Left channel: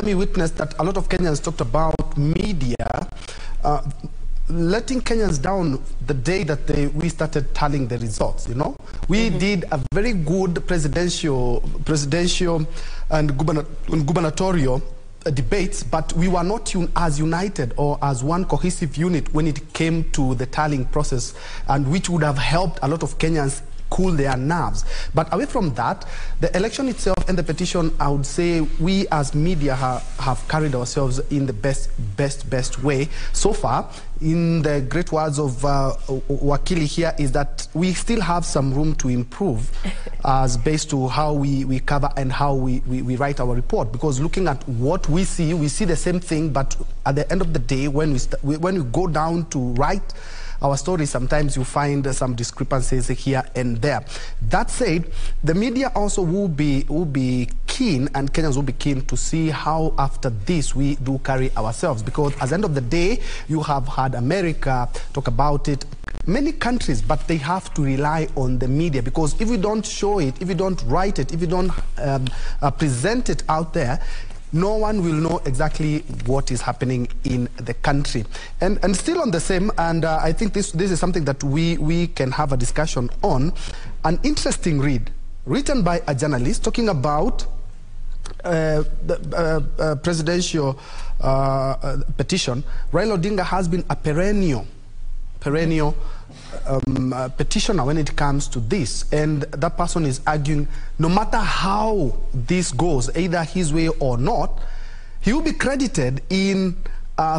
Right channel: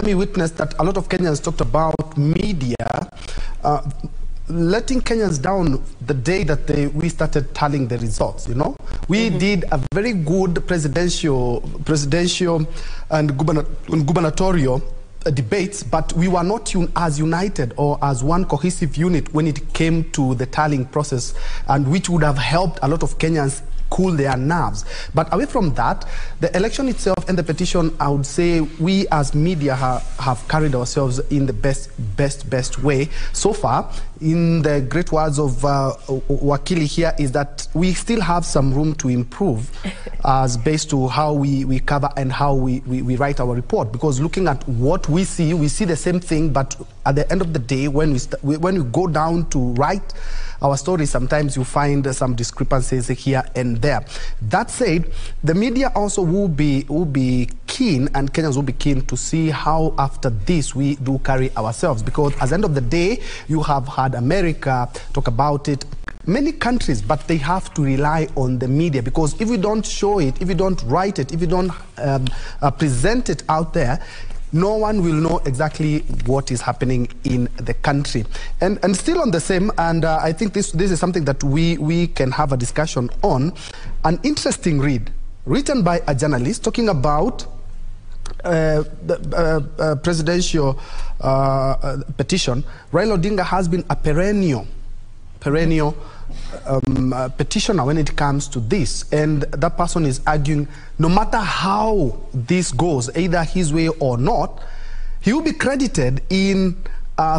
we witnessed that a lot of Kenyans talked about media letting Kenyans down the day that we started tallying the results, you know. We did a very good presidential and gubernatorial debates, but we were not as united or as one cohesive unit when it came to the tallying process, and which would have helped a lot of Kenyans cool their nerves. But away from that, the election itself and the petition, I would say we as media have carried ourselves in the best way so far. In the great words of Wakili here, is that we still have some room to improve as based to how we cover and how we write our report. Because looking at what we see the same thing, but at the end of the day, when we go down to write our story, sometimes you find some discrepancies here and there. That said, the media also will be keen, and Kenyans will be keen to see how after this we do carry ourselves. Because at the end of the day, you have had America talk about it, many countries, but they have to rely on the media, because if you don't show it, if you don't write it, if you don't present it out there, no one will know exactly what is happening in the country. And still on the same, and I think this is something that we can have a discussion on, an interesting read written by a journalist talking about the presidential petition. Raila Odinga has been a perennial petitioner when it comes to this, and that person is arguing no matter how this goes, either his way or not, he will be credited in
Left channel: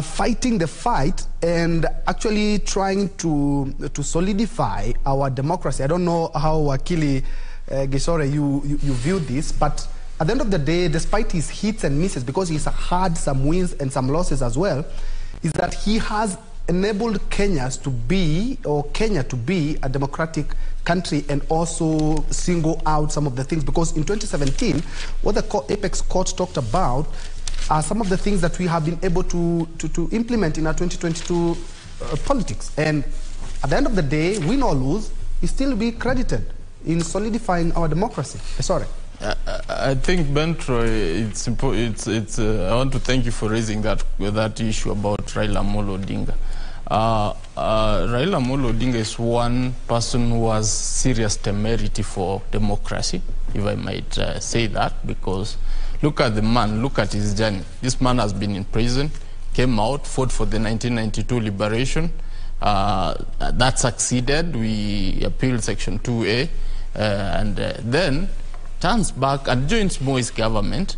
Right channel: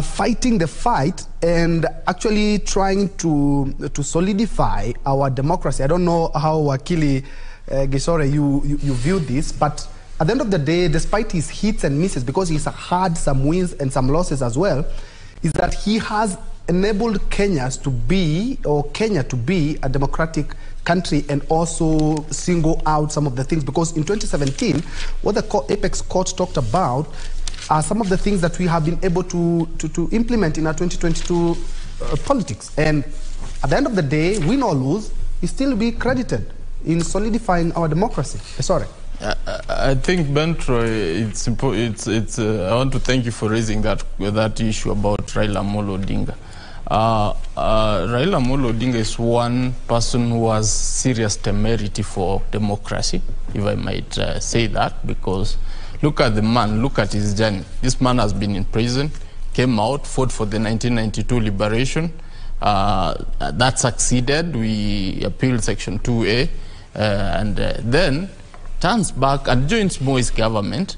fighting the fight and actually trying to solidify our democracy. I don't know how Wakili Gisore you view this, but at the end of the day, despite his hits and misses, because he's had some wins and some losses as well, is that he has enabled Kenya to be a democratic country, and also single out some of the things. Because in 2017, what the Apex Court talked about are some of the things that we have been able to implement in our 2022 politics. And at the end of the day, win or lose, he still be credited in solidifying our democracy. Sorry. I think, Bentro, I want to thank you for raising that issue about Raila Amolo Odinga. Raila Amolo Odinga is one person who has serious temerity for democracy, if I might say that, because look at the man, look at his journey. This man has been in prison, came out, fought for the 1992 liberation. That succeeded. We appealed Section 2A, and then turns back and joins Moi's government,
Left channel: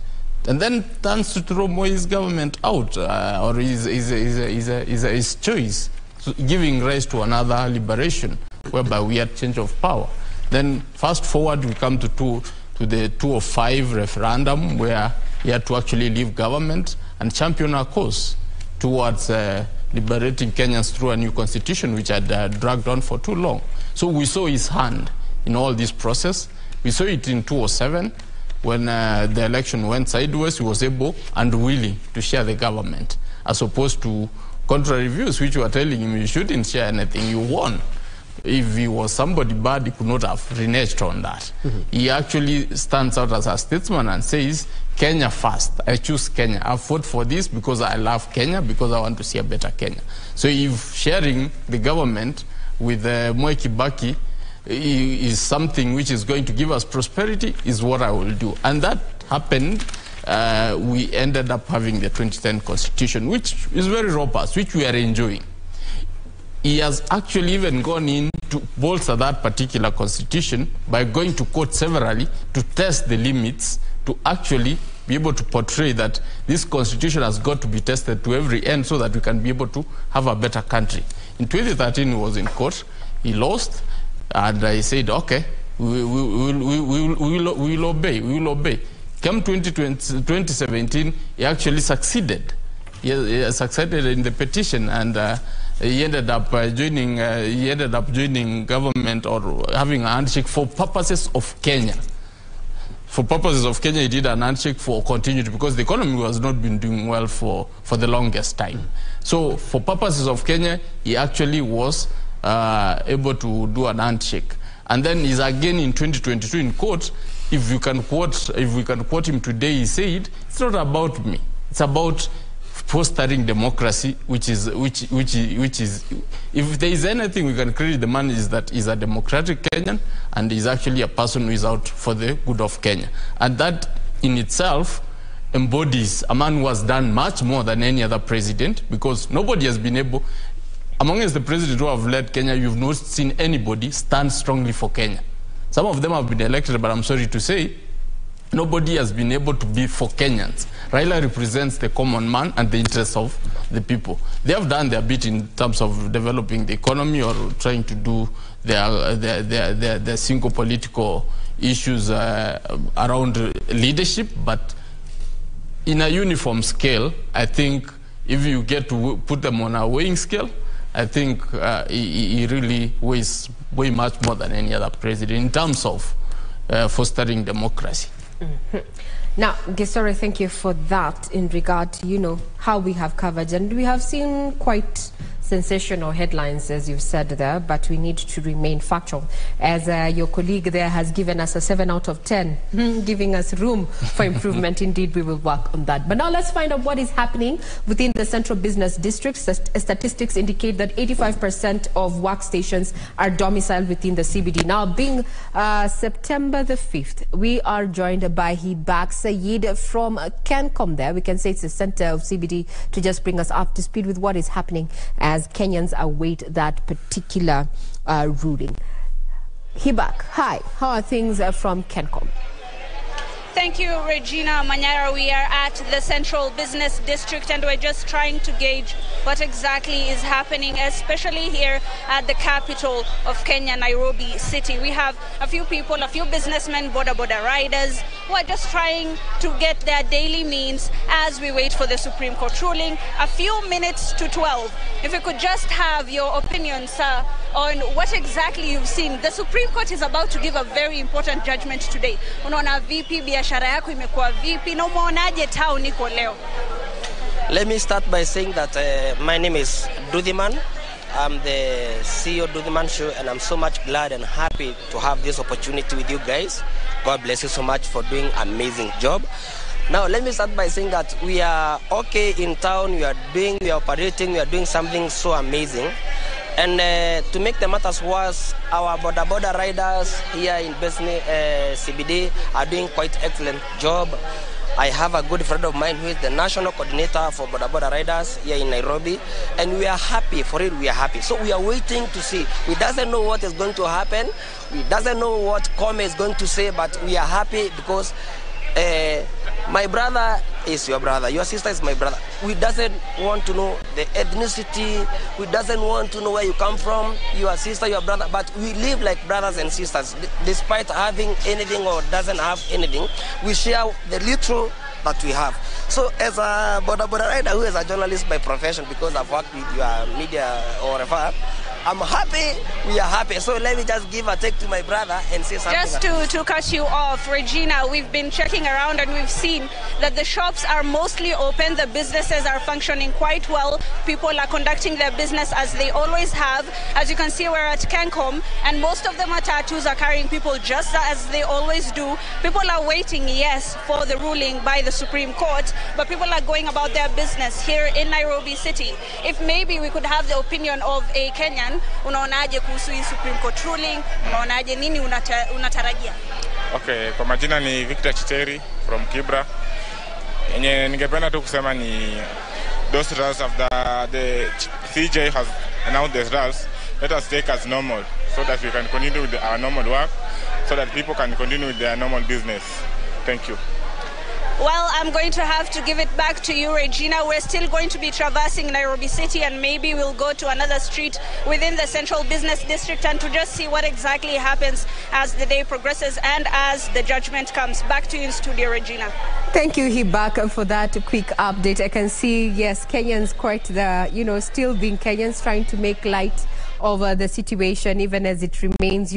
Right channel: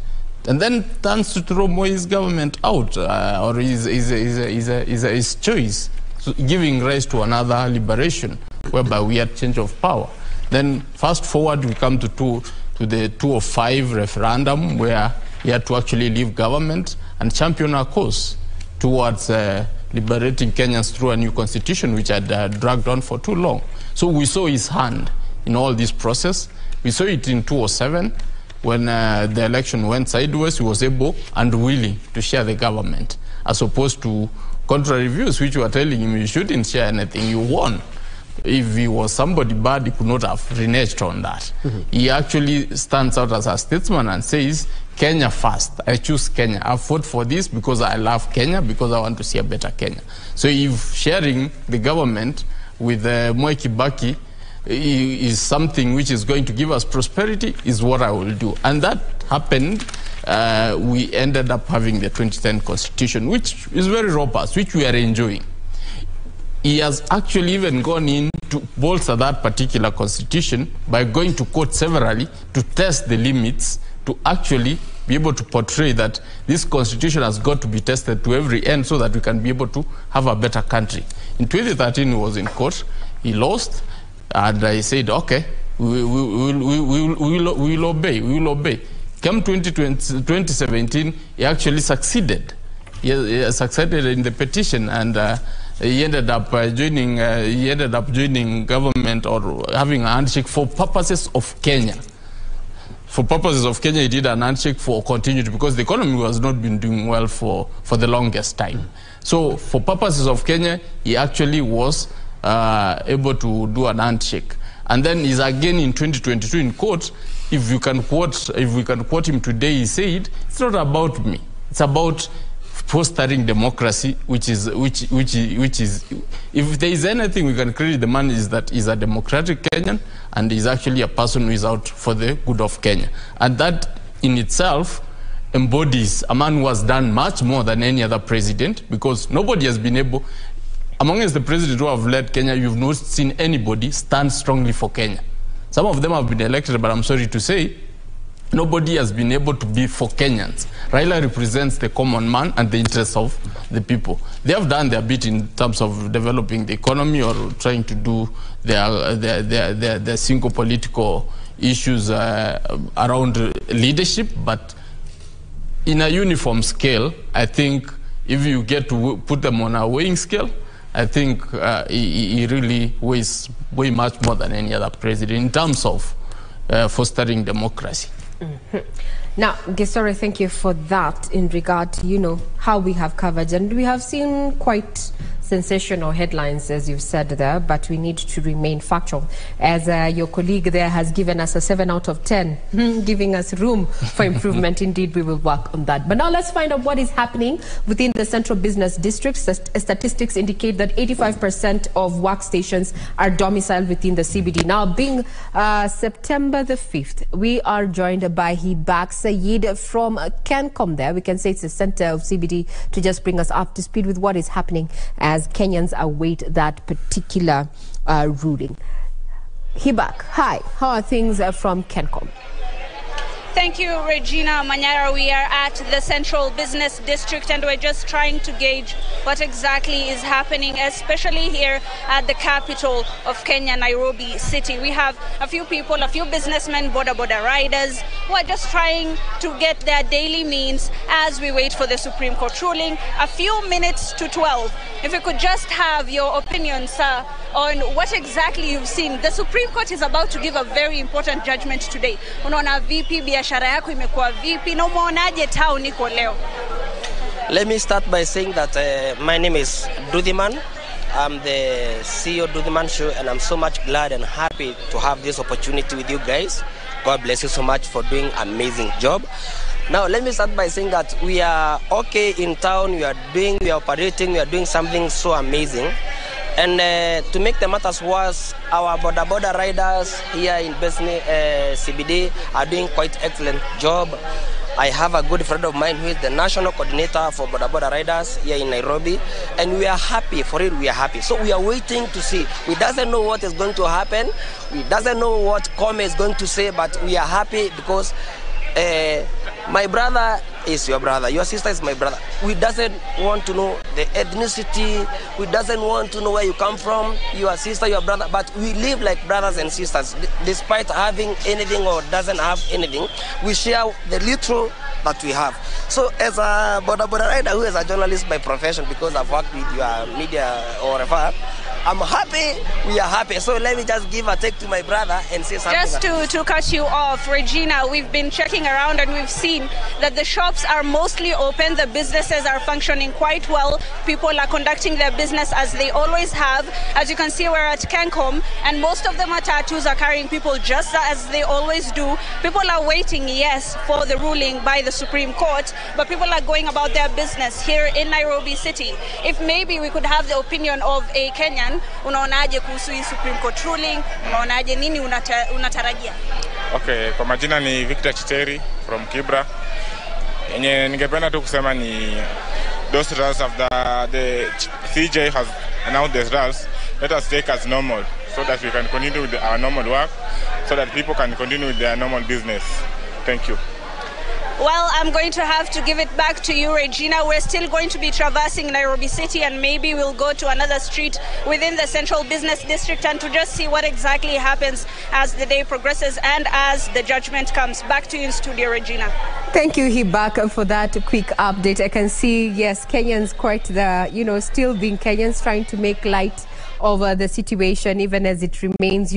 and then turns to throw Moi's government out, or his choice, so giving rise to another liberation, whereby we had change of power. Then fast forward, we come to the 2005 referendum, where he had to actually leave government and champion our cause towards liberating Kenyans through a new constitution, which had dragged on for too long. So we saw his hand in all this process. We saw it in 2007, when the election went sideways. He was able and willing to share the government, as opposed to contrary views, which were telling him you shouldn't share anything, you won. If he was somebody bad, he could not have reneged on that. He actually stands out as a statesman and says, Kenya first. I choose Kenya. I fought for this because I love Kenya, because I want to see a better Kenya. So if sharing the government with Moi Kibaki is something which is going to give us prosperity, is what I will do. And that happened. We ended up having the 2010 constitution, which is very robust, which we are enjoying. He has actually even gone in to bolster that particular constitution by going to court severally to test the limits, to actually be able to portray that this constitution has got to be tested to every end, so that we can be able to have a better country. In 2013, he was in court. He lost. And I said, okay, we will obey. Come 2017, he actually succeeded. He succeeded in the petition, and he ended up joining government, or having a handshake for purposes of Kenya. For purposes of Kenya, he did an handshake for continuity, because the economy has not been doing well for the longest time. So for purposes of Kenya, he actually was able to do an handshake. And then he's again in 2022 in court if we can quote him today, he said, "It's not about me. It's about fostering democracy, which is if there is anything we can credit the man is that he's a democratic Kenyan and he's actually a person who is out for the good of Kenya, and that in itself embodies a man who has done much more than any other president, because nobody has been able, amongst the presidents who have led Kenya, you've not seen anybody stand strongly for Kenya. Some of them have been elected, but I'm sorry to say, nobody has been able to be for Kenyans. Raila represents the common man and the interests of the people. They have done their bit in terms of developing the economy or trying to do their single political issues around leadership, but in a uniform scale, I think if you get to put them on a weighing scale, I think he really weighs way much more than any other president in terms of fostering democracy. Mm-hmm. Now, Gesore, thank you for that in regard to, how we have covered. And we have seen quite sensational headlines, as you've said there, but we need to remain factual. As your colleague there has given us a 7 out of 10, giving us room for improvement. Indeed, we will work on that. But now let's find out what is happening within the Central Business District. Statistics indicate that 85% of workstations are domiciled within the CBD. Now, being September the 5th, we are joined by Hibak Sayed from CANCOM there. We can say it's the center of CBD, to just bring us up to speed with what is happening as Kenyans await that particular ruling. Hibak, hi. How are things from CANCOM? Thank you, Regina Manyara. We are at the Central Business District and we're just trying to gauge what exactly is happening, especially here at the capital of Kenya, Nairobi City. We have a few people, a few businessmen, boda riders, who are just trying to get their daily means as we wait for the Supreme Court ruling. A few minutes to 12. If we could just have your opinion, sir, on what exactly you've seen. The Supreme Court is about to give a very important judgment today. Unaona vipi biashara yako imekuwa vipi na umeonaje town iko leo? Let me start by saying that my name is Dudhiman. I'm the CEO Dudhiman Show, and I'm so much glad and happy to have this opportunity with you guys. God bless you so much for doing an amazing job. Now, let me start by saying that we are okay in town, we are operating, we are doing something so amazing. And to make the matters worse, our border riders here in Besni CBD are doing quite excellent job. I have a good friend of mine who is the national coordinator for border riders here in Nairobi, and we are happy. For it, we are happy. So we are waiting to see. We doesn't know what is going to happen. We doesn't know what Kome is going to say, but we are happy because my brother is your brother. Your sister is my brother. We doesn't want to know the ethnicity. We doesn't want to know where you come from, your sister, your brother. But we live like brothers and sisters. Despite having anything or doesn't have anything, we share the little that we have. So as a border rider, who is a journalist by profession, because I've worked with your media or whatever, I'm happy, we are happy. So let me just give a take to my brother and say something. Just to cut you off, Regina, we've been checking around and we've seen that the shops are mostly open, the businesses are functioning quite well, people are conducting their business as they always have. As you can see, we're at CANCOM, and most of the matatus are carrying people just as they always do. People are waiting, yes, for the ruling by the Supreme Court, but people are going about their business here in Nairobi City. If maybe we could have the opinion of a Kenyan, unaonaje kuhusu hii Supreme Court ruling? Unaonaje, nini unatarajia? Okay, kwa majina ni Victor Chiteri from Kibra. Yenye ningependa tu kusema ni those results of the CJ has announced the results. Let us take as normal so that we can continue with our normal work, so that people can continue with their normal business. Thank you. Well, I'm going to have to give it back to you, Regina. We're still going to be traversing Nairobi City, and maybe we'll go to another street within the Central Business District and to just see what exactly happens as the day progresses and as the judgment comes. Back to you in studio, Regina. Thank you, Hibak, for that quick update. I can see, yes, Kenyans quite the, still being Kenyans, trying to make light of the situation, even as it remains,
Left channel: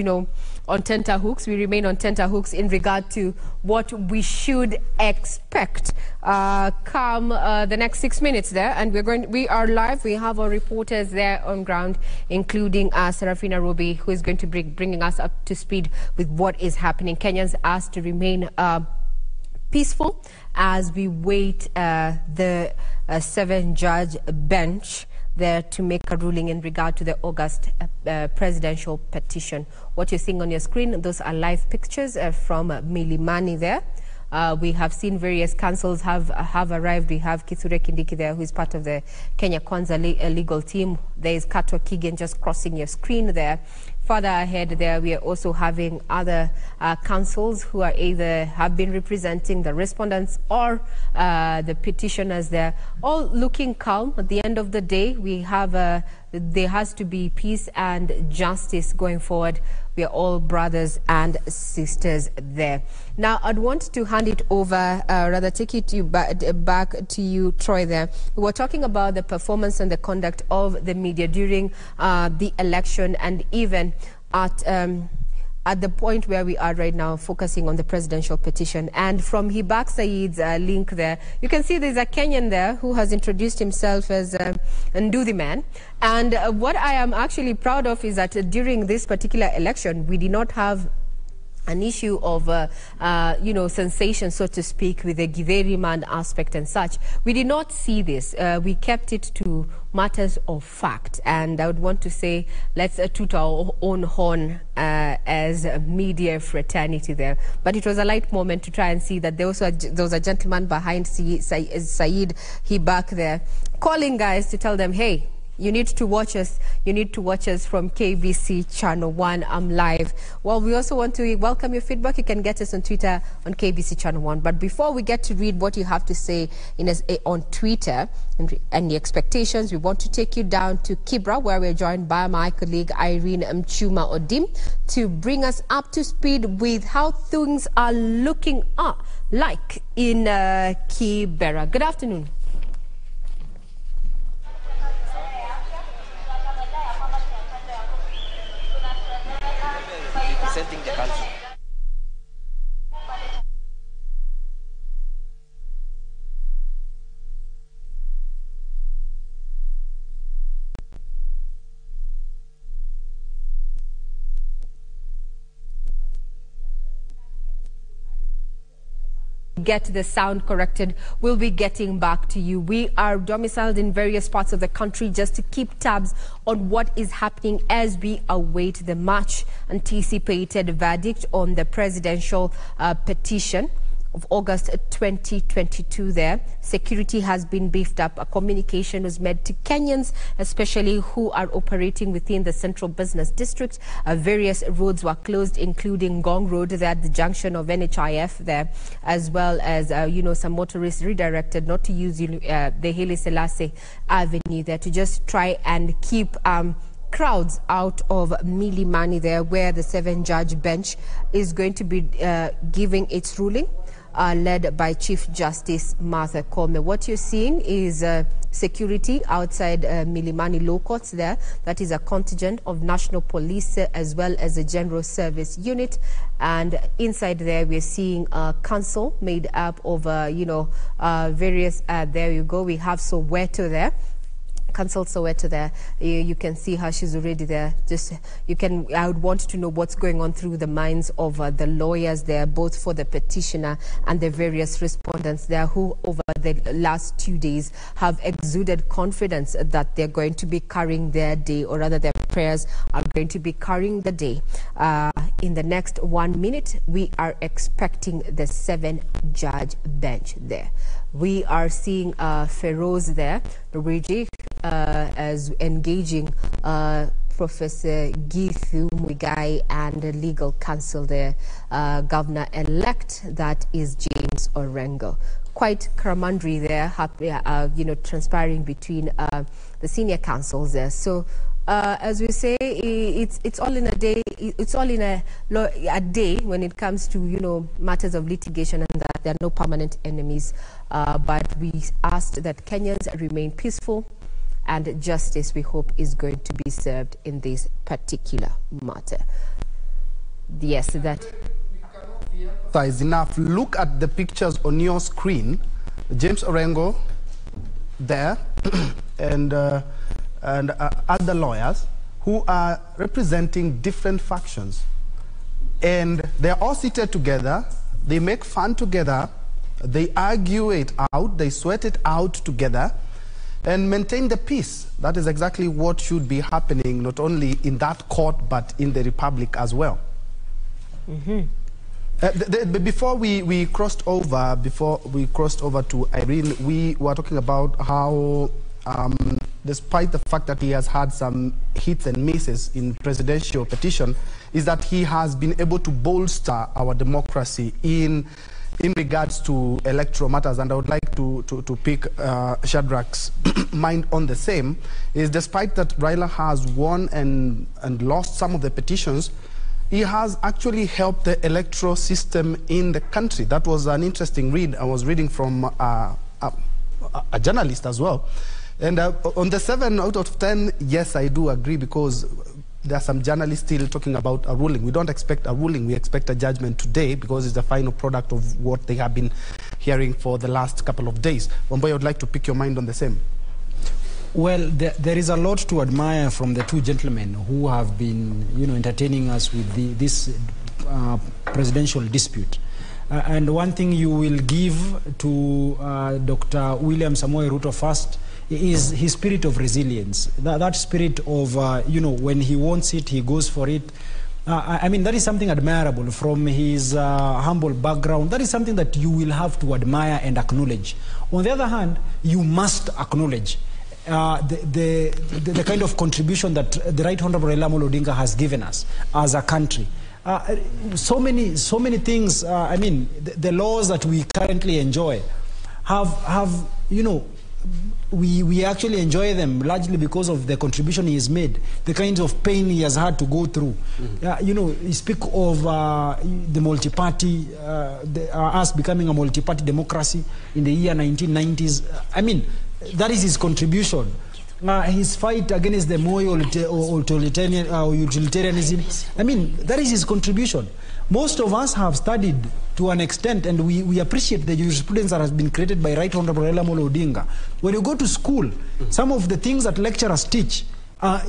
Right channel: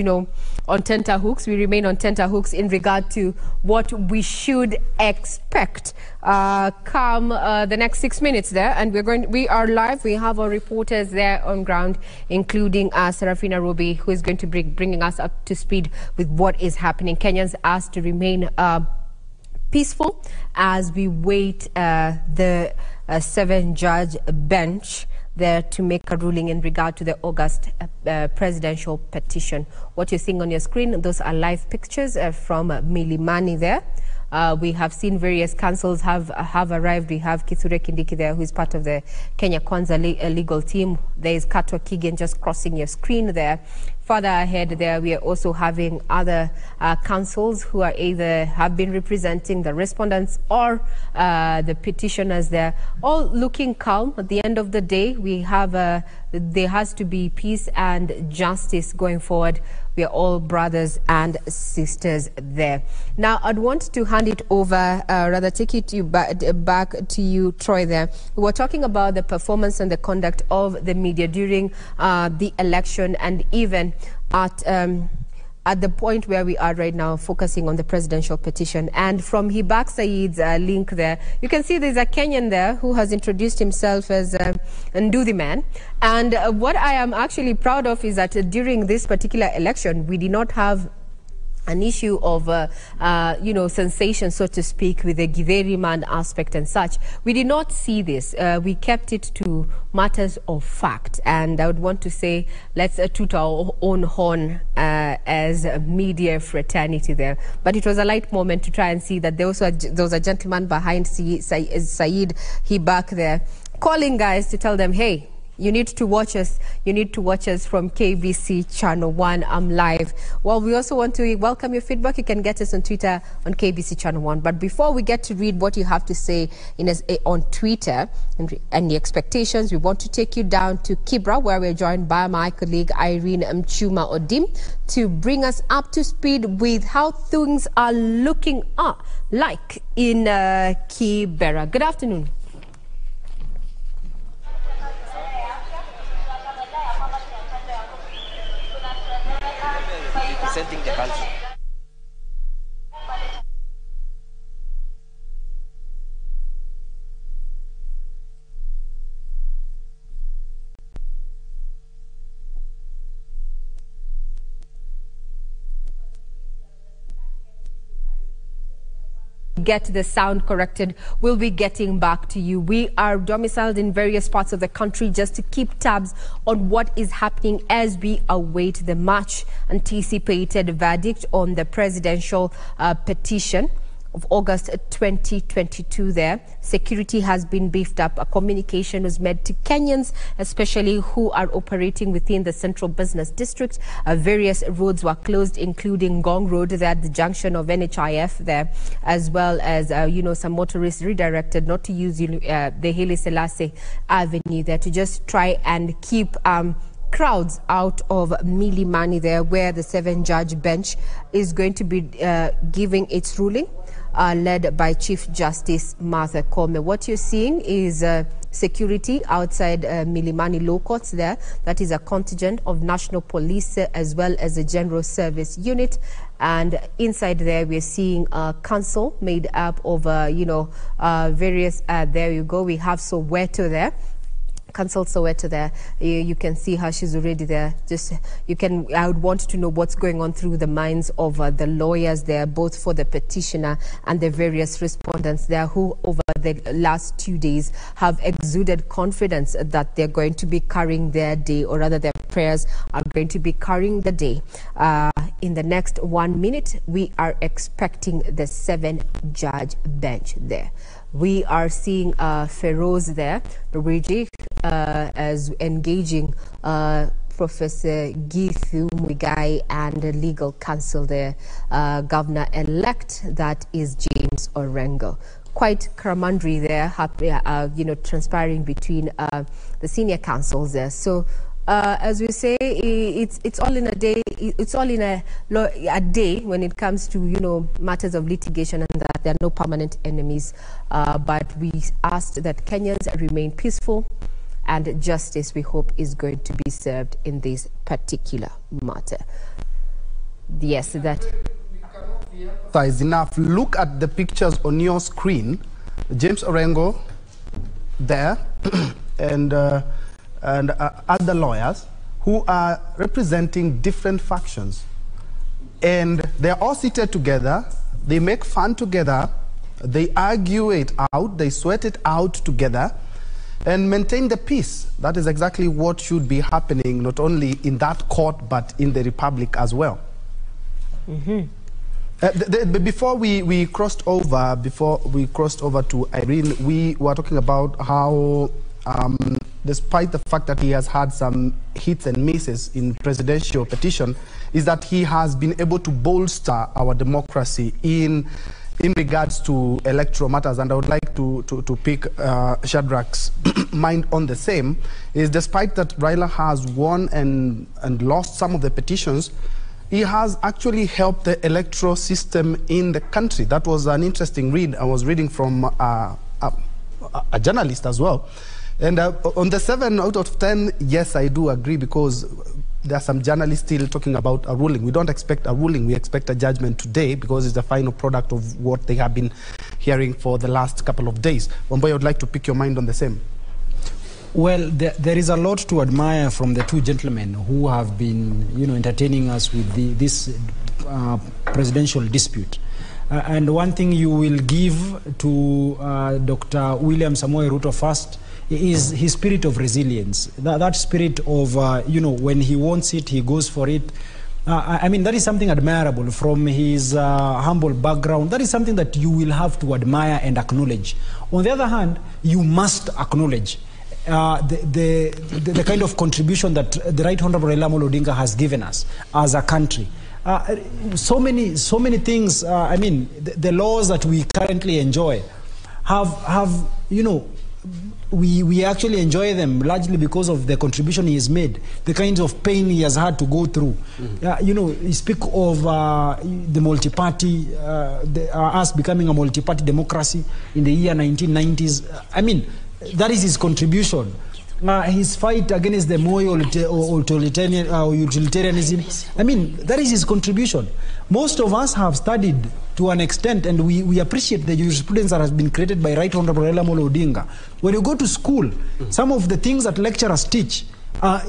on tenterhooks. We remain on tenterhooks in regard to what we should expect come the next 6 minutes there. And we are live. We have our reporters there on ground, including Serafina Robi, who is going to be bringing us up to speed with what is happening. Kenyans asked to remain peaceful as we wait the 7-judge bench there to make a ruling in regard to the August presidential petition. What you're seeing on your screen, those are live pictures from Milimani there. We have seen various councils have arrived. We have Kithure Kindiki there, who is part of the Kenya Kwanza legal team. There is Katwa Kigen just crossing your screen there. Further ahead there, we are also having other councils who are either have been representing the respondents or the petitioners there, all looking calm. At the end of the day, we have there has to be peace and justice going forward. We are all brothers and sisters there. Now, I'd want to hand it over, rather take it back to you, Troy, there. We were talking about the performance and the conduct of the media during the election, and even at the point where we are right now, focusing on the presidential petition. And from Hibak Said's link there, you can see there's a Kenyan there who has introduced himself as Nduthi Man. And what I am actually proud of is that during this particular election, we did not have an issue of, sensation, so to speak, with the Githeri man aspect and such. We did not see this. We kept it to matters of fact. And I would want to say, let's toot our own horn as a media fraternity there. But it was a light moment to try and see that there was a gentleman behind Said Hibak there, calling guys to tell them, hey, you need to watch us. You need to watch us from KBC Channel 1. I'm live. Well, we also want to welcome your feedback. You can get us on Twitter on KBC Channel 1. But before we get to read what you have to say on Twitter and the expectations, we want to take you down to Kibra, where we're joined by my colleague Irene Mchuma Odim to bring us up to speed with how things are looking like in Kibera. Good afternoon. Representing the country. Get the sound corrected. We'll be getting back to you. We are domiciled in various parts of the country just to keep tabs on what is happening as we await the much anticipated verdict on the presidential petition of August 2022 there. Security has been beefed up. A communication was made to Kenyans, especially who are operating within the central business district. Various roads were closed, including Gong Road there at the junction of NHIF there, as well as, some motorists redirected not to use the Haile Selassie Avenue there to just try and keep crowds out of Milimani there, where the 7-judge bench is going to be giving its ruling, led by Chief Justice Martha Koome. What you're seeing is security outside Milimani Law Courts there. That is a contingent of National Police as well as a General Service Unit. And inside there, we're seeing a council made up of, various, there you go, we have Soweto there. Council Soweto there. You can see how she's already there. I would want to know what's going on through the minds of the lawyers there, both for the petitioner and the various respondents there, who over the last 2 days have exuded confidence that they're going to be carrying their day, or rather their prayers are going to be carrying the day. In the next 1 minute, we are expecting the 7-judge bench there. We are seeing Feroz there, Luigi, as engaging Professor Githu Muigai and the legal counsel there, Governor-elect, that is James Orengo. Quite camaraderie there, transpiring between the senior counsels there. So, as we say, it's all in a day. It's all in a day when it comes to matters of litigation, and that there are no permanent enemies. But we asked that Kenyans remain peaceful, and justice, we hope, is going to be served in this particular matter. Yes, that. Size enough. Look at the pictures on your screen. James Orengo there and other lawyers who are representing different factions. And they're all seated together. They make fun together. They argue it out. They sweat it out together and maintain the peace. That is exactly what should be happening, not only in that court, but in the Republic as well. Before we crossed over to Irene, we were talking about how, despite the fact that he has had some hits and misses in presidential petition, is that he has been able to bolster our democracy in regards to electoral matters. And I would like to pick Shadrach's mind on the same, is despite that Raila has won and lost some of the petitions, he has actually helped the electoral system in the country. That was an interesting read. I was reading from a journalist as well. And on the 7 out of 10, yes, I do agree, because there are some journalists still talking about a ruling. We don't expect a ruling. We expect a judgment today, because it's the final product of what they have been hearing for the last couple of days. Wamboy, I would like to pick your mind on the same. Well, there is a lot to admire from the two gentlemen who have been, entertaining us with this presidential dispute. And one thing you will give to Dr. William Samoei Ruto first is his spirit of resilience. That spirit of, when he wants it, he goes for it. I mean, that is something admirable from his humble background. That is something that you will have to admire and acknowledge. On the other hand, you must acknowledge the kind of contribution that the Right Honorable Raila Amolo Odinga has given us as a country. So many things. I mean, the laws that we currently enjoy have we actually enjoy them largely because of the contribution he has made, the kinds of pain he has had to go through. You speak of the multi-party, us becoming a multi-party democracy in the year 1990s. I mean, that is his contribution. His fight against the Moi utilitarianism, I mean, that is his contribution. Most of us have studied to an extent, and we appreciate the jurisprudence that has been created by Right Honorable Raila Amolo Odinga. When you go to school, some of the things that lecturers teach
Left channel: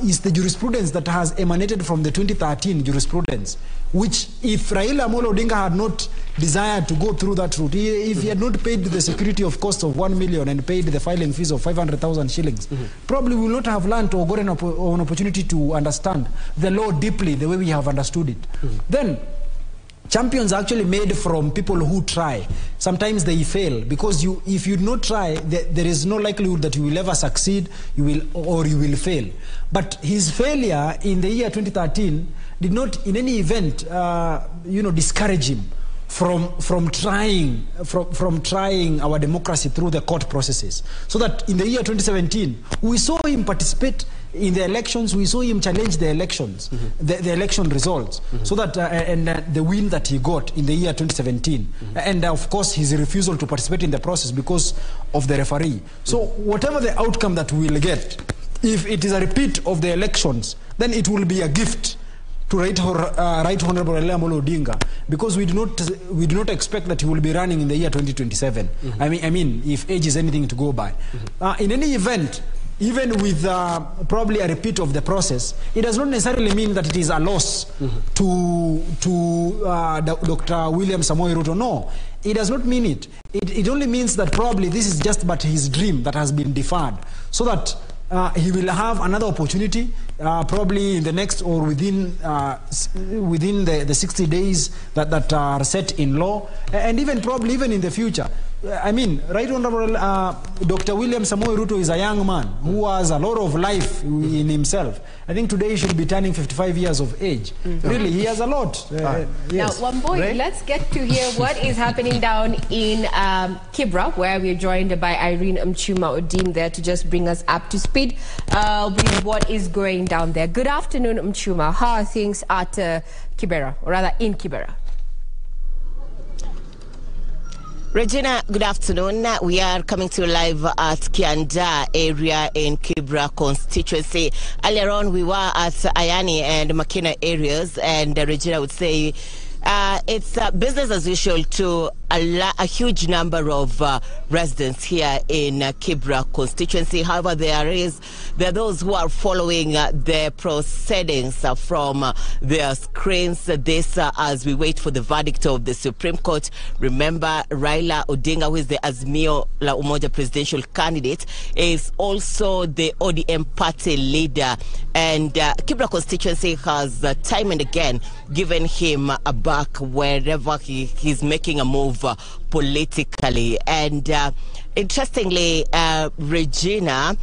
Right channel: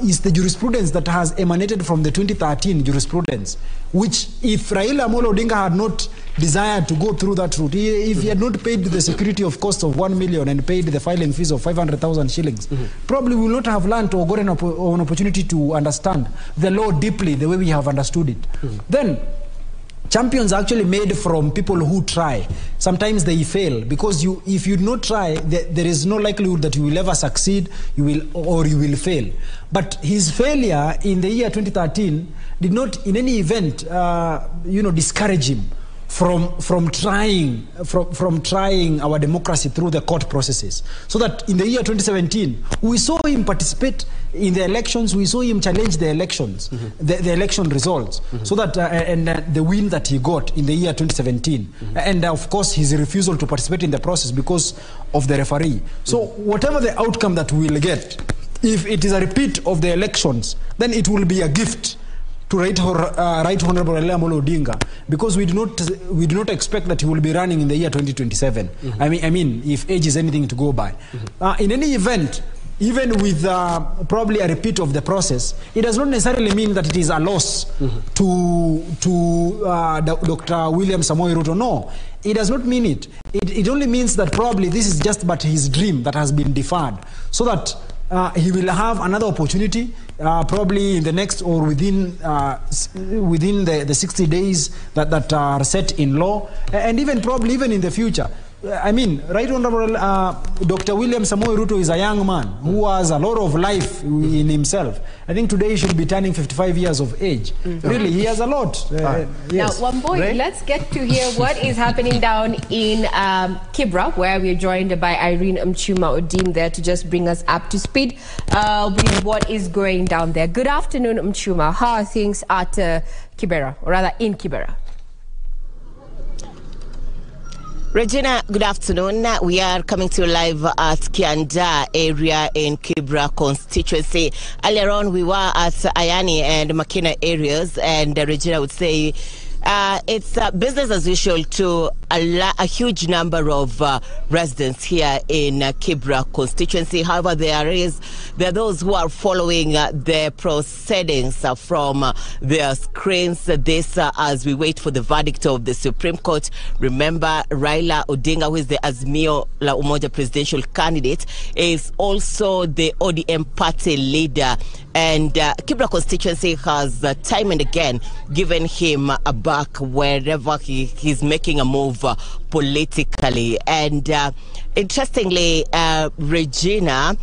is the jurisprudence that has emanated from the 2013 jurisprudence, which if Raila Amolo Odinga had not desired to go through that route, if he had not paid the security of cost of 1 million and paid the filing fees of 500,000 shillings, probably we will not have learned or gotten an opportunity to understand the law deeply the way we have understood it. Then, champions are actually made from people who try. Sometimes they fail, because if you do not try, there is no likelihood that you will ever succeed, you will fail. But his failure in the year 2013 did not in any event discourage him from trying our democracy through the court processes. So that in the year 2017, we saw him participate in the elections, we saw him challenge the elections, the election results, so that the win that he got in the year 2017, and of course his refusal to participate in the process because of the referee. So whatever the outcome that we will get, if it is a repeat of the elections, then it will be a gift to Right Honorable Raila Amolo Odinga, because we do not expect that he will be running in the year 2027. I mean, if age is anything to go by. In any event, even with probably a repeat of the process, it does not necessarily mean that it is a loss to Dr. William Samoei Ruto. No, it does not mean it. It only means that probably this is just but his dream that has been deferred, so that he will have another opportunity, probably in the next or within the 60 days that are set in law, and even probably even in the future. I mean, Right Honorable Dr. William Samoei Ruto is a young man who has a lot of life in himself. I think today he should be turning 55 years of age. Really, he has a lot. Yes. Now, Wamboy, let's get to hear what is happening down in Kibra, where we're joined by Irene Mchuma-Odim there to just bring us up to speed with what is going down there. Good afternoon, Mchuma. How are things at Kibera, or rather in Kibera? Regina, good afternoon. We are coming to you live at Kianda area in Kibra constituency. Earlier on, we were at Ayani and Makina areas, and Regina would say it's business as usual to a huge number of residents here in Kibra constituency. However, there are those who are following the proceedings from their screens. This as we wait for the verdict of the Supreme Court. Remember, Raila Odinga, who is the Azimio la Umoja presidential candidate, is also the ODM party leader, and Kibra constituency has time and again given him a back wherever he's making a move politically. And interestingly, Regina,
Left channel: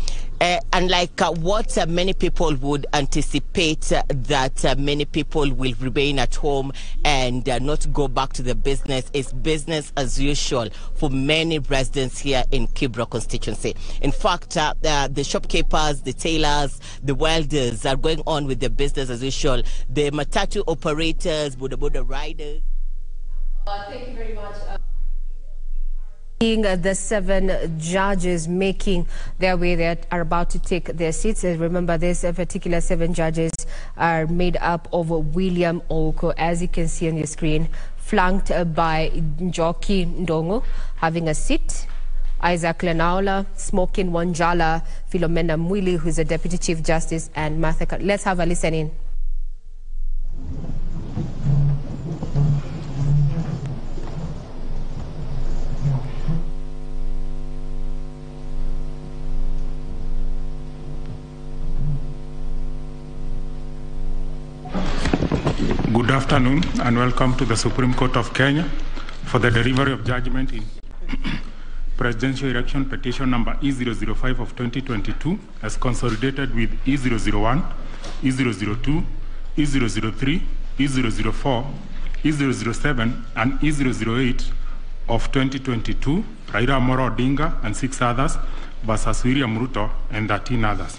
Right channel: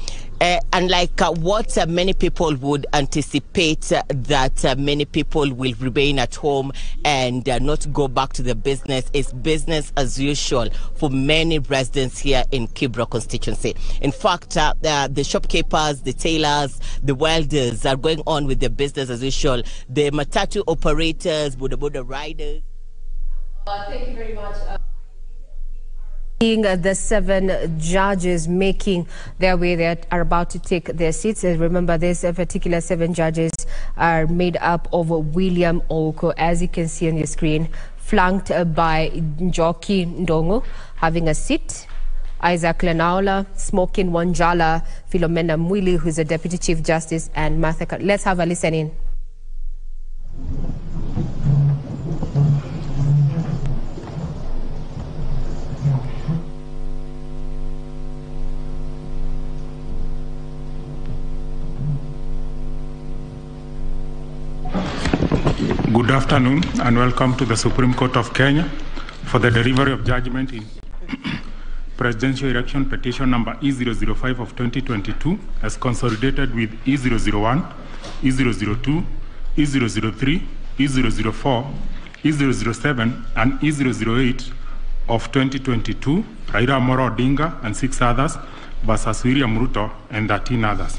unlike what many people would anticipate, that many people will remain at home and not go back to the business, is business as usual for many residents here in Kibra constituency. In fact, the shopkeepers, the tailors, the welders are going on with their business as usual. The matatu operators, boda riders. Thank you very much. The 7 judges making their way, they are about to take their seats. Remember, these particular 7 judges are made up of William Oko, as you can see on your screen, flanked by Njoki Ndongo having a seat, Isaac Lenaola, Smokin Wanjala, Philomena Mwili, who's a Deputy Chief Justice, and Martha. Let's have a listen in. Good afternoon and welcome to the Supreme Court of Kenya for the delivery of judgment in presidential election petition number E005 of 2022 as consolidated with E001, E002, E003, E004, E007 and E008 of 2022, Raila Amolo Odinga and 6 others versus William Ruto and 13 others.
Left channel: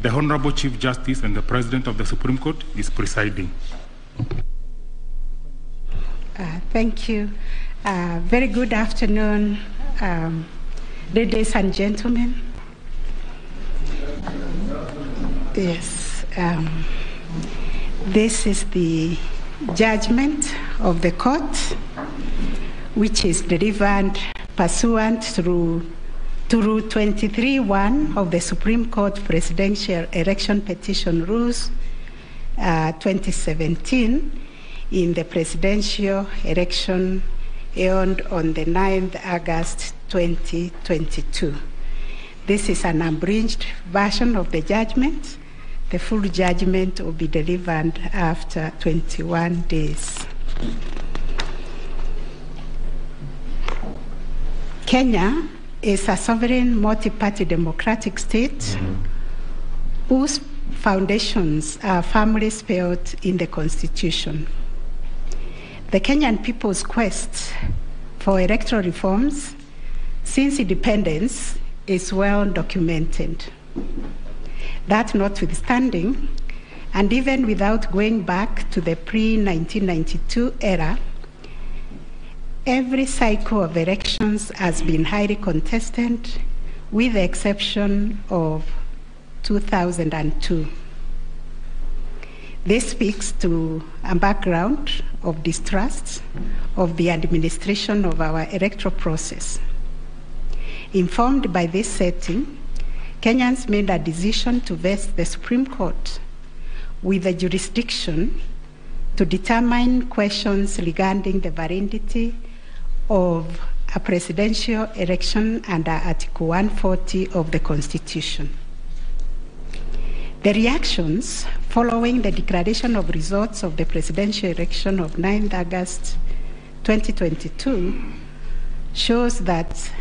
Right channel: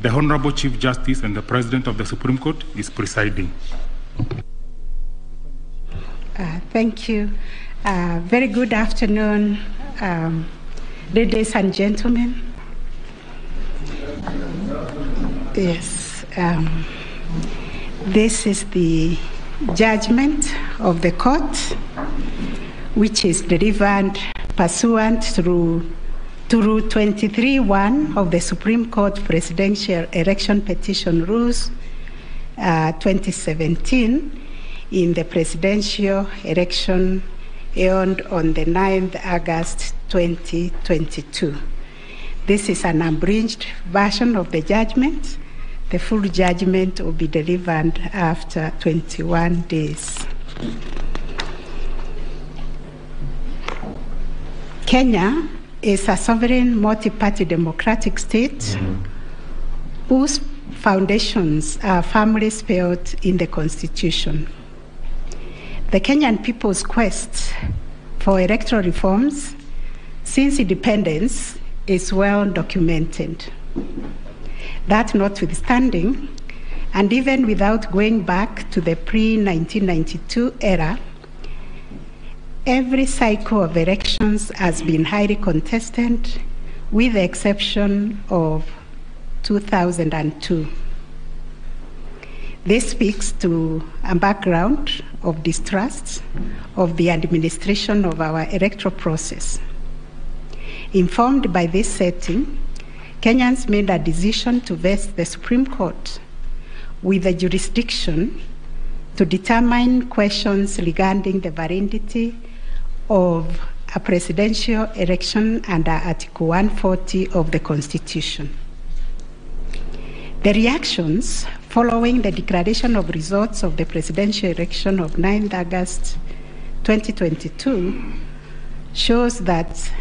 The Honorable Chief Justice and the President of the Supreme Court is presiding. Thank you. Very good afternoon, ladies and gentlemen. Yes, this is the judgment of the court, which is delivered pursuant to Rule 23(1) of the Supreme Court Presidential Election Petition Rules 2017 in the presidential election held on the 9th August 2022. This is an abridged version of the judgment. The full judgment will be delivered after 21 days. Kenya is a sovereign multi-party democratic state whose foundations are firmly spelled in the Constitution. The Kenyan people's quest for electoral reforms since independence is well documented. That notwithstanding, and even without going back to the pre-1992 era, every cycle of elections has been highly contested, with the exception of 2002. This speaks to a background of distrust of the administration of our electoral process. Informed by this setting, Kenyans made a decision to vest the Supreme Court with the jurisdiction to determine questions regarding the validity of a presidential election under Article 140 of the Constitution. The reactions following the declaration of results of the presidential election of 9th August 2022 shows that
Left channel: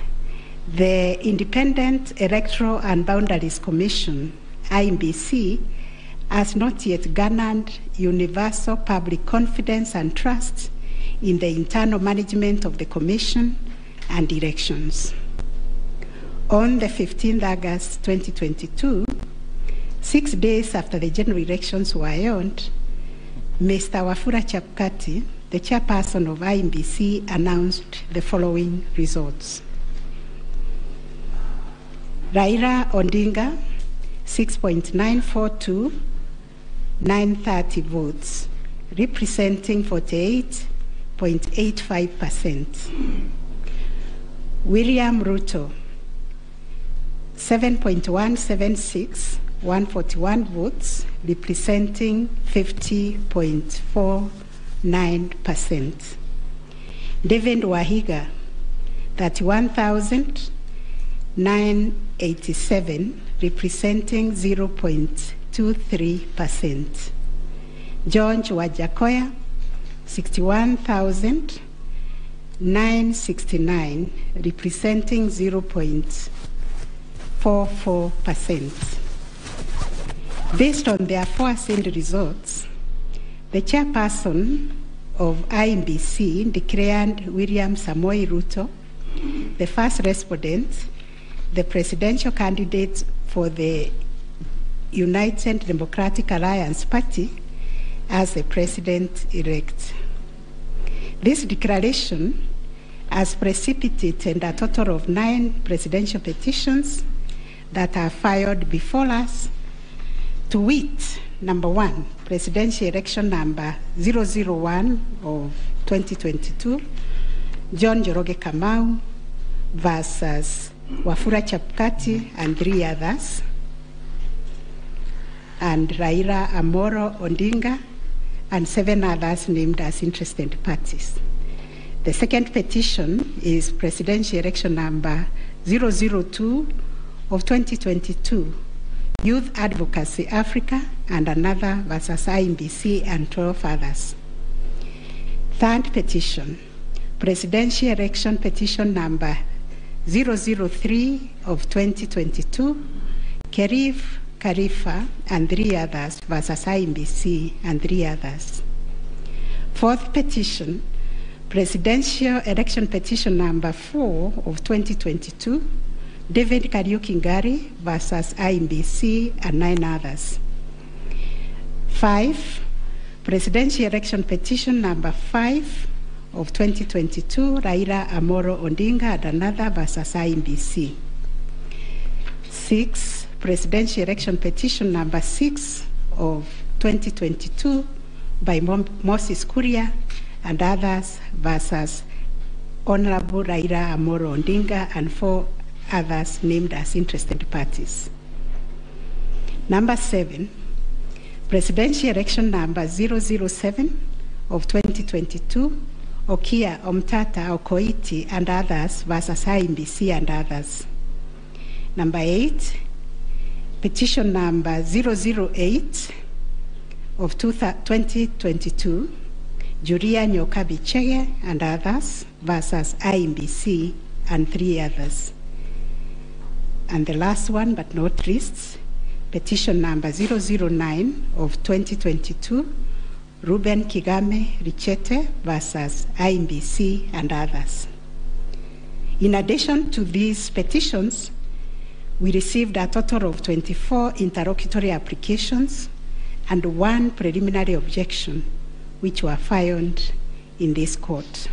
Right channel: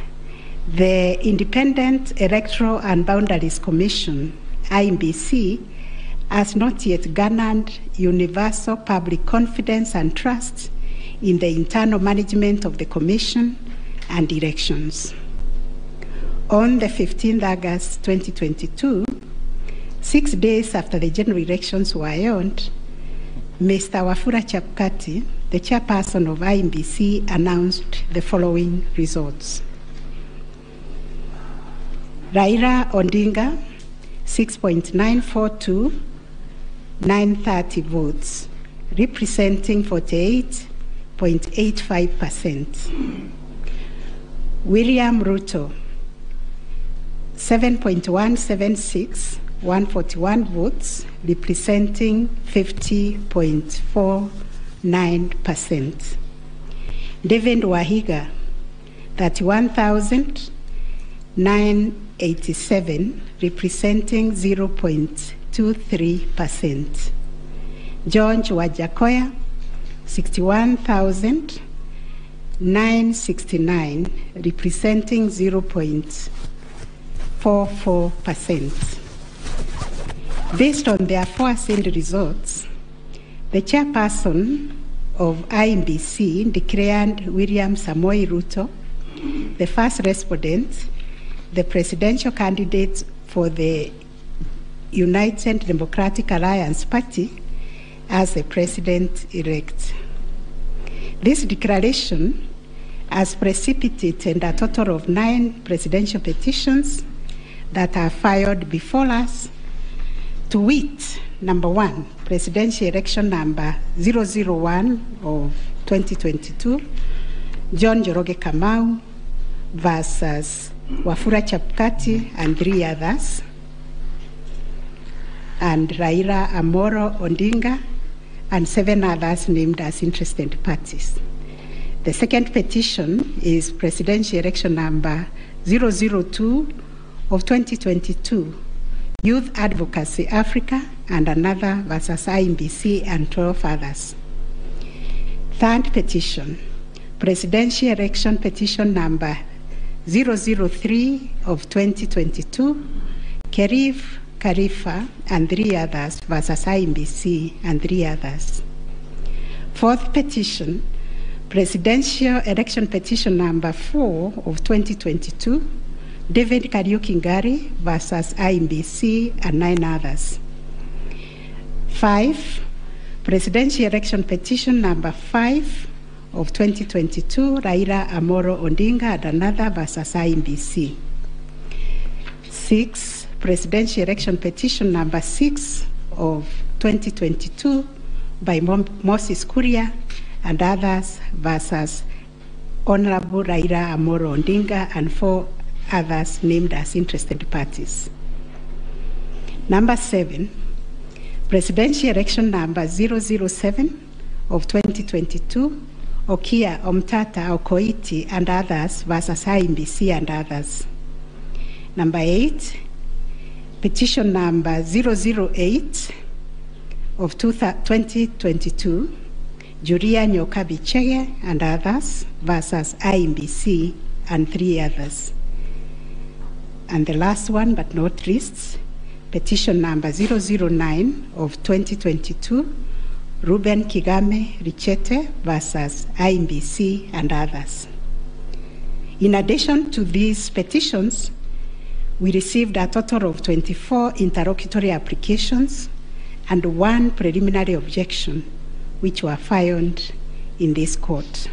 the Independent Electoral and Boundaries Commission, IEBC, has not yet garnered universal public confidence and trust in the internal management of the Commission and elections. On the 15th August 2022, 6 days after the general elections were held, Mr. Wafula Chebukati, the chairperson of IEBC, announced the following results. Raila Odinga, 6.942,930 votes, representing 48.85%. William Ruto, 7.176,141 votes, representing 50.49%. David Wahiga, 31,987, representing 0.23%. George Wajakoya, 61,969, representing 0.44%. Based on the aforesaid results, the chairperson of IEBC declared William Samoei Ruto the first respondent, the presidential candidate for the United Democratic Alliance Party, as the president-elect. This declaration has precipitated a total of 9 presidential petitions that are filed before us, to wit, number 1, presidential election number 001 of 2022, John Njoroge Kamau versus Wafula Chebukati and 3 others, and Raila Amolo Odinga and 7 others named as interested parties. The second petition is presidential election number 002 of 2022, Youth Advocacy Africa and another versus IEBC and 12 others. Third petition, presidential election petition number 003 of 2022, Kerif Khalifa and 3 others versus IEBC and 3 others. Fourth petition, presidential election petition number 4 of 2022, David Kariuki Ngari versus IEBC and 9 others. 5, presidential election petition number 5 of 2022, Raila Amolo Odinga and another versus IEBC. 6, presidential election petition number 6 of 2022 by Moses Kuria and others versus Honorable Raila Amolo Odinga and 4 others named as interested parties. Number 7, presidential election number 007 of 2022, Okia Omtata Okoiti and others versus IEBC and others. Number 8, petition number 008 of 2022, Julia Nyokabi Chege and others versus IEBC and 3 others. And the last one, but not least, petition number 009 of 2022, Ruben Kigame Richete versus IEBC and others. In addition to these petitions, we received a total of 24 interlocutory applications and 1 preliminary objection, which were filed in this court.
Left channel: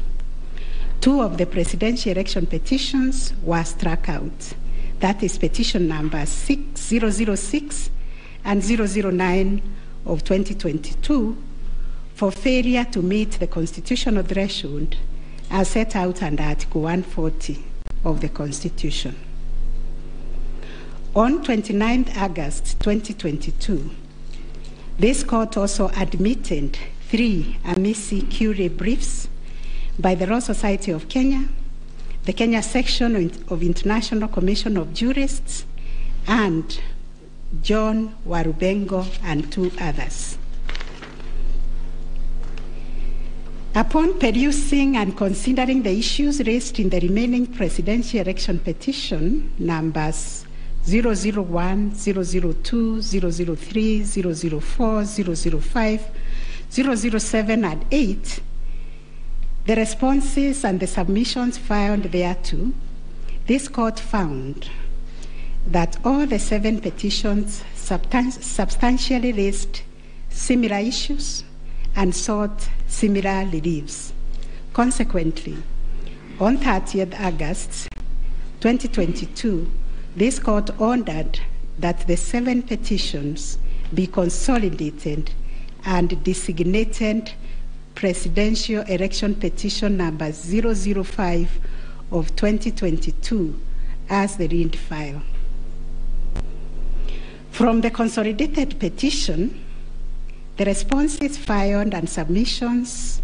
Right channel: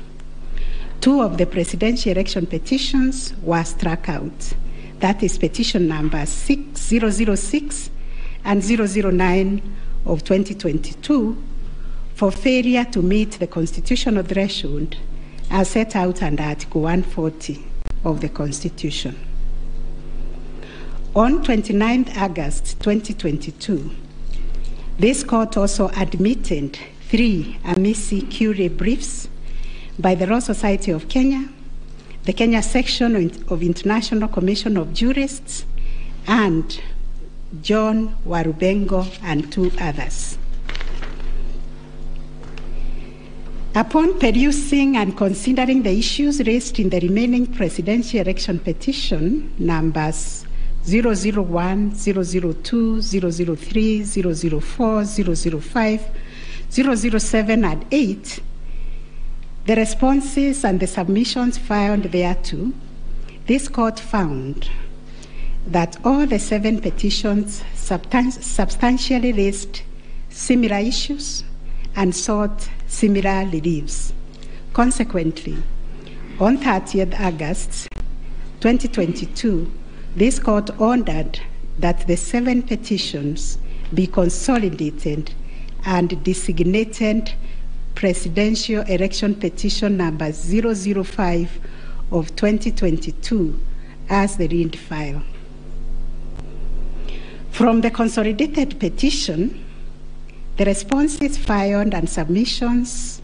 2 of the presidential election petitions were struck out. That is petition number 006 and 009 of 2022 for failure to meet the constitutional threshold as set out under Article 140 of the Constitution. On 29th August 2022, this court also admitted 3 amici curiae briefs by the Law Society of Kenya, the Kenya section of International Commission of Jurists, and John Warubengo and 2 others. Upon perusing and considering the issues raised in the remaining presidential election petition numbers 001, 002, 003, 004, 005, 007, and 8, the responses and the submissions filed thereto, this court found that all the 7 petitions substantially raised similar issues and sought similar reliefs. Consequently, on 30th August 2022, this court ordered that the 7 petitions be consolidated and designated Presidential Election Petition number 005 of 2022 as the read file. From the consolidated petition, the responses filed and submissions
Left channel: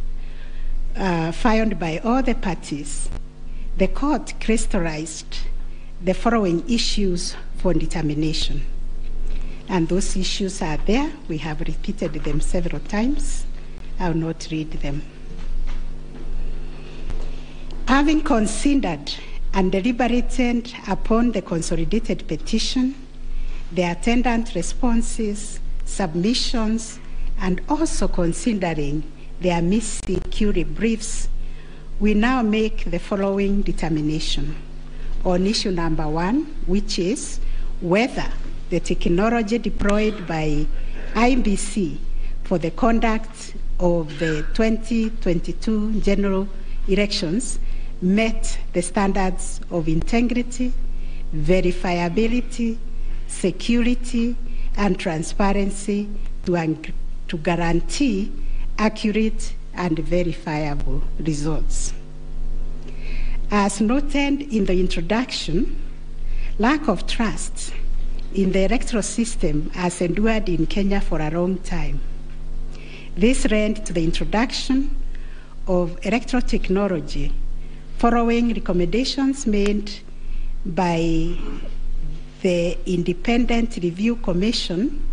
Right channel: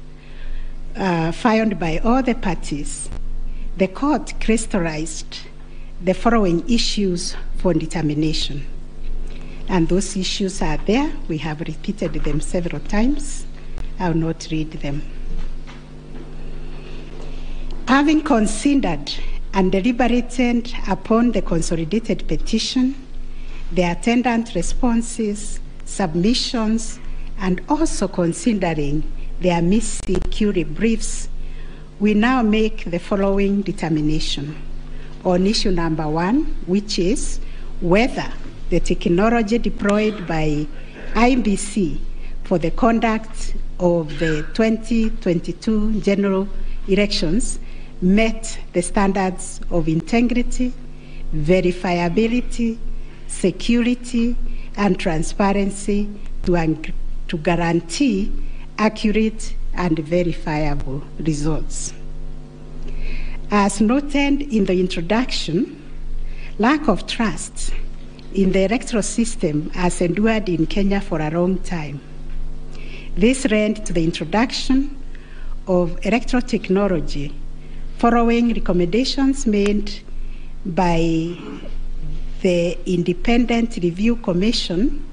filed by all the parties, the court crystallized the following issues for determination. And those issues are there. We have repeated them several times. I will not read them. Having considered and deliberated upon the consolidated petition, the attendant responses, submissions, and also considering the amici curiae briefs, we now make the following determination on issue number 1, which is whether the technology deployed by IEBC for the conduct of the 2022 general elections met the standards of integrity, verifiability, security, and transparency to guarantee accurate and verifiable results. As noted in the introduction, lack of trust in the electoral system has endured in Kenya for a long time. This led to the introduction of electoral technology following recommendations made by the Independent Review Commission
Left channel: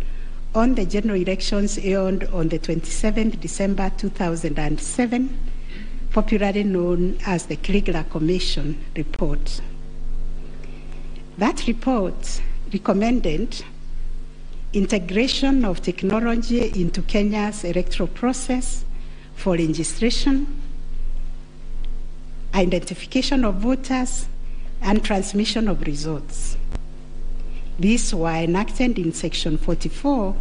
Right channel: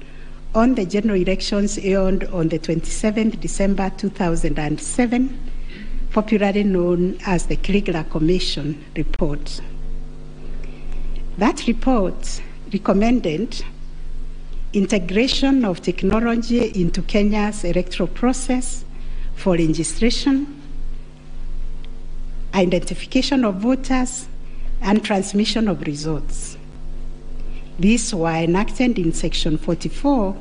on the general elections held on the 27th December 2007, popularly known as the Kilele Commission report. That report recommended integration of technology into Kenya's electoral process for registration, identification of voters, and transmission of results. These were enacted in Section 44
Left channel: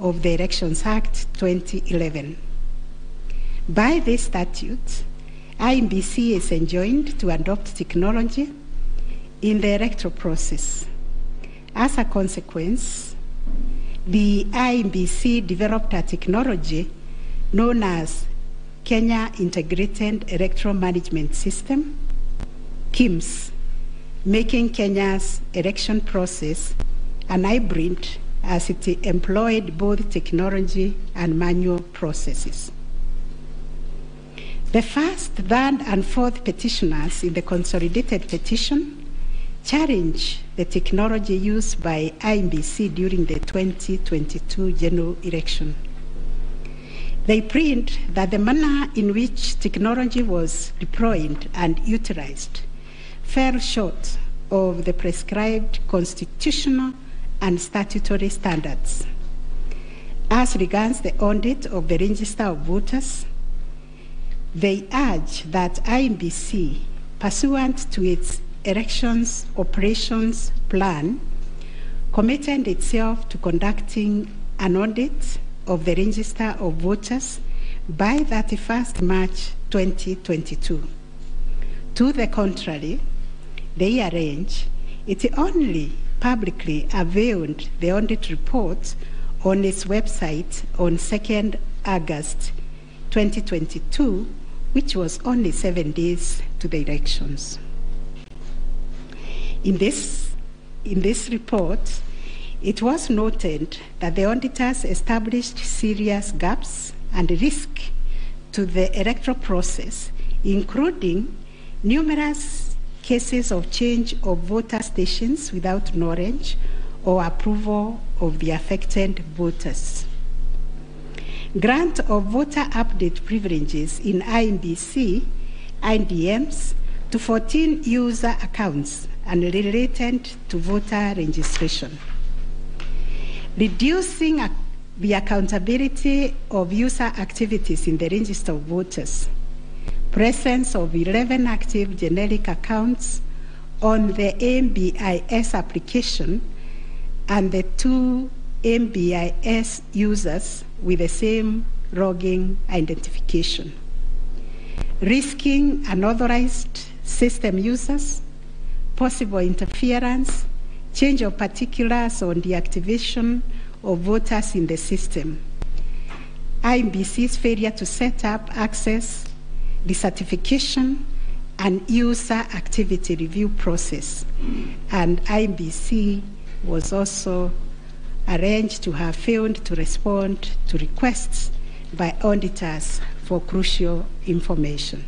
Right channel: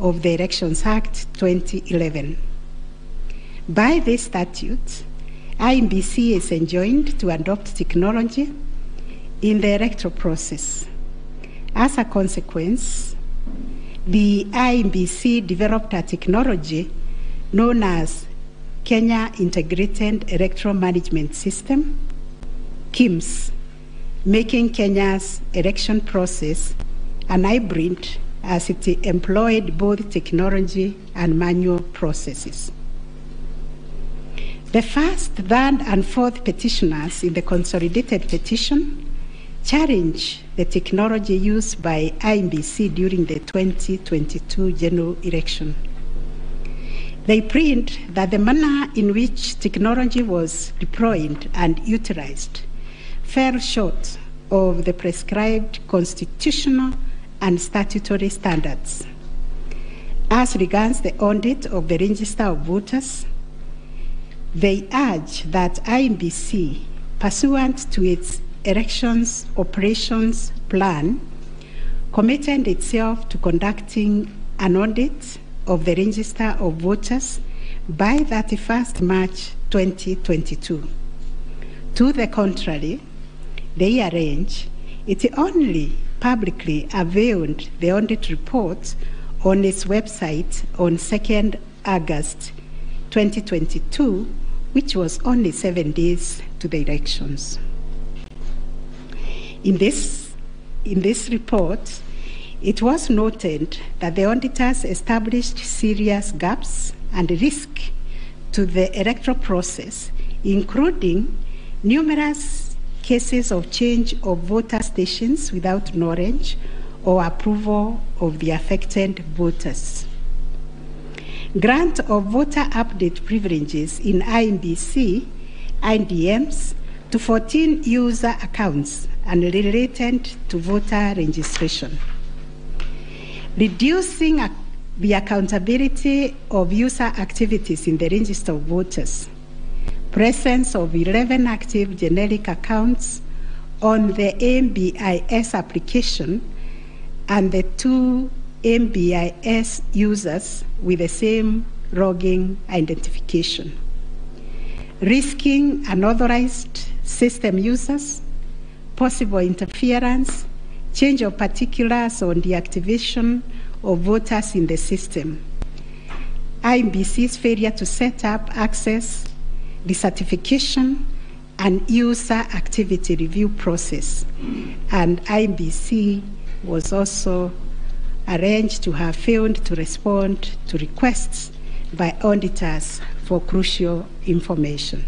of the Elections Act 2011. By this statute, IEBC is enjoined to adopt technology in the electoral process. As a consequence, the IEBC developed a technology known as Kenya Integrated Electoral Management System, KIMS, making Kenya's election process an hybrid as it employed both technology and manual processes. The first, third, and fourth petitioners in the consolidated petition challenge the technology used by IEBC during the 2022 general election. They plead that the manner in which technology was deployed and utilized fell short of the prescribed constitutional and statutory standards. As regards the audit of the register of voters, they urge that IEBC, pursuant to its elections operations plan, committed itself to conducting an audit of the register of voters by 31st March 2022. To the contrary, they arrange it only publicly availed the audit report on its website on 2nd August 2022, which was only 7 days to the elections. In this report, it was noted that the auditors established serious gaps and risk to the electoral process, including numerous cases of change of voter stations without knowledge or approval of the affected voters. Grant of voter update privileges in IEBC, IDMs, to 14 user accounts and related to voter registration. Reducing the accountability of user activities in the register of voters. Presence of 11 active generic accounts on the MBIS application and the 2 MBIS users with the same logging identification. Risking unauthorized system users, possible interference, change of particulars on the activation of voters in the system. IEBC's failure to set up access, decertification, and user activity review process. And IEBC was also arranged to have failed to respond to requests by auditors for crucial information.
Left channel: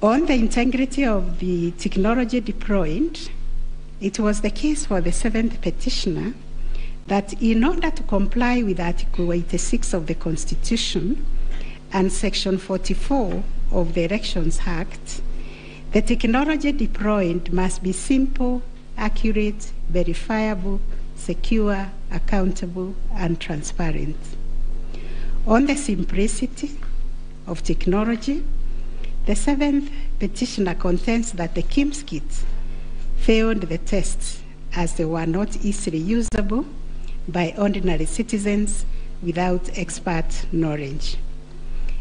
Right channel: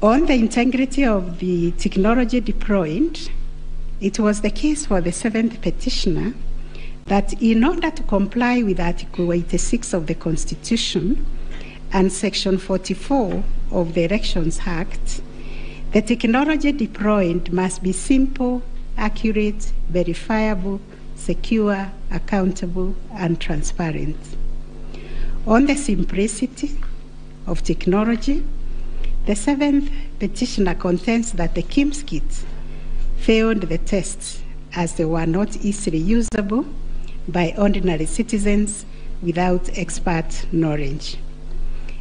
On the integrity of the technology deployed, it was the case for the seventh petitioner that in order to comply with Article 86 of the Constitution and Section 44 of the Elections Act, the technology deployed must be simple, accurate, verifiable, secure, accountable, and transparent. On the simplicity of technology, the seventh petitioner contends that the KIMS kits failed the tests as they were not easily usable by ordinary citizens without expert knowledge.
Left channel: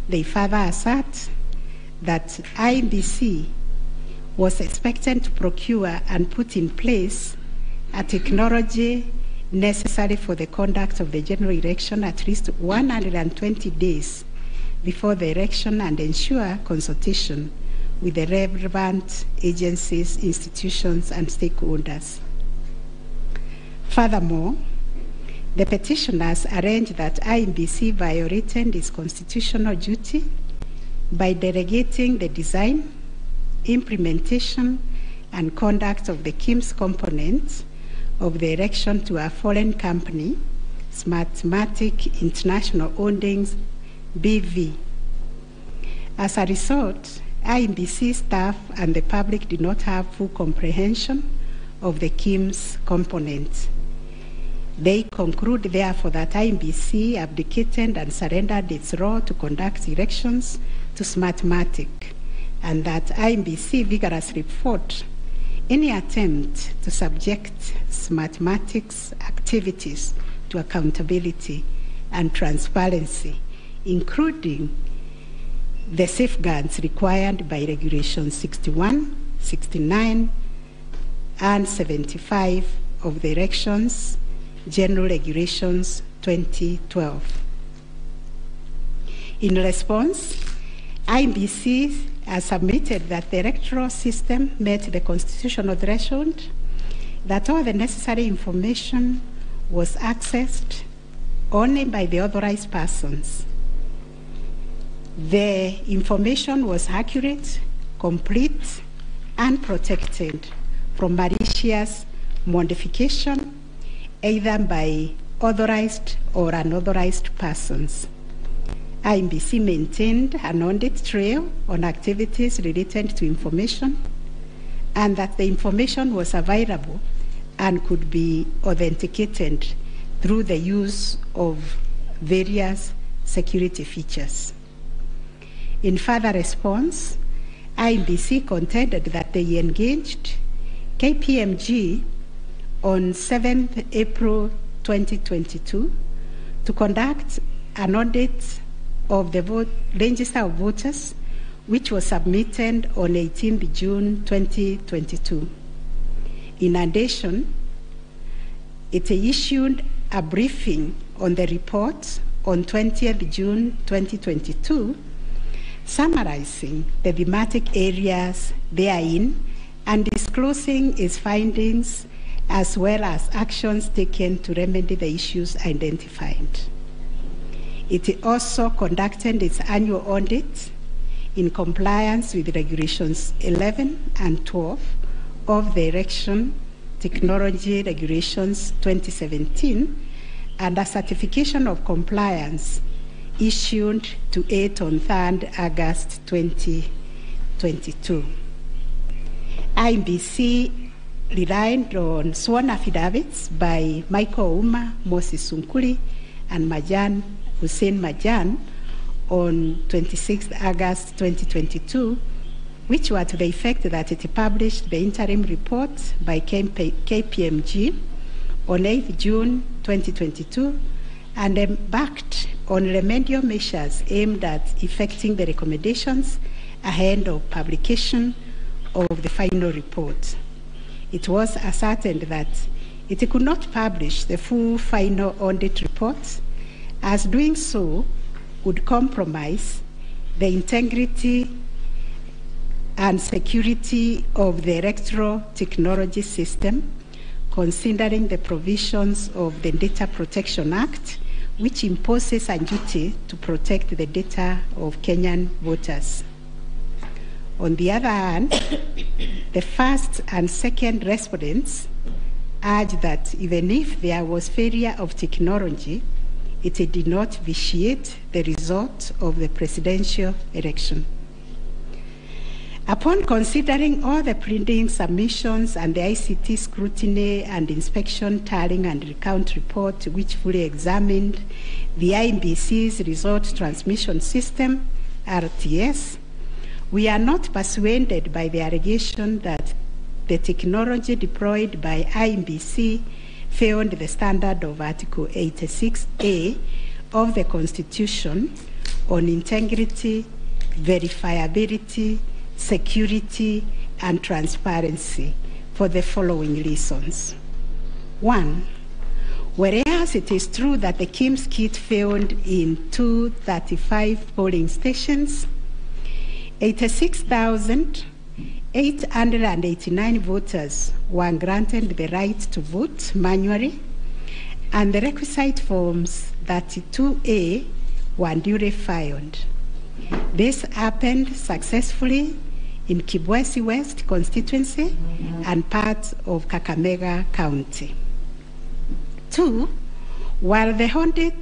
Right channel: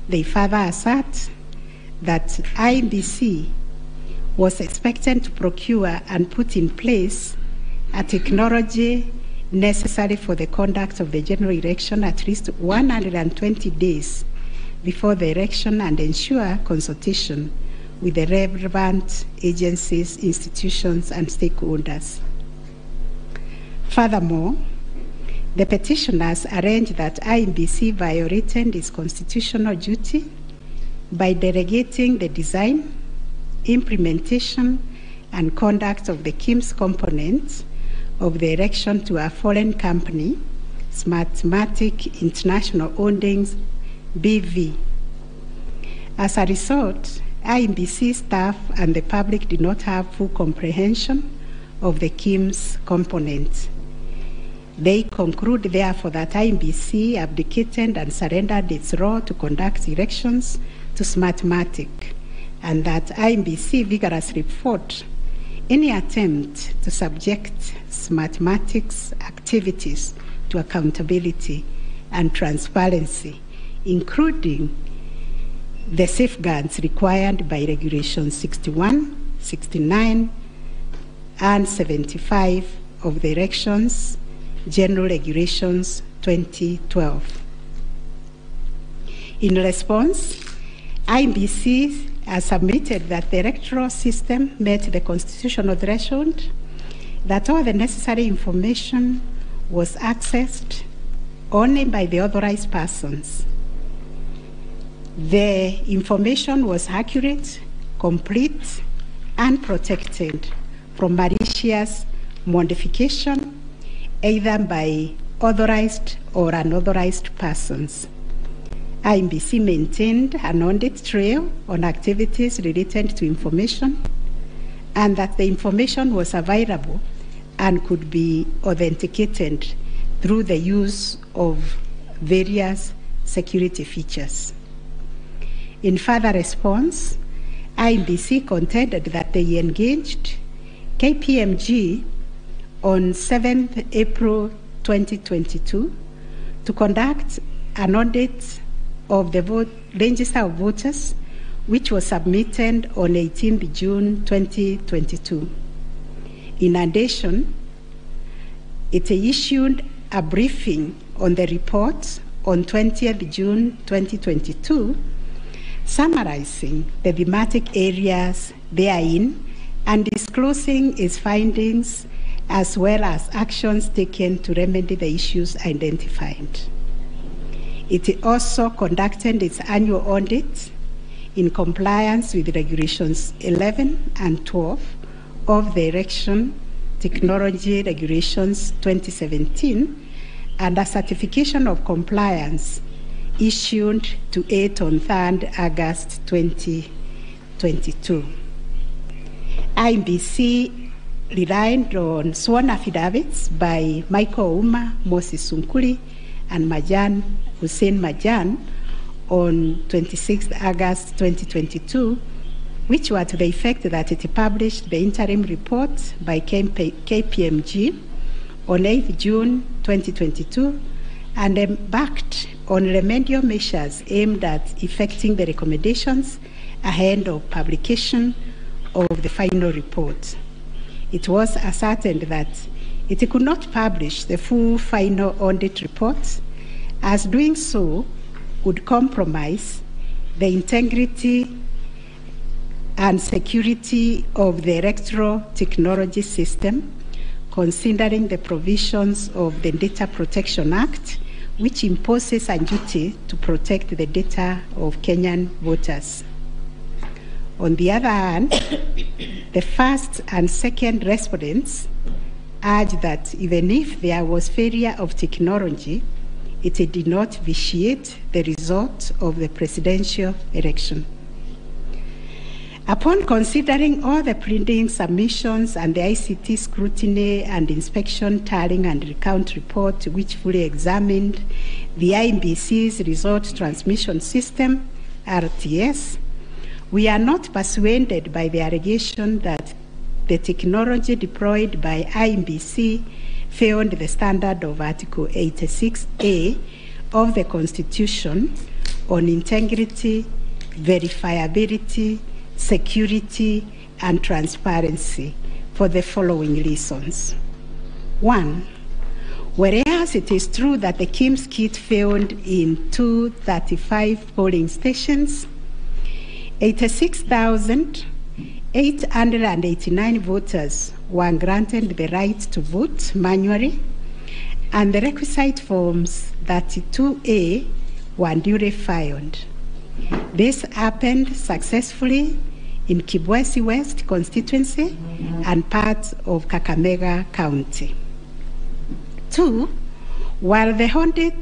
They further assert that IEBC was expected to procure and put in place a technology necessary for the conduct of the general election at least 120 days before the election and ensure consultation with the relevant agencies, institutions, and stakeholders. Furthermore, the petitioners arranged that IEBC violated its constitutional duty by delegating the design, implementation, and conduct of the KIMS components of the election to a foreign company, Smartmatic International Holdings, BV. As a result, IEBC staff and the public did not have full comprehension of the KIMS components. They conclude, therefore, that IEBC abdicated and surrendered its role to conduct elections to Smartmatic, and that IEBC vigorously fought any attempt to subject Smartmatic's activities to accountability and transparency, including the safeguards required by Regulations 61, 69, and 75 of the Elections General Regulations 2012. In response, IEBC has submitted that the electoral system met the constitutional threshold, that all the necessary information was accessed only by the authorized persons. The information was accurate, complete, and protected from malicious modification, either by authorized or unauthorized persons. IEBC maintained an audit trail on activities related to information, and that the information was available and could be authenticated through the use of various security features. In further response, IEBC contended that they engaged KPMG on 7th April 2022 to conduct an audit of the register of voters, which was submitted on 18th June 2022. In addition, it issued a briefing on the report on 20th June 2022, summarizing the thematic areas therein and disclosing its findings as well as actions taken to remedy the issues identified. It also conducted its annual audit in compliance with Regulations 11 and 12 of the Election Technology Regulations 2017, and a certification of compliance issued to it on 3rd August 2022. IEBC relied on sworn affidavits by Michael Uma, Moses Sunkuli, and Hussein Majan on 26th August 2022, which were to the effect that it published the interim report by KPMG on 8th June 2022 and embarked on remedial measures aimed at effecting the recommendations ahead of publication of the final report. It was ascertained that it could not publish the full final audit report, as doing so would compromise the integrity and security of the electoral technology system, considering the provisions of the Data Protection Act, which imposes a duty to protect the data of Kenyan voters. On the other hand, the first and second respondents urged that even if there was failure of technology, it did not vitiate the result of the presidential election. Upon considering all the printing submissions and the ICT scrutiny and inspection tallying and recount report, which fully examined the IEBC's result transmission system, RTS, we are not persuaded by the allegation that the technology deployed by IEBC failed the standard of Article 86A of the Constitution on integrity, verifiability, security, and transparency for the following reasons. 1, whereas it is true that the KIMS kit failed in 235 polling stations, 86,889 voters were granted the right to vote manually, and the requisite forms 32A were duly filed. This happened successfully in Kibwezi West constituency and parts of Kakamega County. 2, while the audit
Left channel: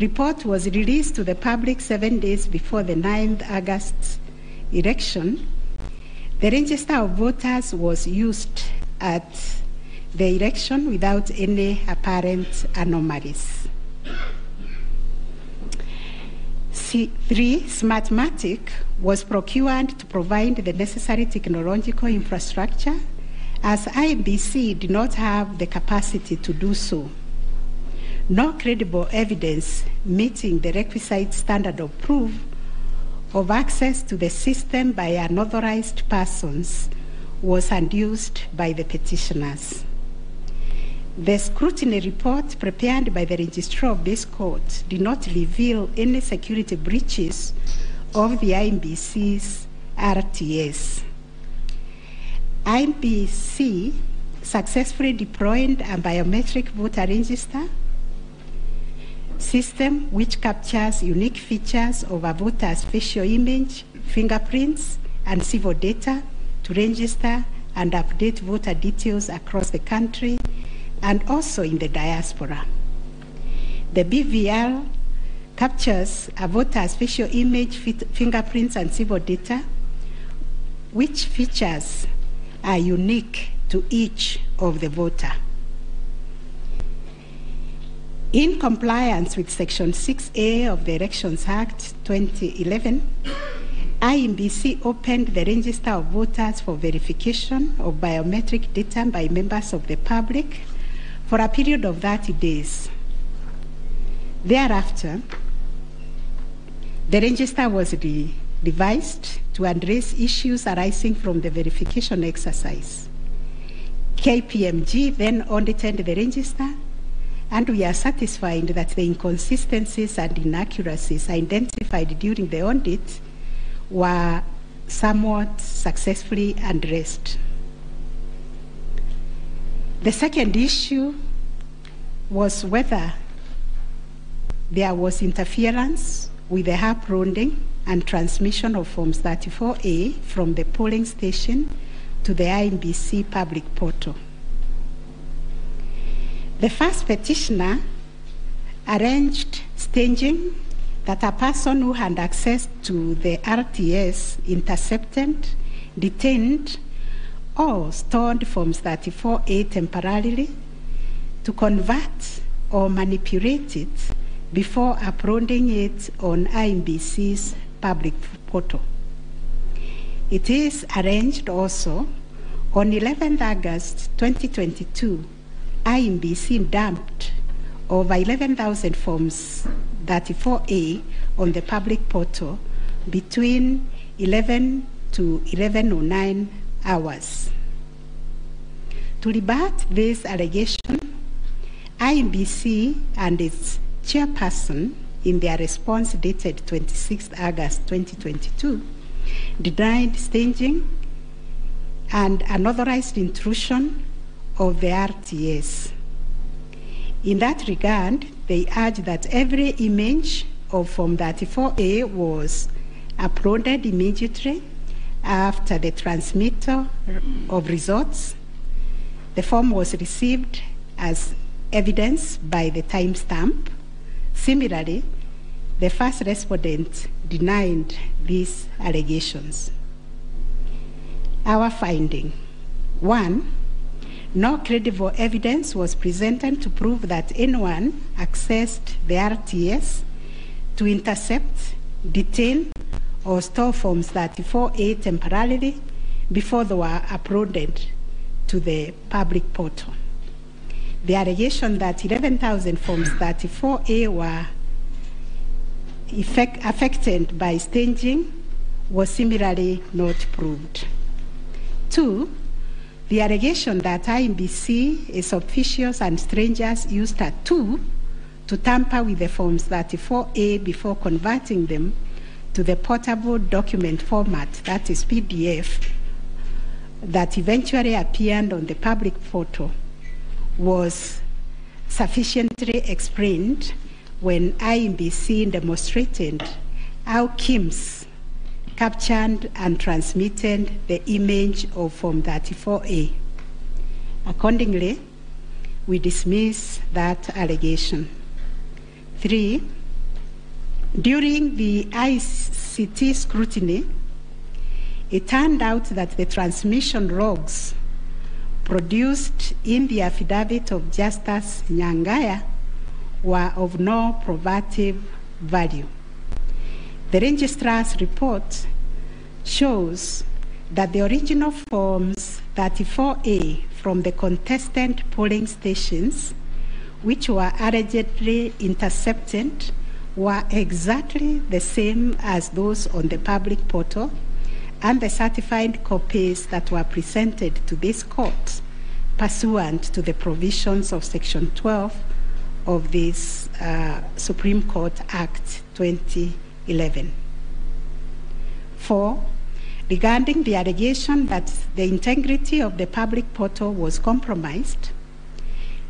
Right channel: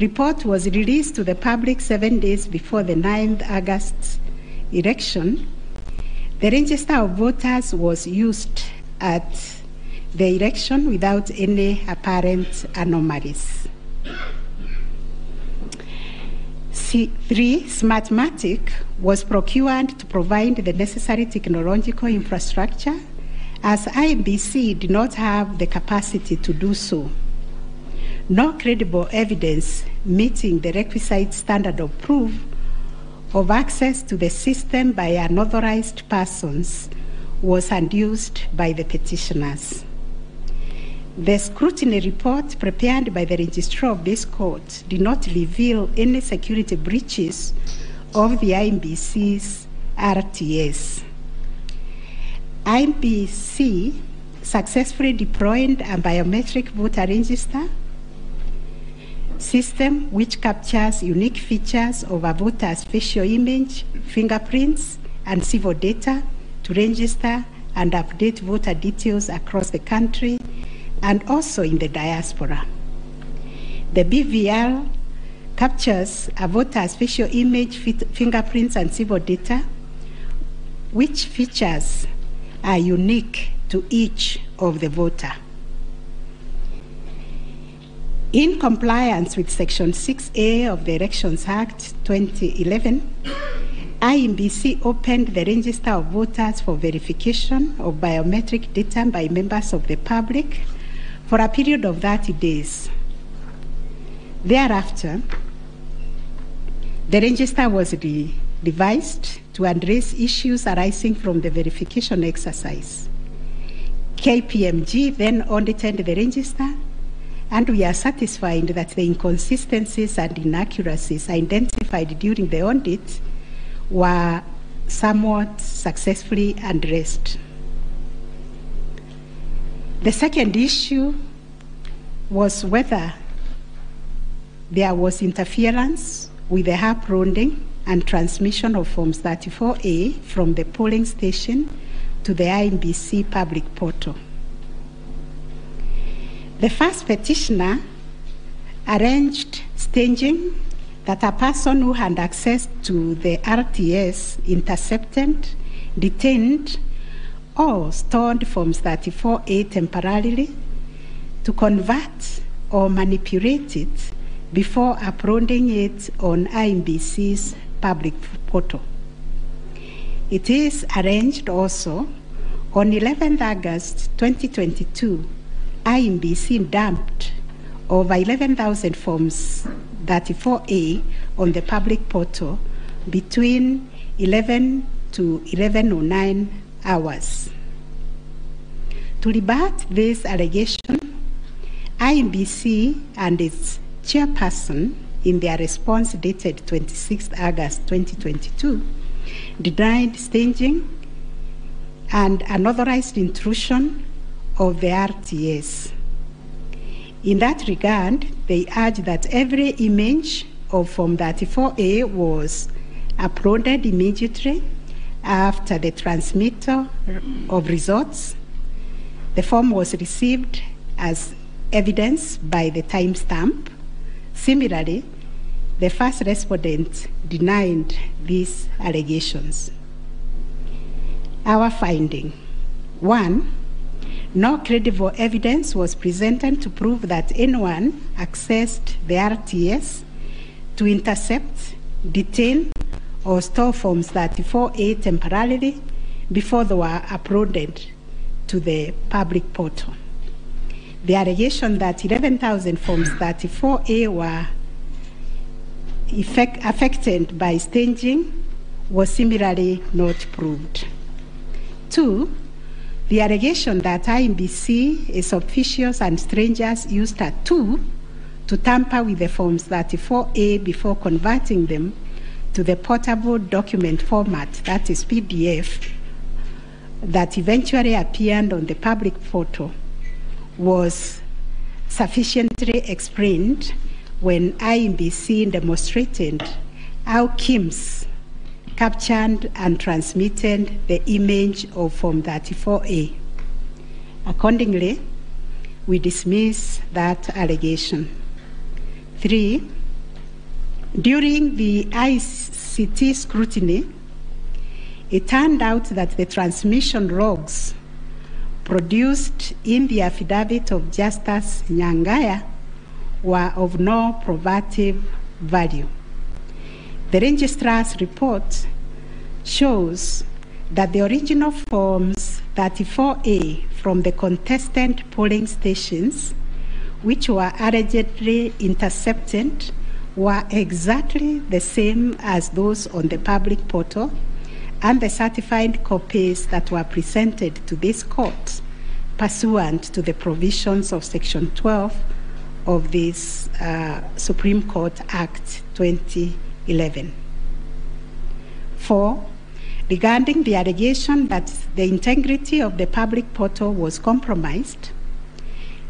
report was released to the public 7 days before the 9th August election, the register of voters was used at the election without any apparent anomalies. 3, Smartmatic was procured to provide the necessary technological infrastructure, as IEBC did not have the capacity to do so. No credible evidence meeting the requisite standard of proof of access to the system by unauthorized persons was adduced by the petitioners. The scrutiny report prepared by the registrar of this court did not reveal any security breaches of the IEBC's RTS. IEBC successfully deployed a biometric voter register system which captures unique features of a voter's facial image, fingerprints, and civil data to register and update voter details across the country and also in the diaspora. The BVR captures a voter's facial image, fingerprints, and civil data, which features are unique to each of the voter. In compliance with Section 6A of the Elections Act 2011, IEBC opened the register of voters for verification of biometric data by members of the public for a period of 30 days. Thereafter, the register was revised to address issues arising from the verification exercise. KPMG then audited the register, and we are satisfied that the inconsistencies and inaccuracies identified during the audit were somewhat successfully addressed. The second issue was whether there was interference with the uploading and transmission of Forms 34A from the polling station to the IEBC public portal. The first petitioner arranged staging that a person who had access to the RTS intercepted, detained, or stored Forms 34A temporarily to convert or manipulate it before uploading it on IEBC's public portal. It is arranged also on 11th August 2022, IEBC dumped over 11,000 forms 34A on the public portal between 11 to 11:09 hours. To rebut this allegation, IEBC and its chairperson, in their response dated 26 August 2022, denied staging and unauthorized intrusion of the RTS. In that regard, they urge that every image of Form 34A was uploaded immediately after the transmittal of results. The form was received as evidence by the timestamp. Similarly, the first respondent denied these allegations. Our finding: 1, no credible evidence was presented to prove that anyone accessed the RTS to intercept, detain, or store Forms 34A temporarily before they were uploaded to the public portal. The allegation that 11,000 Forms 34A were affected by staging was similarly not proved. 2, the allegation that IEBC, its officials and strangers used a tool to tamper with the Forms 34A before converting them to the portable document format, that is PDF, that eventually appeared on the public portal, was sufficiently explained when IEBC demonstrated how KIMS captured and transmitted the image of Form 34A. Accordingly, we dismiss that allegation. 3, during the ICT scrutiny, it turned out that the transmission logs produced in the affidavit of Justice Nyangaya were of no probative value. The registrar's report shows that the original Forms 34A from the contestant polling stations, which were allegedly intercepted, were exactly the same as those on the public portal, and the certified copies that were presented to this court pursuant to the provisions of Section 12 of this Supreme Court Act 2011. 4, regarding the allegation that the integrity of the public portal was compromised,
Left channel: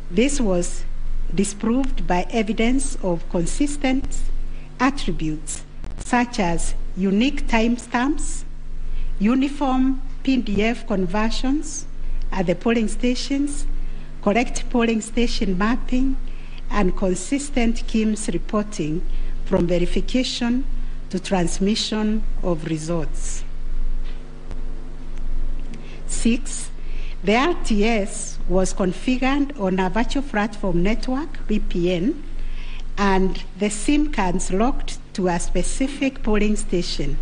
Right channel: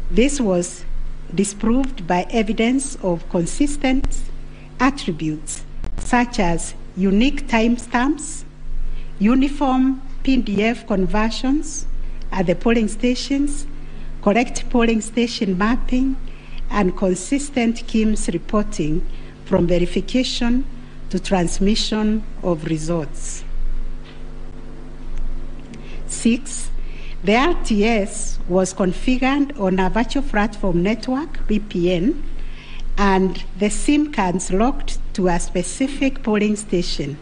this was disproved by evidence of consistent attributes such as unique timestamps, uniform PDF conversions at the polling stations, correct polling station mapping, and consistent KIMS reporting from verification to transmission of results. 6, the RTS was configured on a virtual platform network, VPN, and the SIM cards locked to a specific polling station.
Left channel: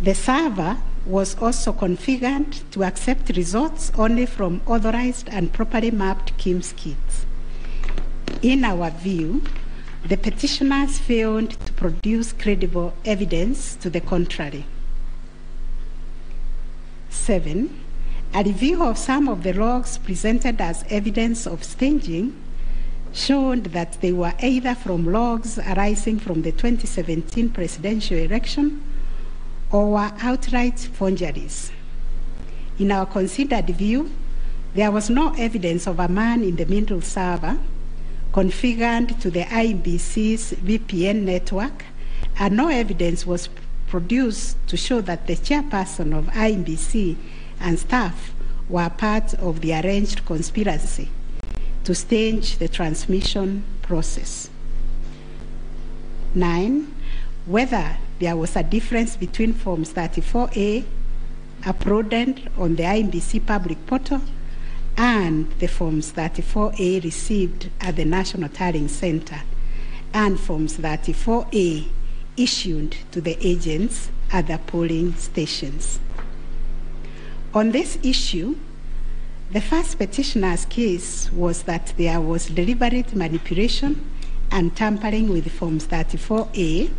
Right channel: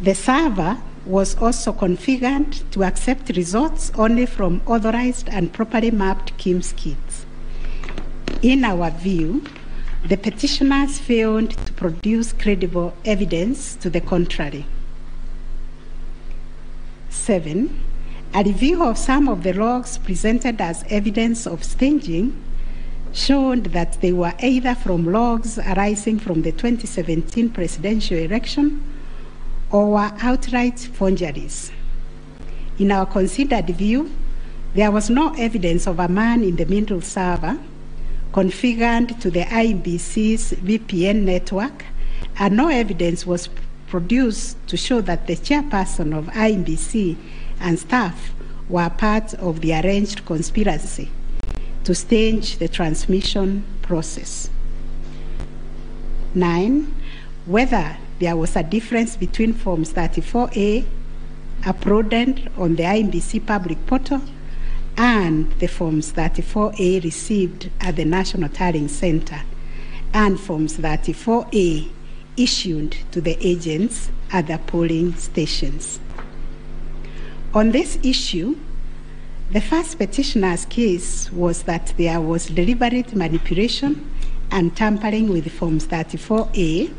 The server was also configured to accept results only from authorized and properly mapped KIMS kits. In our view, the petitioners failed to produce credible evidence to the contrary. 7, a review of some of the logs presented as evidence of staging showed that they were either from logs arising from the 2017 presidential election or were outright forgeries. In our considered view, there was no evidence of a man-in-the-middle server configured to the IEBC's VPN network, and no evidence was produced to show that the chairperson of IEBC and staff were part of the arranged conspiracy to stage the transmission process. 9, whether there was a difference between Forms 34A uploaded on the IEBC public portal and the Forms 34A received at the National Tallying Center and Forms 34A issued to the agents at the polling stations. On this issue, The first petitioner's case was that there was deliberate manipulation and tampering with Forms 34A,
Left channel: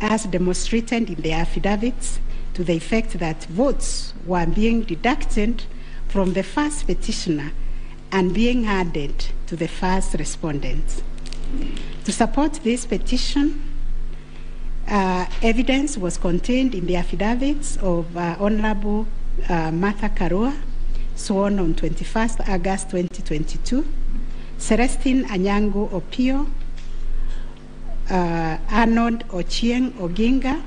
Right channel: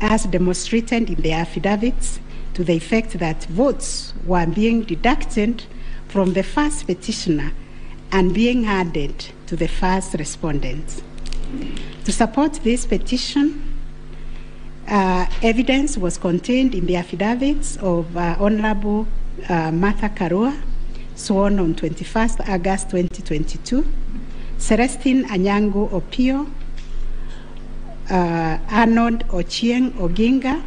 as demonstrated in the affidavits, to the effect that votes were being deducted from the first petitioner and being added to the first respondent. To support this petition, evidence was contained in the affidavits of Honorable Martha Karua, sworn on 21st August 2022, Celestine Anyango Opio, Arnold Ochieng Oginga,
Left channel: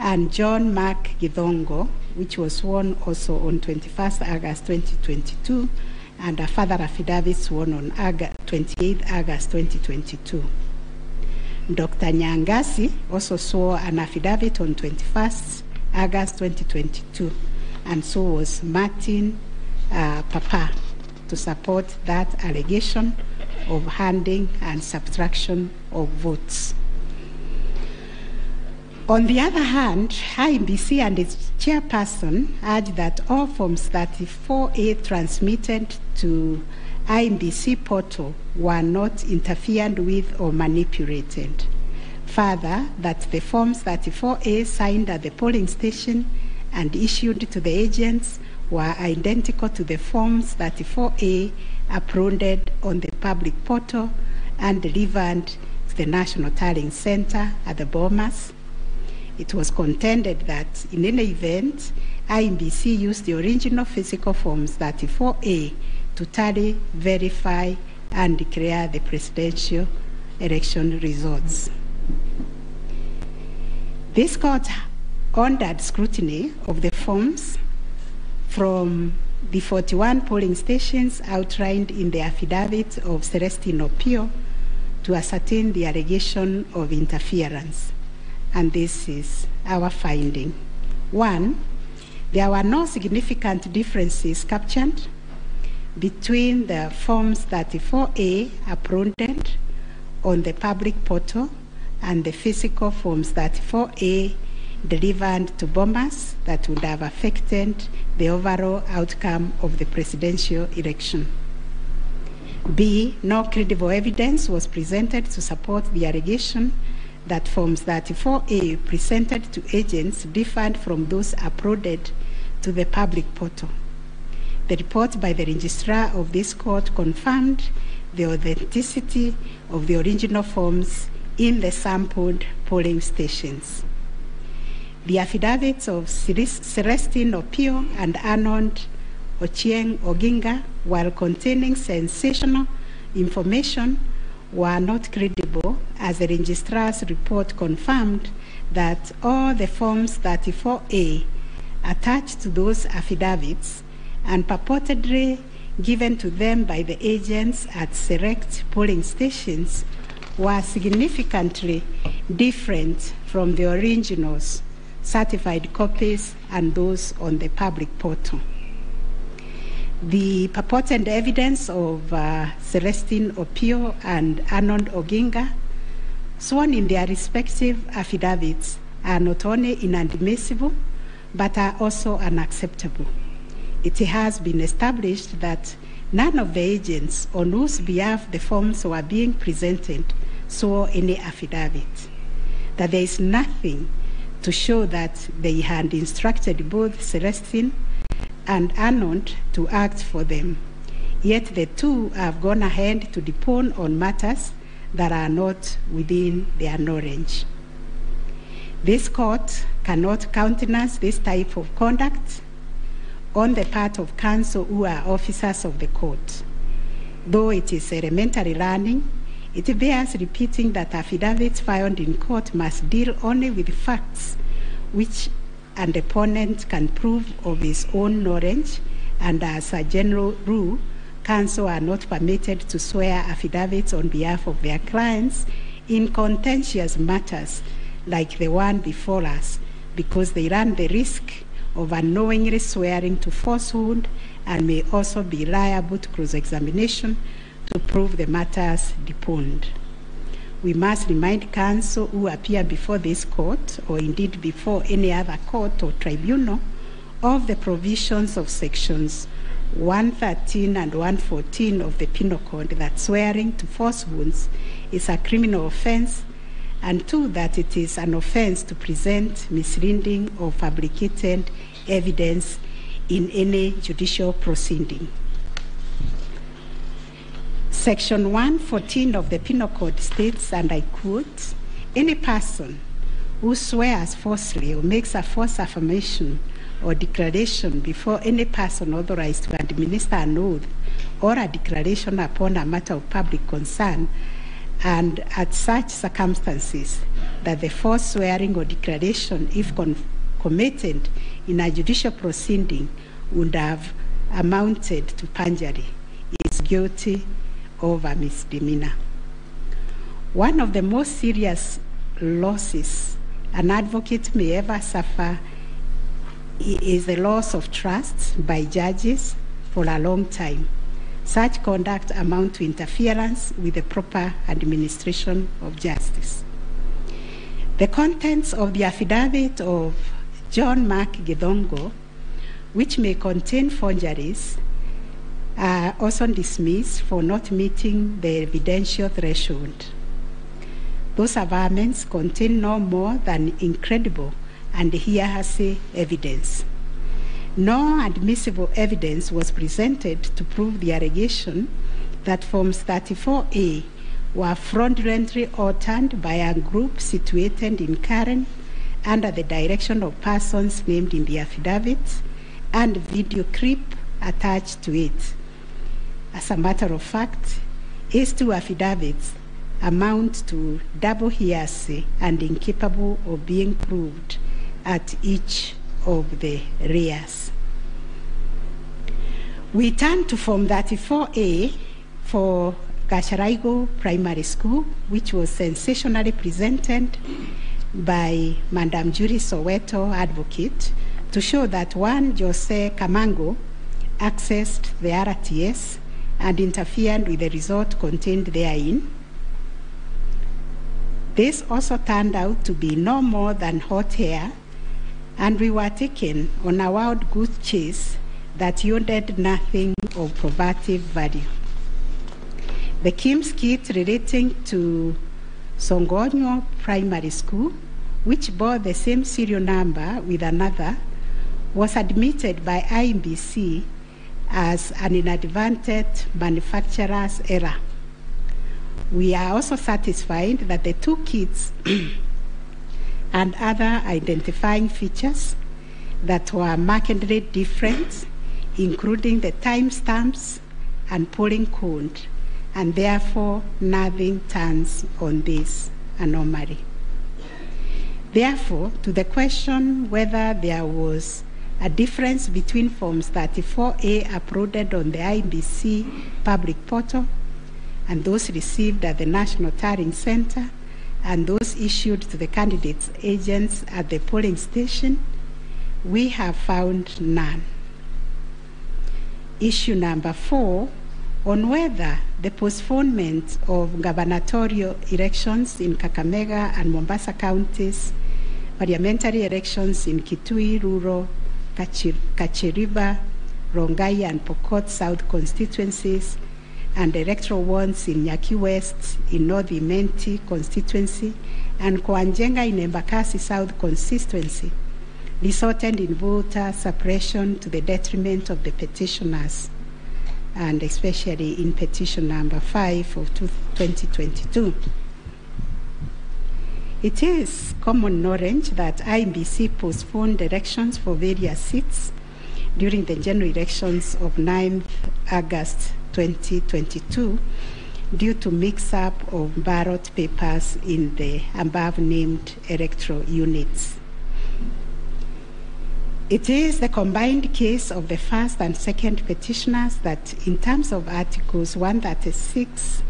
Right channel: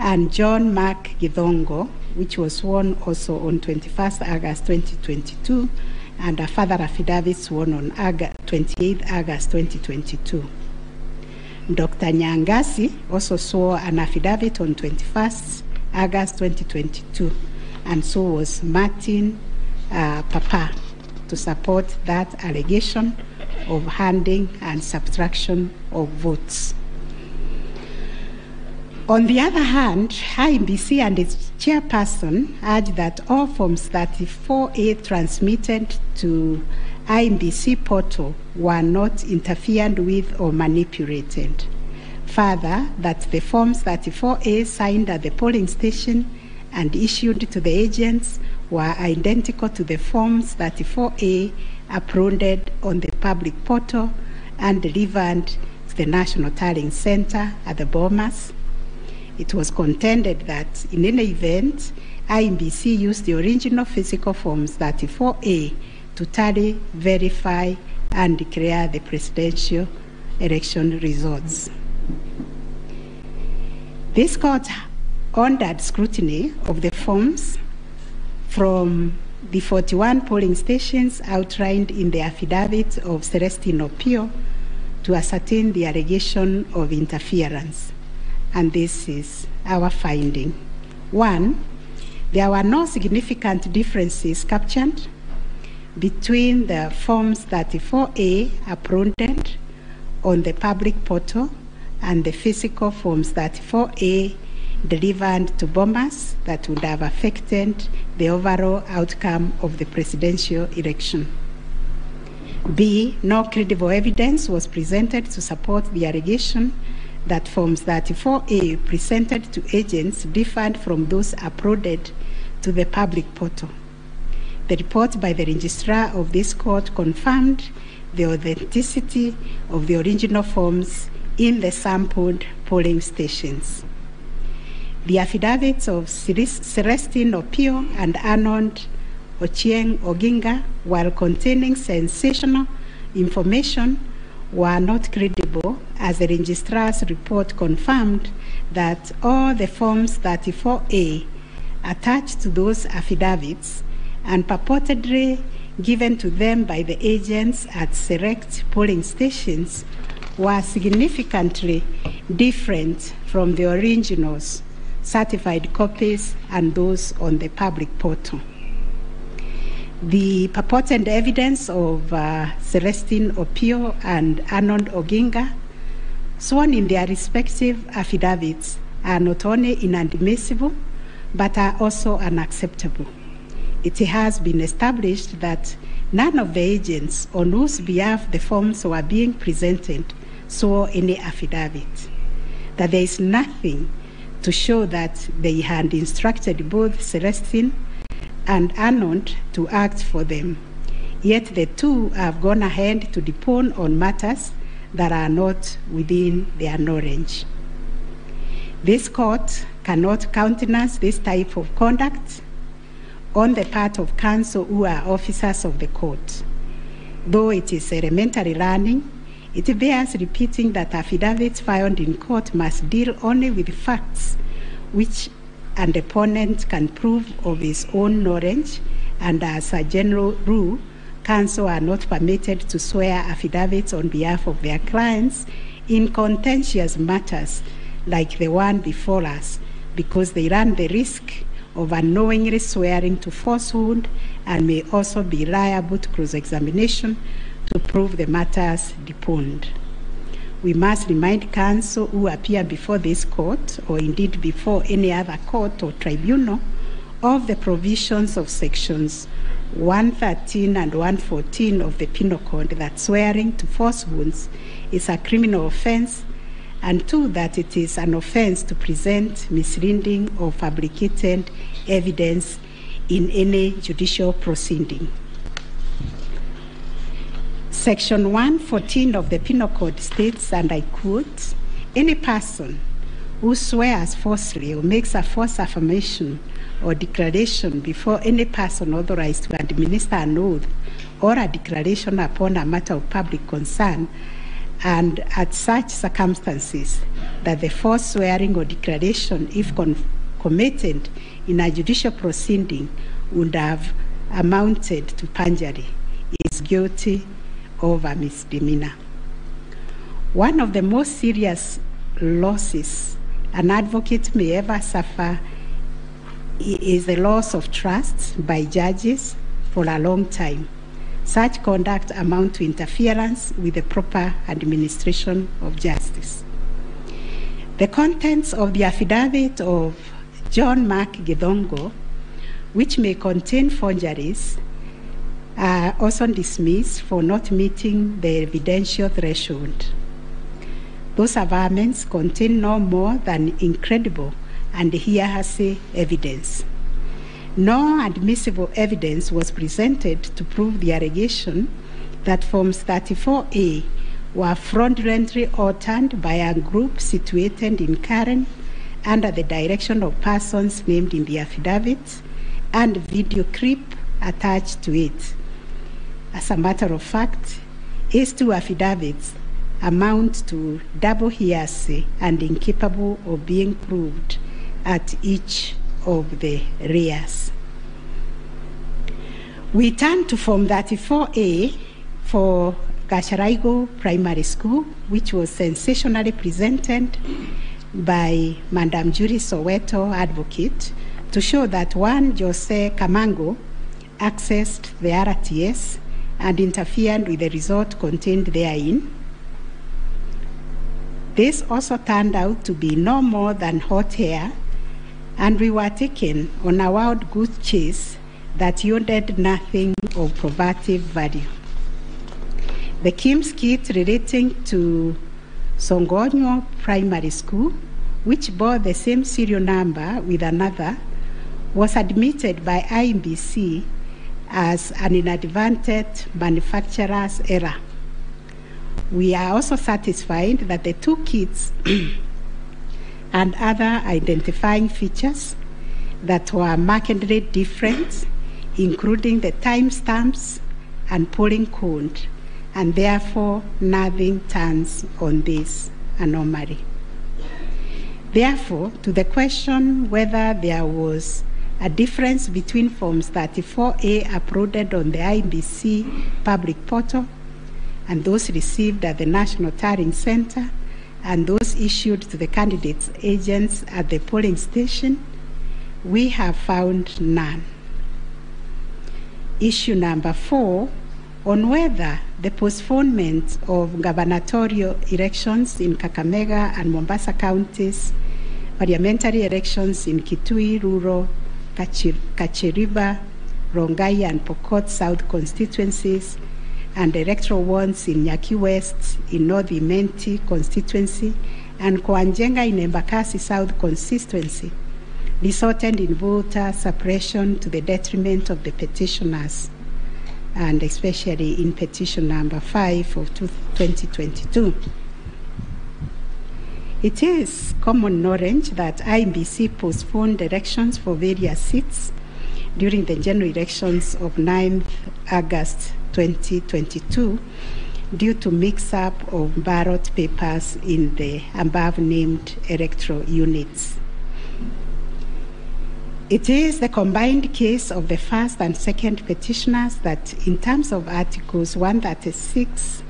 and John Mark Githongo, which was sworn also on 21st August 2022, and a further affidavit sworn on 28th August 2022. Dr. Nyangasi also swore an affidavit on 21st August 2022, and so was Martin Papa, to support that allegation of handing and subtraction of votes. On the other hand, IEBC and its chairperson urged that all Forms 34A transmitted to IEBC portal were not interfered with or manipulated. Further, that the Forms 34A signed at the polling station and issued to the agents were identical to the Forms 34A uploaded on the public portal and delivered to the National Tallying Center at the Bomas. It was contended that in any event, IEBC used the original physical Forms 34A to tally, verify, and declare the presidential election results. This court ordered scrutiny of the forms from the 41 polling stations outlined in the affidavit of Celestine Opio to ascertain the allegation of interference. And this is our finding. 1, there were no significant differences captured between the Forms 34A uploaded on the public portal and the physical Forms 34A delivered to Bomas that would have affected the overall outcome of the presidential election. B, no credible evidence was presented to support the allegation that Forms 34A presented to agents differed from those uploaded to the public portal. The report by the registrar of this court confirmed the authenticity of the original forms in the sampled polling stations. The affidavits of Celestine Opio and Arnold Ochieng Oginga, while containing sensational information, were not credible, as the registrar's report confirmed that all the Forms 34A attached to those affidavits and purportedly given to them by the agents at select polling stations were significantly different from the originals, certified copies, and those on the public portal. The purported evidence of Celestine Opio and Arnold Oginga, sworn in their respective affidavits, are not only inadmissible, but are also unacceptable. It has been established that none of the agents on whose behalf the forms were being presented swore any affidavit, that there is nothing to show that they had instructed both Celestine and Arnold to act for them. Yet the two have gone ahead to depone on matters that are not within their knowledge. This court cannot countenance this type of conduct on the part of counsel who are officers of the court. Though it is elementary learning, it bears repeating that affidavits filed in court must deal only with facts which an opponent can prove of his own knowledge, and as a general rule, counsel are not permitted to swear affidavits on behalf of their clients in contentious matters like the one before us, because they run the risk of unknowingly swearing to falsehood and may also be liable to cross-examination to prove the matters deponed. We must remind counsel who appear before this court, or indeed before any other court or tribunal, of the provisions of sections 113 and 114 of the Penal Code that swearing to falsehoods is a criminal offense, and 2, that it is an offense to present misleading or fabricated evidence in any judicial proceeding. Section 114 of the Penal Code states, and I quote, "Any person who swears falsely or makes a false affirmation or declaration before any person authorized to administer an oath or a declaration upon a matter of public concern, and at such circumstances that the false swearing or declaration, if committed in a judicial proceeding, would have amounted to perjury, is guilty of a misdemeanor." One of the most serious losses an advocate may ever suffer is the loss of trust by judges for a long time. Such conduct amounts to interference with the proper administration of justice. The contents of the affidavit of John Mark Githongo, which may contain forgeries, are also dismissed for not meeting the evidential threshold. Those averments contain no more than incredible and hearsay evidence. No admissible evidence was presented to prove the allegation that Forms 34A were fraudulently altered by a group situated in Karen under the direction of persons named in the affidavit and video clip attached to it. As a matter of fact, these 2 affidavits amount to double hearsay and incapable of being proved at each of the rears. We turn to Form 34A for Gasharaigo Primary School, which was sensationally presented by Madam Judy Soweto, advocate, to show that one Jose Kamango accessed the RTS and interfered with the result contained therein. This also turned out to be no more than hot air, and we were taken on a wild goose chase that yielded nothing of probative value. The KIMS kit relating to Songonyo Primary School, which bore the same serial number with another, was admitted by IMBC as an inadvertent manufacturer's error. We are also satisfied that the 2 kits and other identifying features that were markedly different, including the timestamps and polling code, and therefore nothing turns on this anomaly. Therefore, to the question whether there was a difference between Forms 34A uploaded on the IBC public portal and those received at the National Tallying Center and those issued to the candidates' agents at the polling station, we have found none. Issue number 4, on whether the postponement of gubernatorial elections in Kakamega and Mombasa counties, parliamentary elections in Kitui, Rural, Kachiriba, Rongai and Pokot South constituencies, and electoral ones in Nyaki West, in North Imenti constituency, and Koanjenga in Embakasi South constituency, resulted in voter suppression to the detriment of the petitioners, and especially in petition number 5 of 2022. It is common knowledge that IBC postponed elections for various seats during the general elections of 9th August 2022 due to mix-up of ballot papers in the above-named electoral units. It is the combined case of the first and second petitioners that, in terms of Articles 136,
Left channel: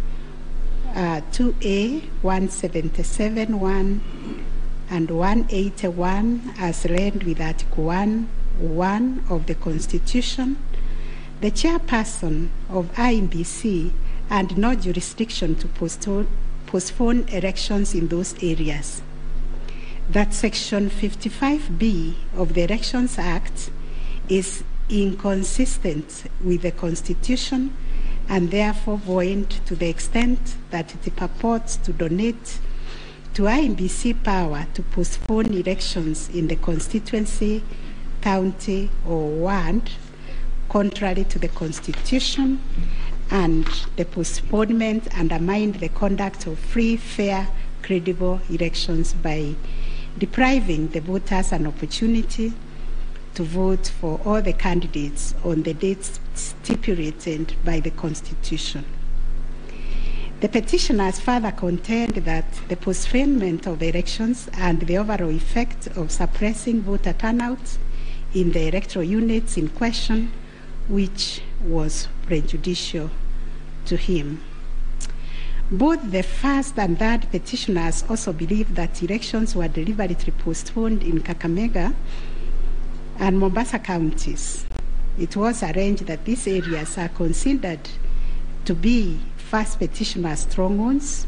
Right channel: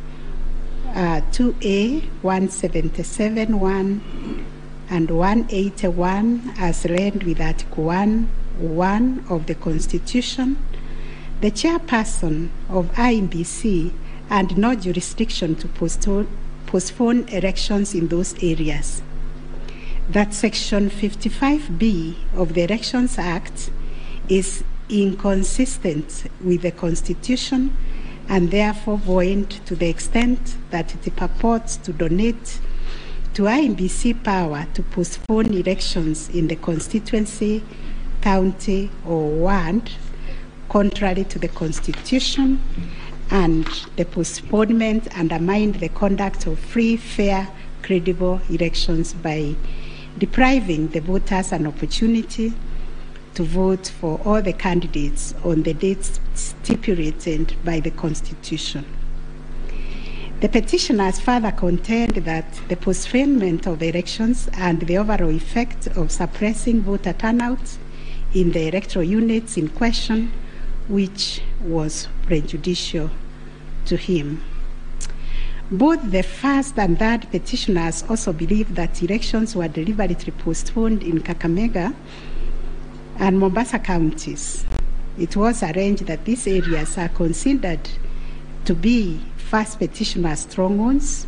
2A, 177, 1, and 181, as read with Article 1 of the Constitution, the chairperson of IBC had no jurisdiction to postpone elections in those areas. That Section 55B of the Elections Act is inconsistent with the Constitution and therefore void to the extent that it purports to donate to IEBC power to postpone elections in the constituency, county, or ward, contrary to the Constitution, and the postponement undermined the conduct of free, fair, credible elections by depriving the voters an opportunity to vote for all the candidates on the dates stipulated by the Constitution. The petitioners further contend that the postponement of elections and the overall effect of suppressing voter turnout in the electoral units in question, which was prejudicial to him. Both the first and third petitioners also believe that elections were deliberately postponed in Kakamega and Mombasa counties. It was arranged that these areas are considered to be first petitioner strongholds,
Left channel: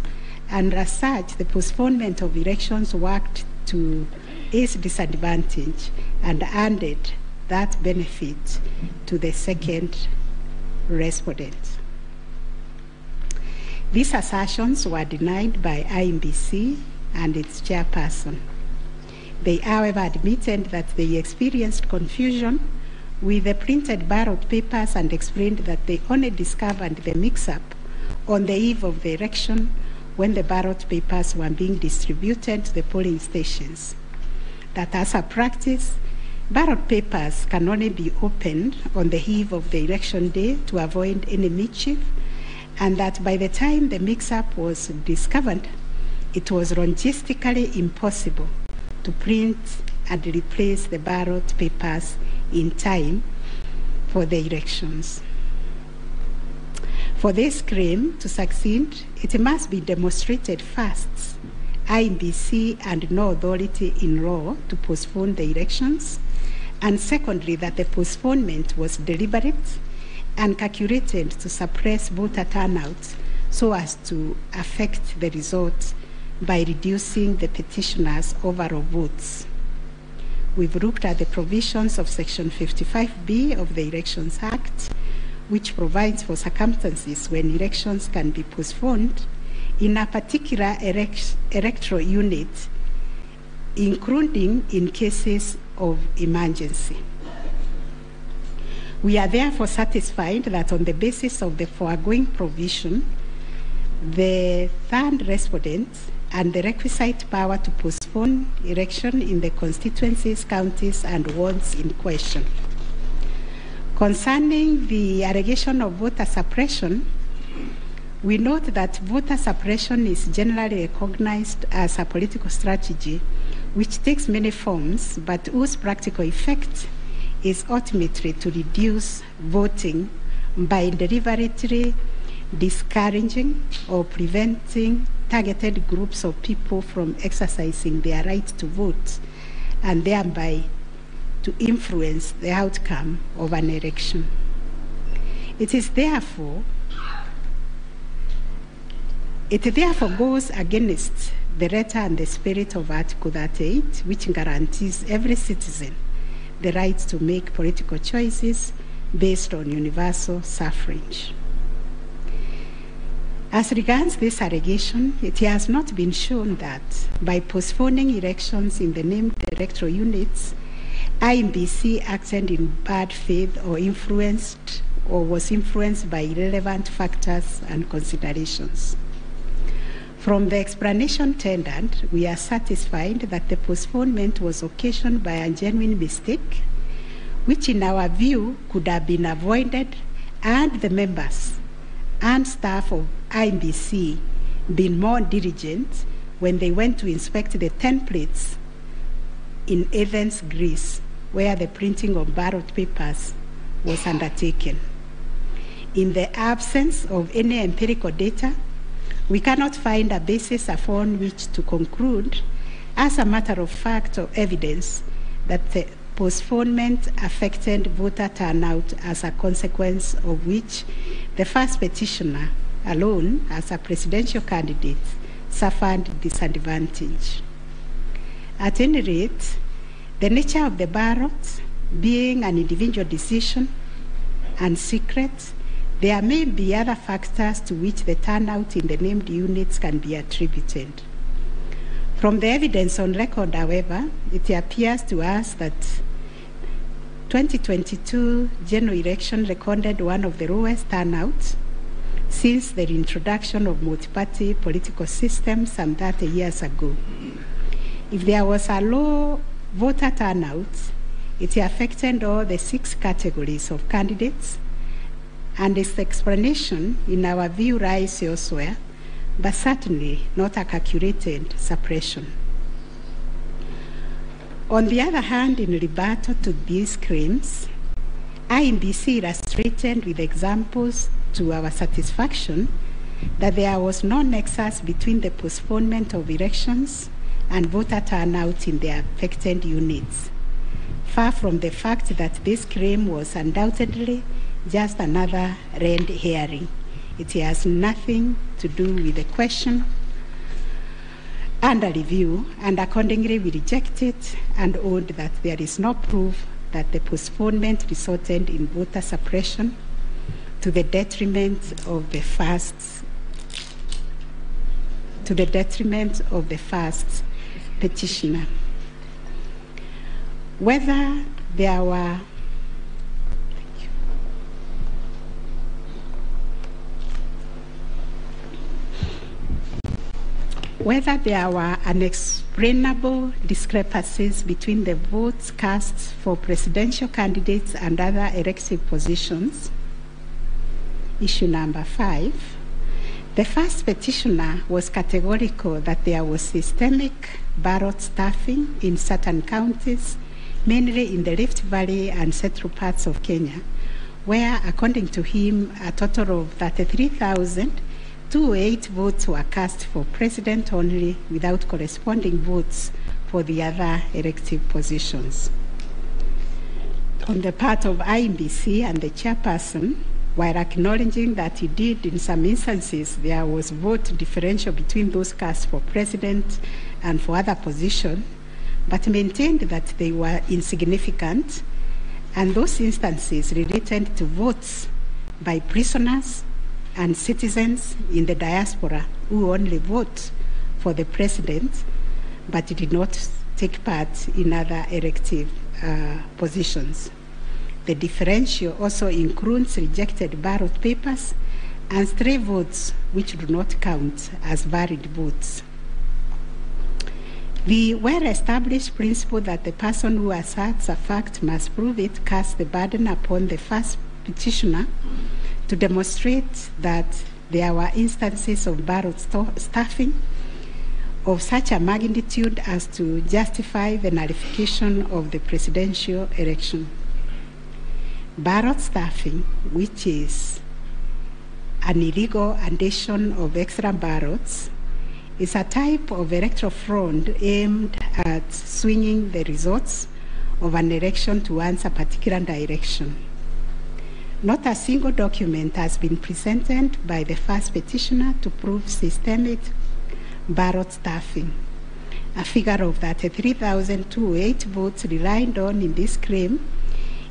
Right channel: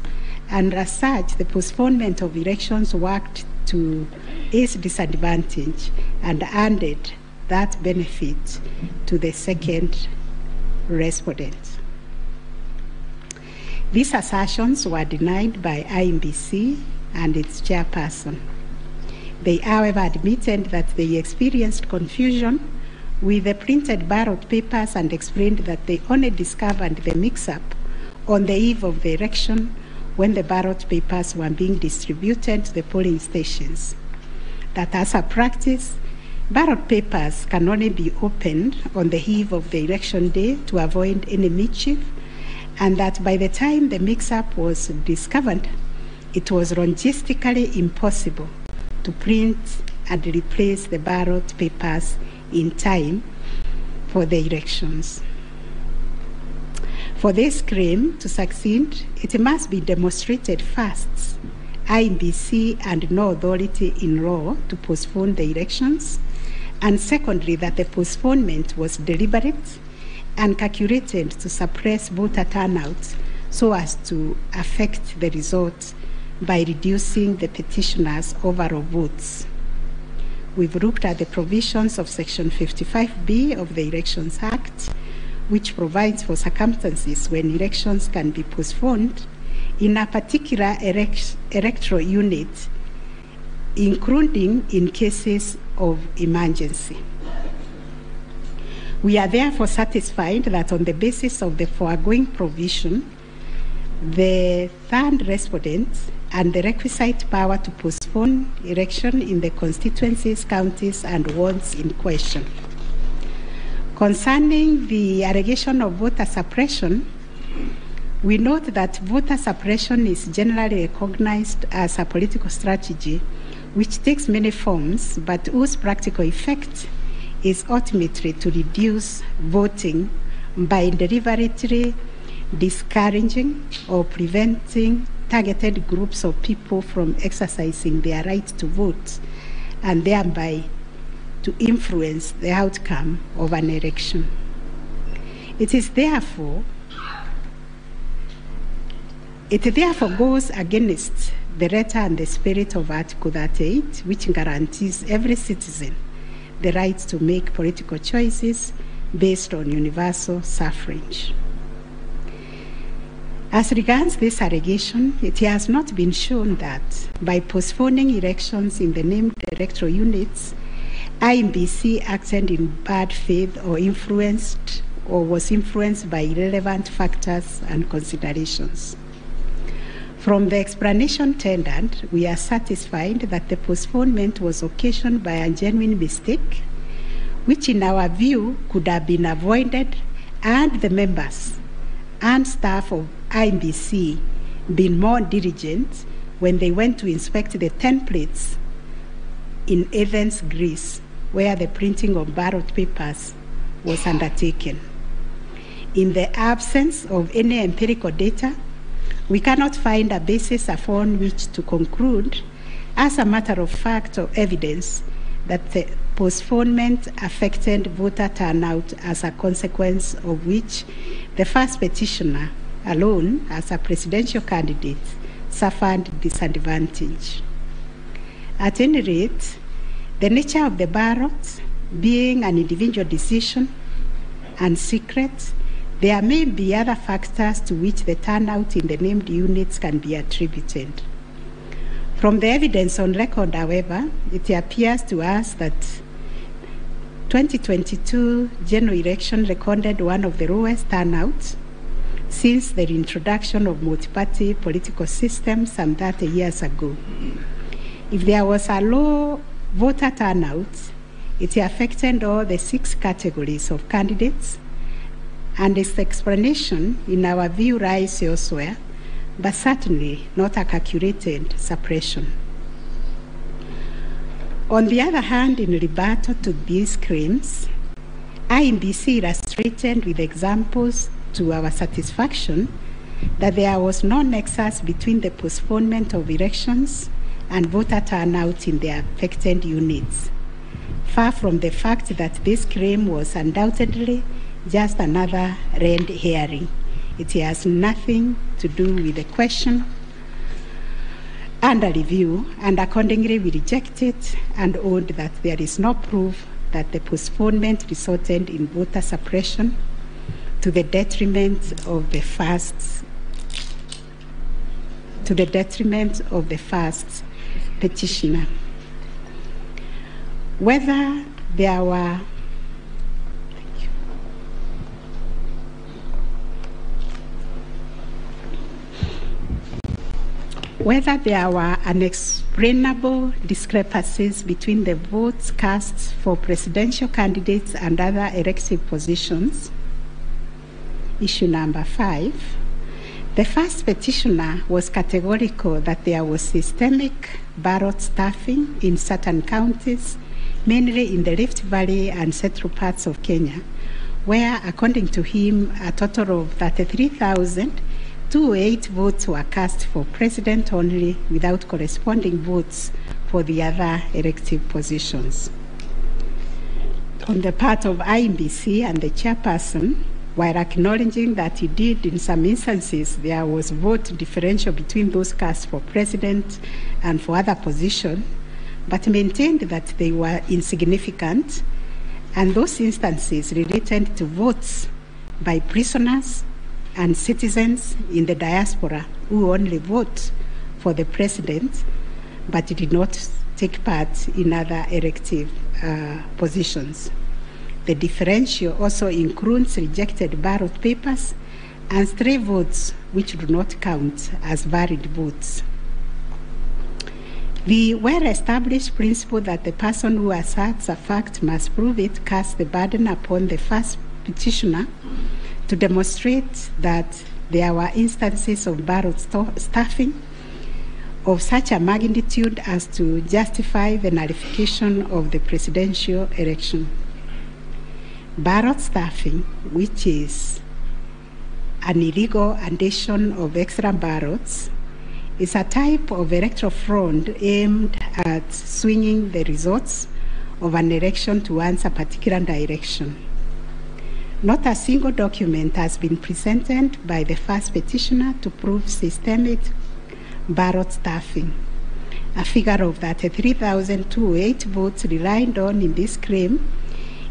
and as such, the postponement of elections worked to his disadvantage and added that benefit to the second respondent. These assertions were denied by IEBC and its chairperson. They, however, admitted that they experienced confusion with the printed ballot papers and explained that they only discovered the mix-up on the eve of the election when the ballot papers were being distributed to the polling stations. That as a practice, ballot papers can only be opened on the eve of the election day to avoid any mischief, and that by the time the mix-up was discovered, it was logistically impossible to print and replace the ballot papers in time for the elections. For this claim to succeed, it must be demonstrated first, IEBC and no authority in law to postpone the elections, and secondly, that the postponement was deliberate and calculated to suppress voter turnout so as to affect the result by reducing the petitioners' overall votes. We've looked at the provisions of Section 55B of the Elections Act, which provides for circumstances when elections can be postponed in a particular electoral unit, including in cases of emergency. We are therefore satisfied that on the basis of the foregoing provision, the third respondent and the requisite power to postpone election in the constituencies, counties, and wards in question. Concerning the allegation of voter suppression, we note that voter suppression is generally recognized as a political strategy which takes many forms, but whose practical effect is ultimately to reduce voting by deliberately discouraging or preventing targeted groups of people from exercising their right to vote and thereby to influence the outcome of an election. It therefore goes against the letter and the spirit of Article 38, which guarantees every citizen the right to make political choices based on universal suffrage. As regards this allegation, it has not been shown that by postponing elections in the named electoral units, IEBC acted in bad faith or influenced or was influenced by irrelevant factors and considerations. From the explanation tendered, we are satisfied that the postponement was occasioned by a genuine mistake, which in our view could have been avoided and the members and staff of IEBC been more diligent when they went to inspect the templates in Athens, Greece, where the printing of ballot papers was undertaken. In the absence of any empirical data, we cannot find a basis upon which to conclude, as a matter of fact or evidence, that the postponement affected voter turnout, as a consequence of which the first petitioner alone, as a presidential candidate, suffered disadvantage. At any rate, the nature of the ballot being an individual decision and secret, there may be other factors to which the turnout in the named units can be attributed. From the evidence on record, however, it appears to us that 2022 general election recorded one of the lowest turnouts since the introduction of multi-party political systems some 30 years ago. If there was a low voter turnout, it affected all the 6 categories of candidates, and its explanation, in our view, lies elsewhere, but certainly not a calculated suppression. On the other hand, in rebuttal to these claims, IEBC illustrated with examples to our satisfaction that there was no nexus between the postponement of elections and voter turnout in the affected units, far from the fact that this claim was undoubtedly just another red herring. It has nothing to do with the question under review, and accordingly we reject it and owned that there is no proof that the postponement resulted in voter suppression to the detriment of the first petitioner. Whether there were unexplainable discrepancies between the votes cast for presidential candidates and other elective positions. Issue number 5. The first petitioner was categorical that there was systemic ballot stuffing in certain counties, mainly in the Rift Valley and central parts of Kenya, where, according to him, a total of 33,208 votes were cast for president only, without corresponding votes for the other elective positions. On the part of IEBC and the chairperson, while acknowledging that indeed in some instances there was vote differential between those cast for president and for other positions, but maintained that they were insignificant, and those instances related to votes by prisoners and citizens in the diaspora who only vote for the president but did not take part in other elective positions. The differential also includes rejected ballot papers and stray votes which do not count as valid votes. The well-established principle that the person who asserts a fact must prove it casts the burden upon the first petitioner to demonstrate that there were instances of ballot stuffing of such a magnitude as to justify the nullification of the presidential election. Ballot stuffing, which is an illegal addition of extra ballots, is a type of electoral fraud aimed at swinging the results of an election towards a particular direction. Not a single document has been presented by the first petitioner to prove systemic ballot stuffing. A figure of 33,208 votes relied on in this claim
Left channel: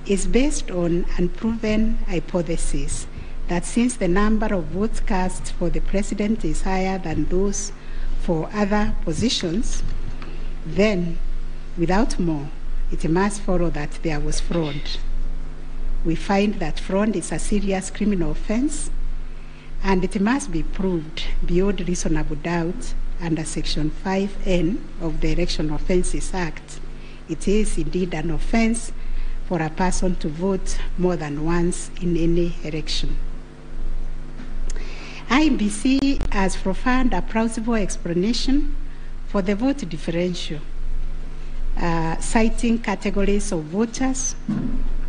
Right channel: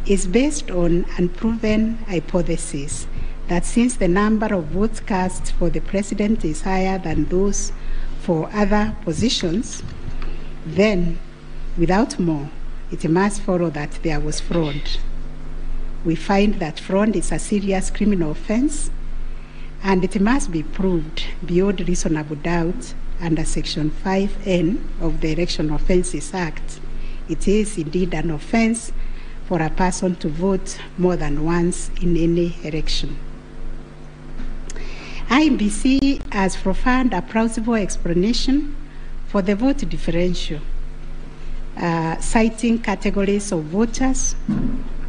is based on unproven hypothesis that since the number of votes cast for the president is higher than those for other positions, then, without more, it must follow that there was fraud. We find that fraud is a serious criminal offense, and it must be proved beyond reasonable doubt under Section 5N of the Election Offences Act. It is indeed an offense for a person to vote more than once in any election. IEBC has provided a plausible explanation for the vote differential, citing categories of voters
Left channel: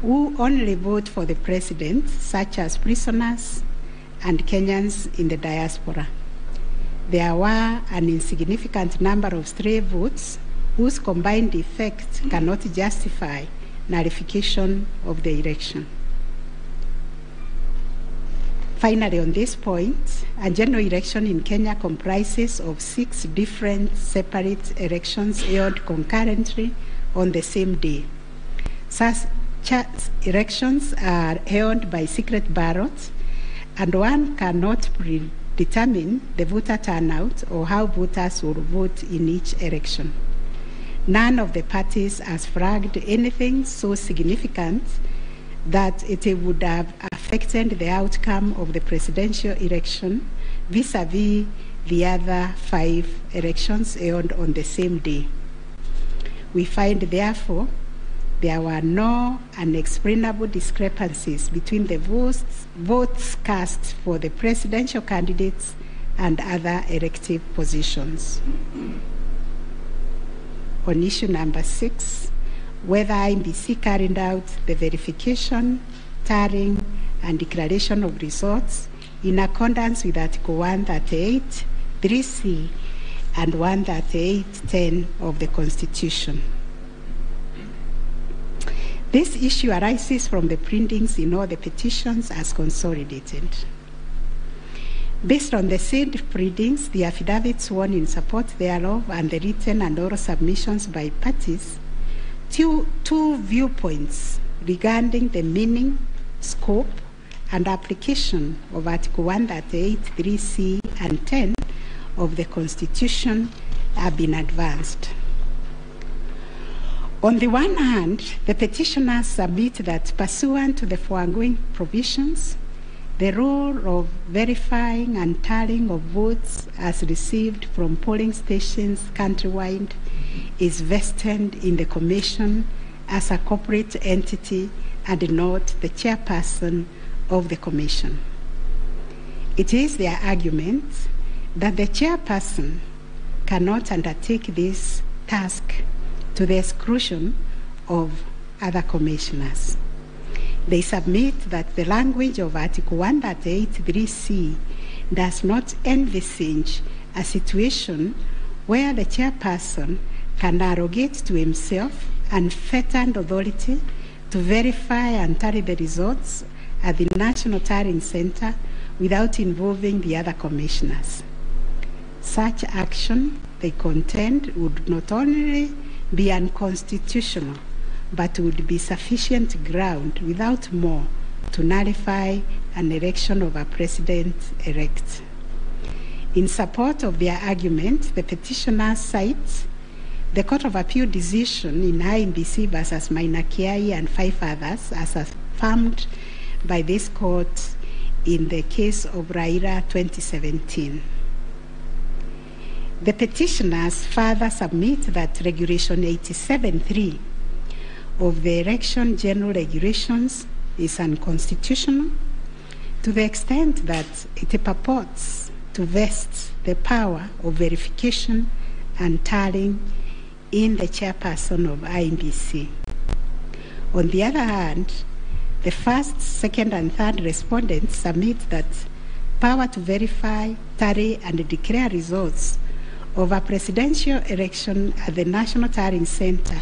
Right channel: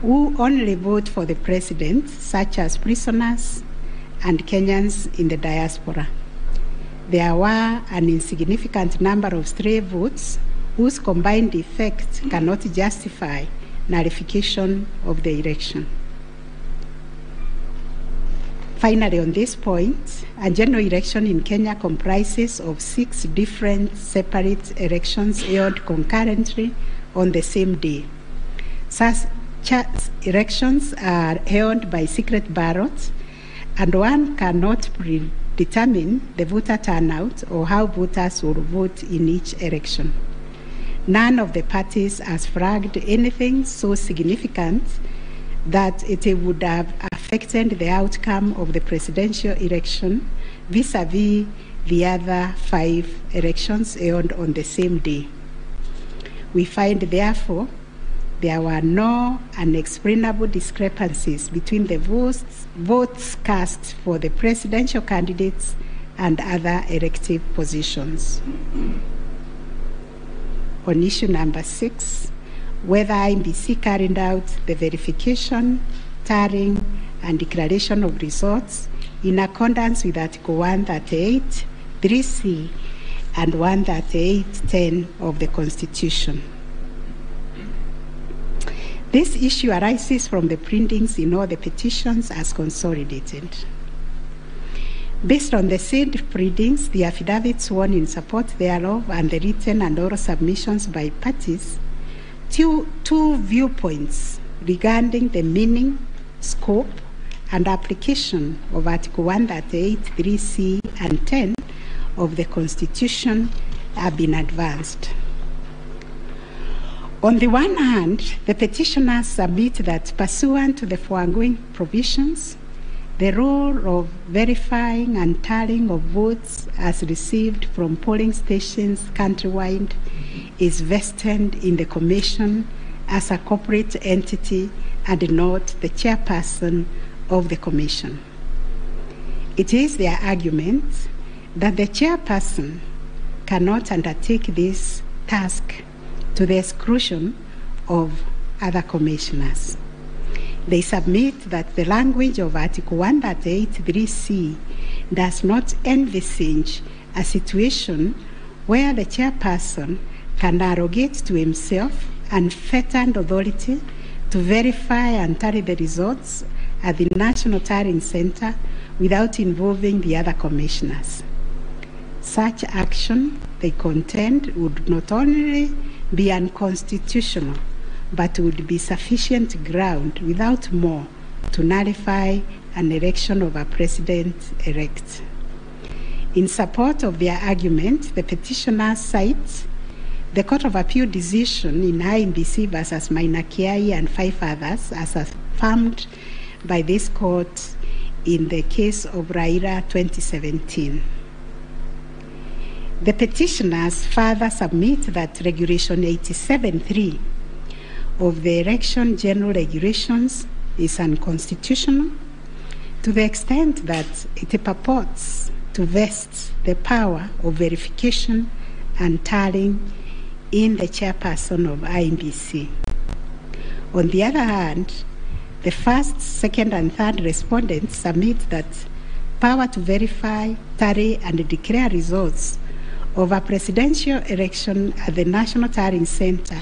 who only vote for the president, such as prisoners and Kenyans in the diaspora. There were an insignificant number of stray votes whose combined effect cannot justify nullification of the election. Finally, on this point, a general election in Kenya comprises of 6 different separate elections held concurrently on the same day. Such elections are held by secret ballots, and one cannot predetermine the voter turnout or how voters will vote in each election. None of the parties has flagged anything so significant that it would have affected the outcome of the presidential election vis-a-vis the other 5 elections held on the same day. We find, therefore, there were no unexplainable discrepancies between the votes cast for the presidential candidates and other elective positions. On issue number 6, whether IEBC carried out the verification, tallying, and declaration of results in accordance with Article 138, 3C, and 138(10) of the Constitution. This issue arises from the printings in all the petitions as consolidated. Based on the said printings, the affidavits sworn in support thereof, and the written and oral submissions by parties, two viewpoints regarding the meaning, scope, and application of Article 138, 3C, and 10 of the Constitution have been advanced. On the one hand, the petitioners submit that pursuant to the foregoing provisions, the role of verifying and tallying of votes as received from polling stations countrywide is vested in the Commission as a corporate entity and not the chairperson of the Commission. It is their argument that the chairperson cannot undertake this task to the exclusion of other commissioners. They submit that the language of Article 138(3)(c) does not envisage a situation where the chairperson can arrogate to himself unfettered authority to verify and tally the results at the National Tallying Center without involving the other commissioners. Such action, they contend, would not only be unconstitutional, but would be sufficient ground without more to nullify an election of a president-elect. In support of their argument, the petitioners cite the Court of Appeal decision in IEBC versus Mafanikio and 5 others as affirmed by this court in the case of Raila 2017. The petitioners further submit that Regulation 87(3) of the Election General Regulations is unconstitutional to the extent that it purports to vest the power of verification and tallying in the chairperson of IEBC. On the other hand, the first, second, and third respondents submit that power to verify, tally, and declare results of a presidential election at the National Tallying Center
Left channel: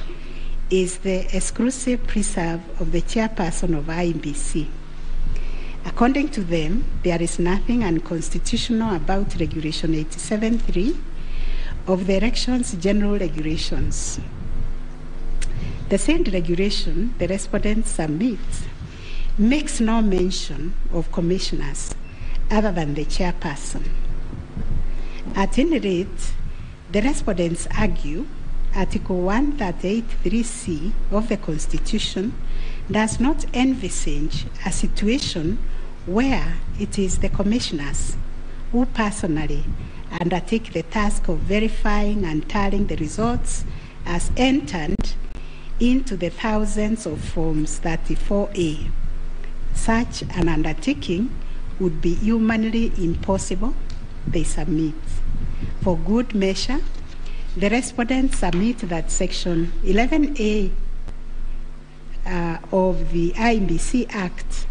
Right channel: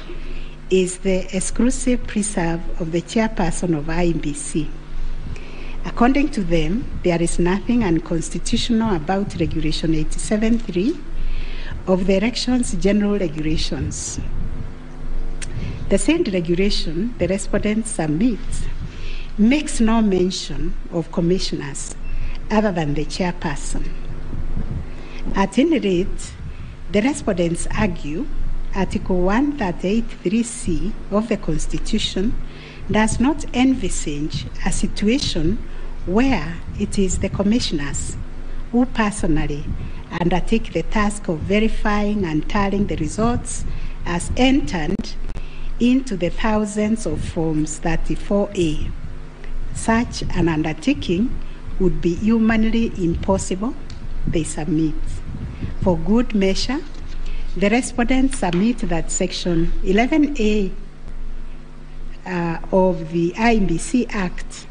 is the exclusive preserve of the chairperson of IEBC. According to them, there is nothing unconstitutional about Regulation 87(3) of the Elections General Regulations. The said regulation, the respondents submit, makes no mention of commissioners other than the chairperson. At any rate, the respondents argue Article 138(3)(c) of the Constitution does not envisage a situation where it is the commissioners who personally undertake the task of verifying and tallying the results as entered into the thousands of Forms 34A. Such an undertaking would be humanly impossible, they submit. For good measure, the respondents submit that Section 11A of the IEBC Act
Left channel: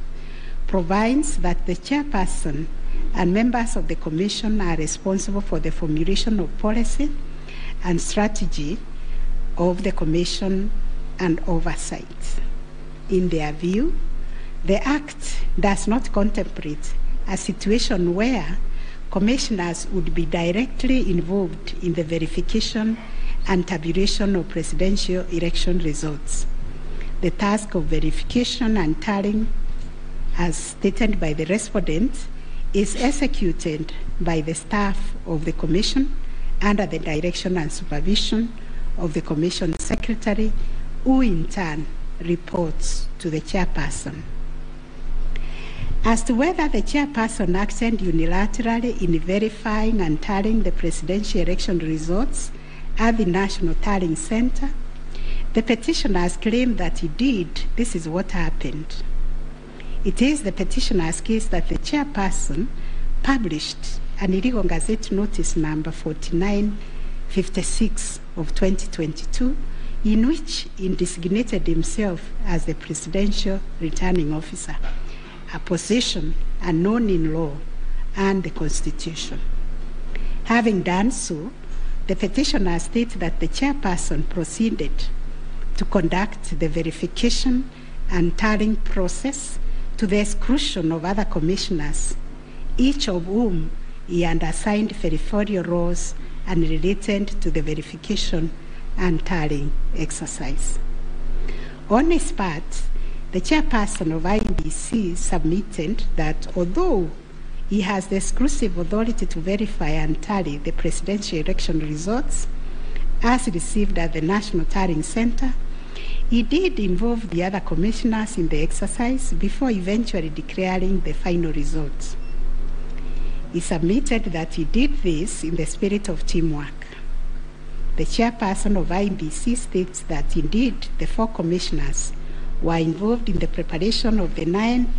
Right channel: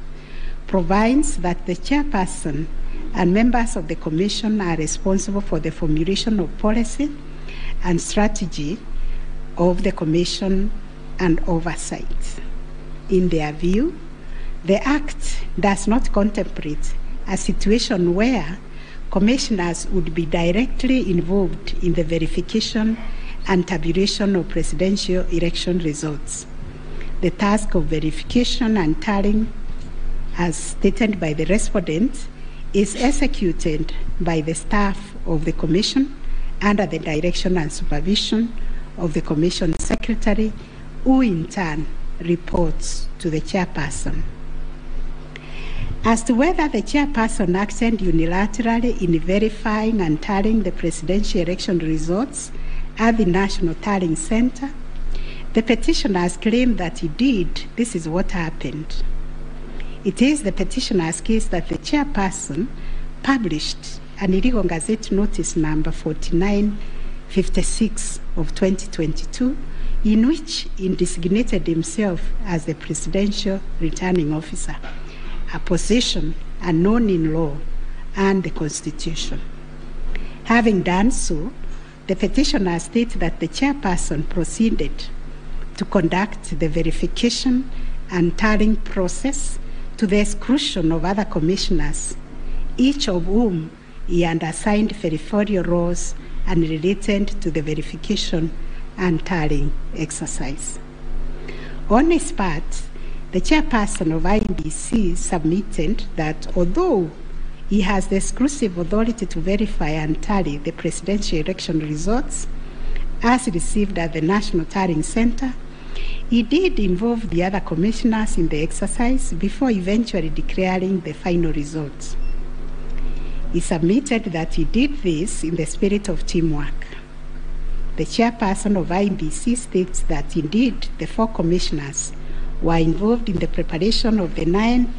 provides that the chairperson and members of the Commission are responsible for the formulation of policy and strategy of the Commission and oversight. In their view, the Act does not contemplate a situation where commissioners would be directly involved in the verification and tabulation of presidential election results. The task of verification and tallying, as stated by the respondent, is executed by the staff of the Commission under the direction and supervision of the Commission Secretary, who in turn reports to the chairperson. As to whether the chairperson acted unilaterally in verifying and tallying the presidential election results at the National Tallying Center, the petitioners claim that he did. This is what happened. It is the petitioner's case that the chairperson published an illegal Gazette Notice number 4956 of 2022, in which he designated himself as the presidential returning officer, a position unknown in law and the Constitution. Having done so, the petitioner states that the chairperson proceeded to conduct the verification and tallying process to the exclusion of other commissioners, each of whom he had assigned verifiable roles and related to the verification and tallying exercise. On his part, the chairperson of IEBC submitted that although he has the exclusive authority to verify and tally the presidential election results as received at the National Tallying Center, he did involve the other commissioners in the exercise before eventually declaring the final results. He submitted that he did this in the spirit of teamwork. The chairperson of IEBC states that indeed the 4 commissioners were involved in the preparation of the 9th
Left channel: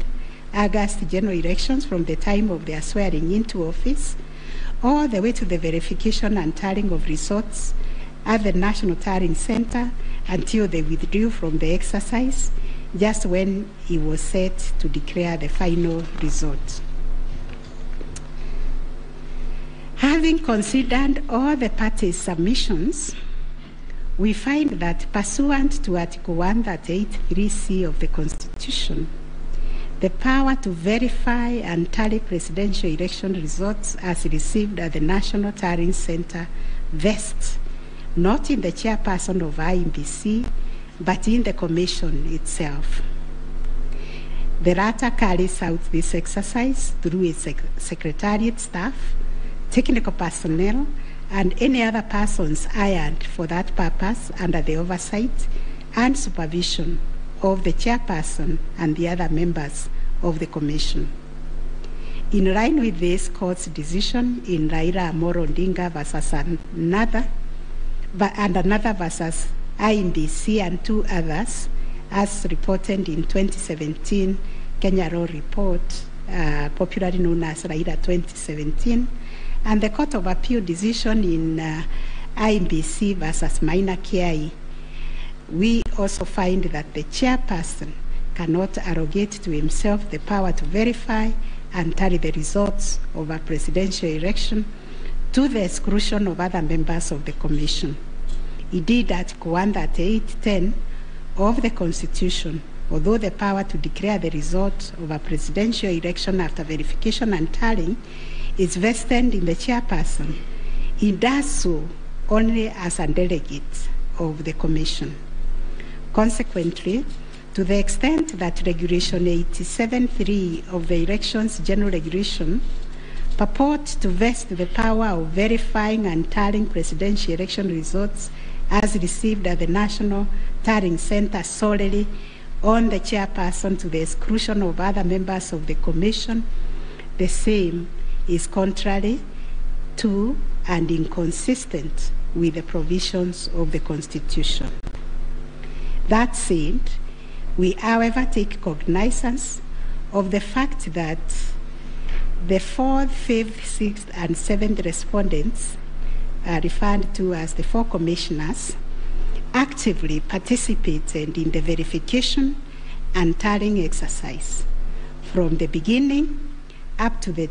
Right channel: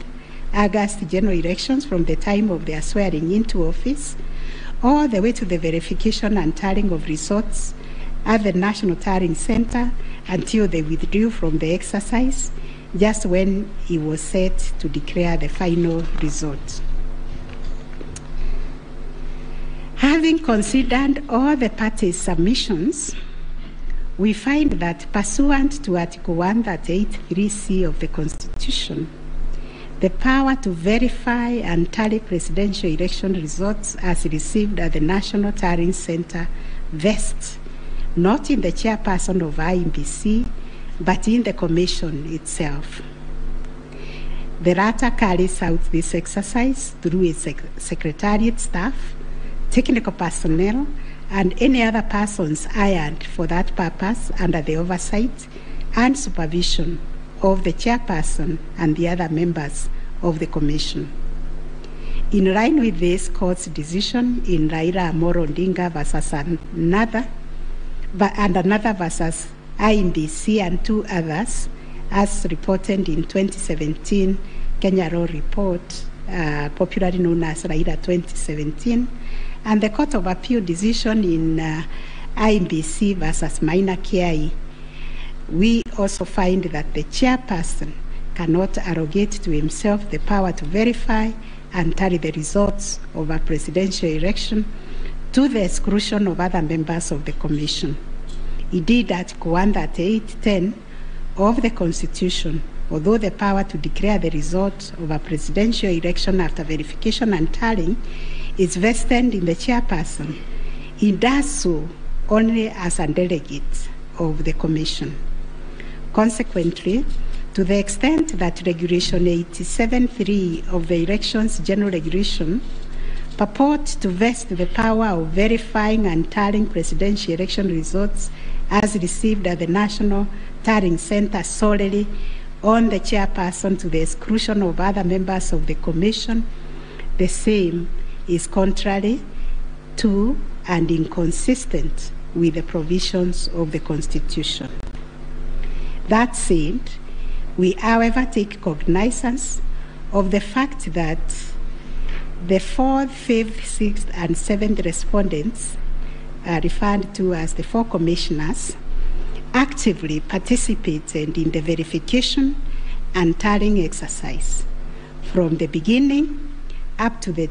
August general elections from the time of their swearing into office all the way to the verification and tallying of results at the National Tallying Center until they withdrew from the exercise just when he was set to declare the final result. Having considered all the parties' submissions, we find that pursuant to Article 138(3)(c) of the Constitution, the power to verify and tally presidential election results as received at the National Tallying Center vests not in the chairperson of IEBC, but in the Commission itself. The latter carries out this exercise through its secretariat staff, technical personnel, and any other persons hired for that purpose under the oversight and supervision of the chairperson and the other members of the Commission. In line with this court's decision in Raila Amolo Odinga versus another versus IEBC and 2 others, as reported in 2017 Kenya Law Report, popularly known as Raila 2017, and the Court of Appeal decision in IEBC versus Maina Kiai, we also find that the chairperson cannot arrogate to himself the power to verify and tally the results of a presidential election to the exclusion of other members of the Commission. Indeed, Article 138(10) of the Constitution, although the power to declare the result of a presidential election after verification and tallying is vested in the chairperson, he does so only as a delegate of the Commission. Consequently, to the extent that Regulation 87(3) of the Elections General Regulation purports to vest the power of verifying and tallying presidential election results as received at the National Tallying Center solely on the chairperson to the exclusion of other members of the Commission, the same is contrary to and inconsistent with the provisions of the Constitution. That said, we, however, take cognizance of the fact that the 4th, 5th, 6th, and 7th respondents, referred to as the 4 commissioners, actively participated in the verification and tallying exercise from the beginning up to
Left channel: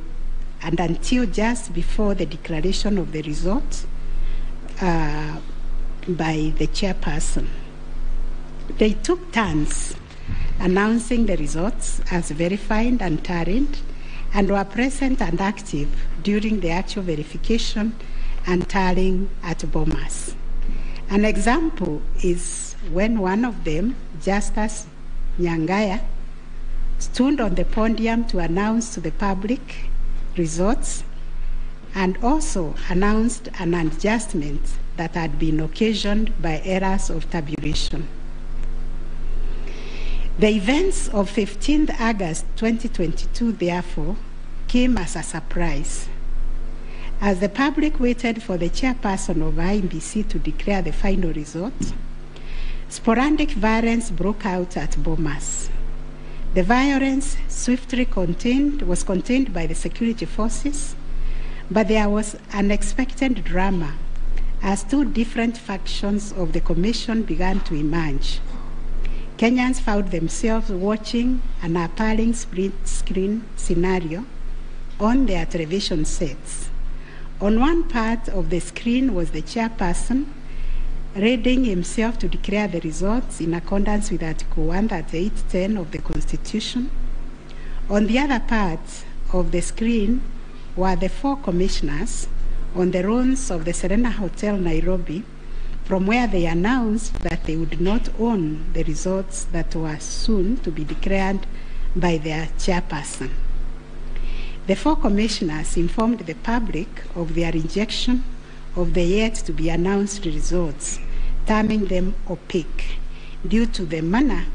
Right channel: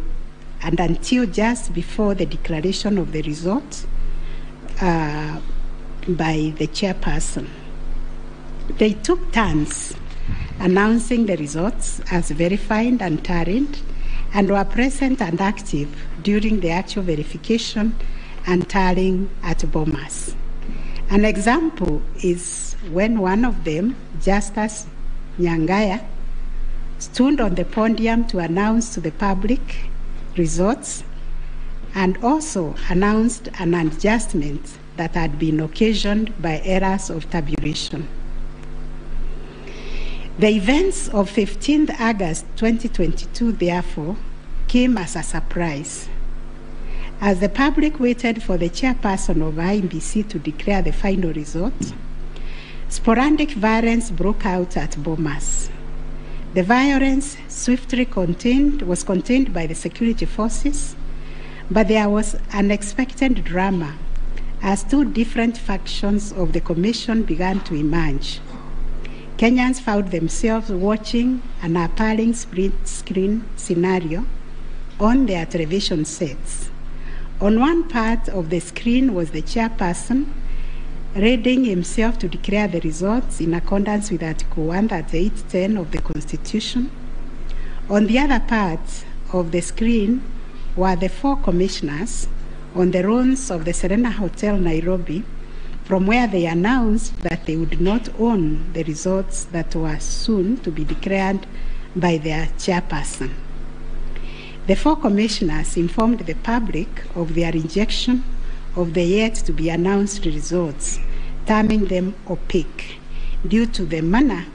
and until just before the declaration of the result by the chairperson. They took turns announcing the results as verified and tallied, and were present and active during the actual verification and tallying at Bomas. An example is when one of them, Justice Nyangaya, stood on the podium to announce to the public results and also announced an adjustment that had been occasioned by errors of tabulation. The events of 15th August 2022, therefore, came as a surprise. As the public waited for the chairperson of IEBC to declare the final results, sporadic violence broke out at Bomas. The violence swiftly was contained by the security forces, but there was unexpected drama as two different factions of the commission began to emerge. Kenyans found themselves watching an appalling split-screen scenario on their television sets. On one part of the screen was the chairperson readying himself to declare the results in accordance with Article 138(10) of the Constitution. On the other part of the screen were the four commissioners on the runs of the Serena Hotel, Nairobi, from where they announced that they would not own the results that were soon to be declared by their chairperson. The four commissioners informed the public of their rejection of the yet-to-be-announced results, terming them opaque, due to the manner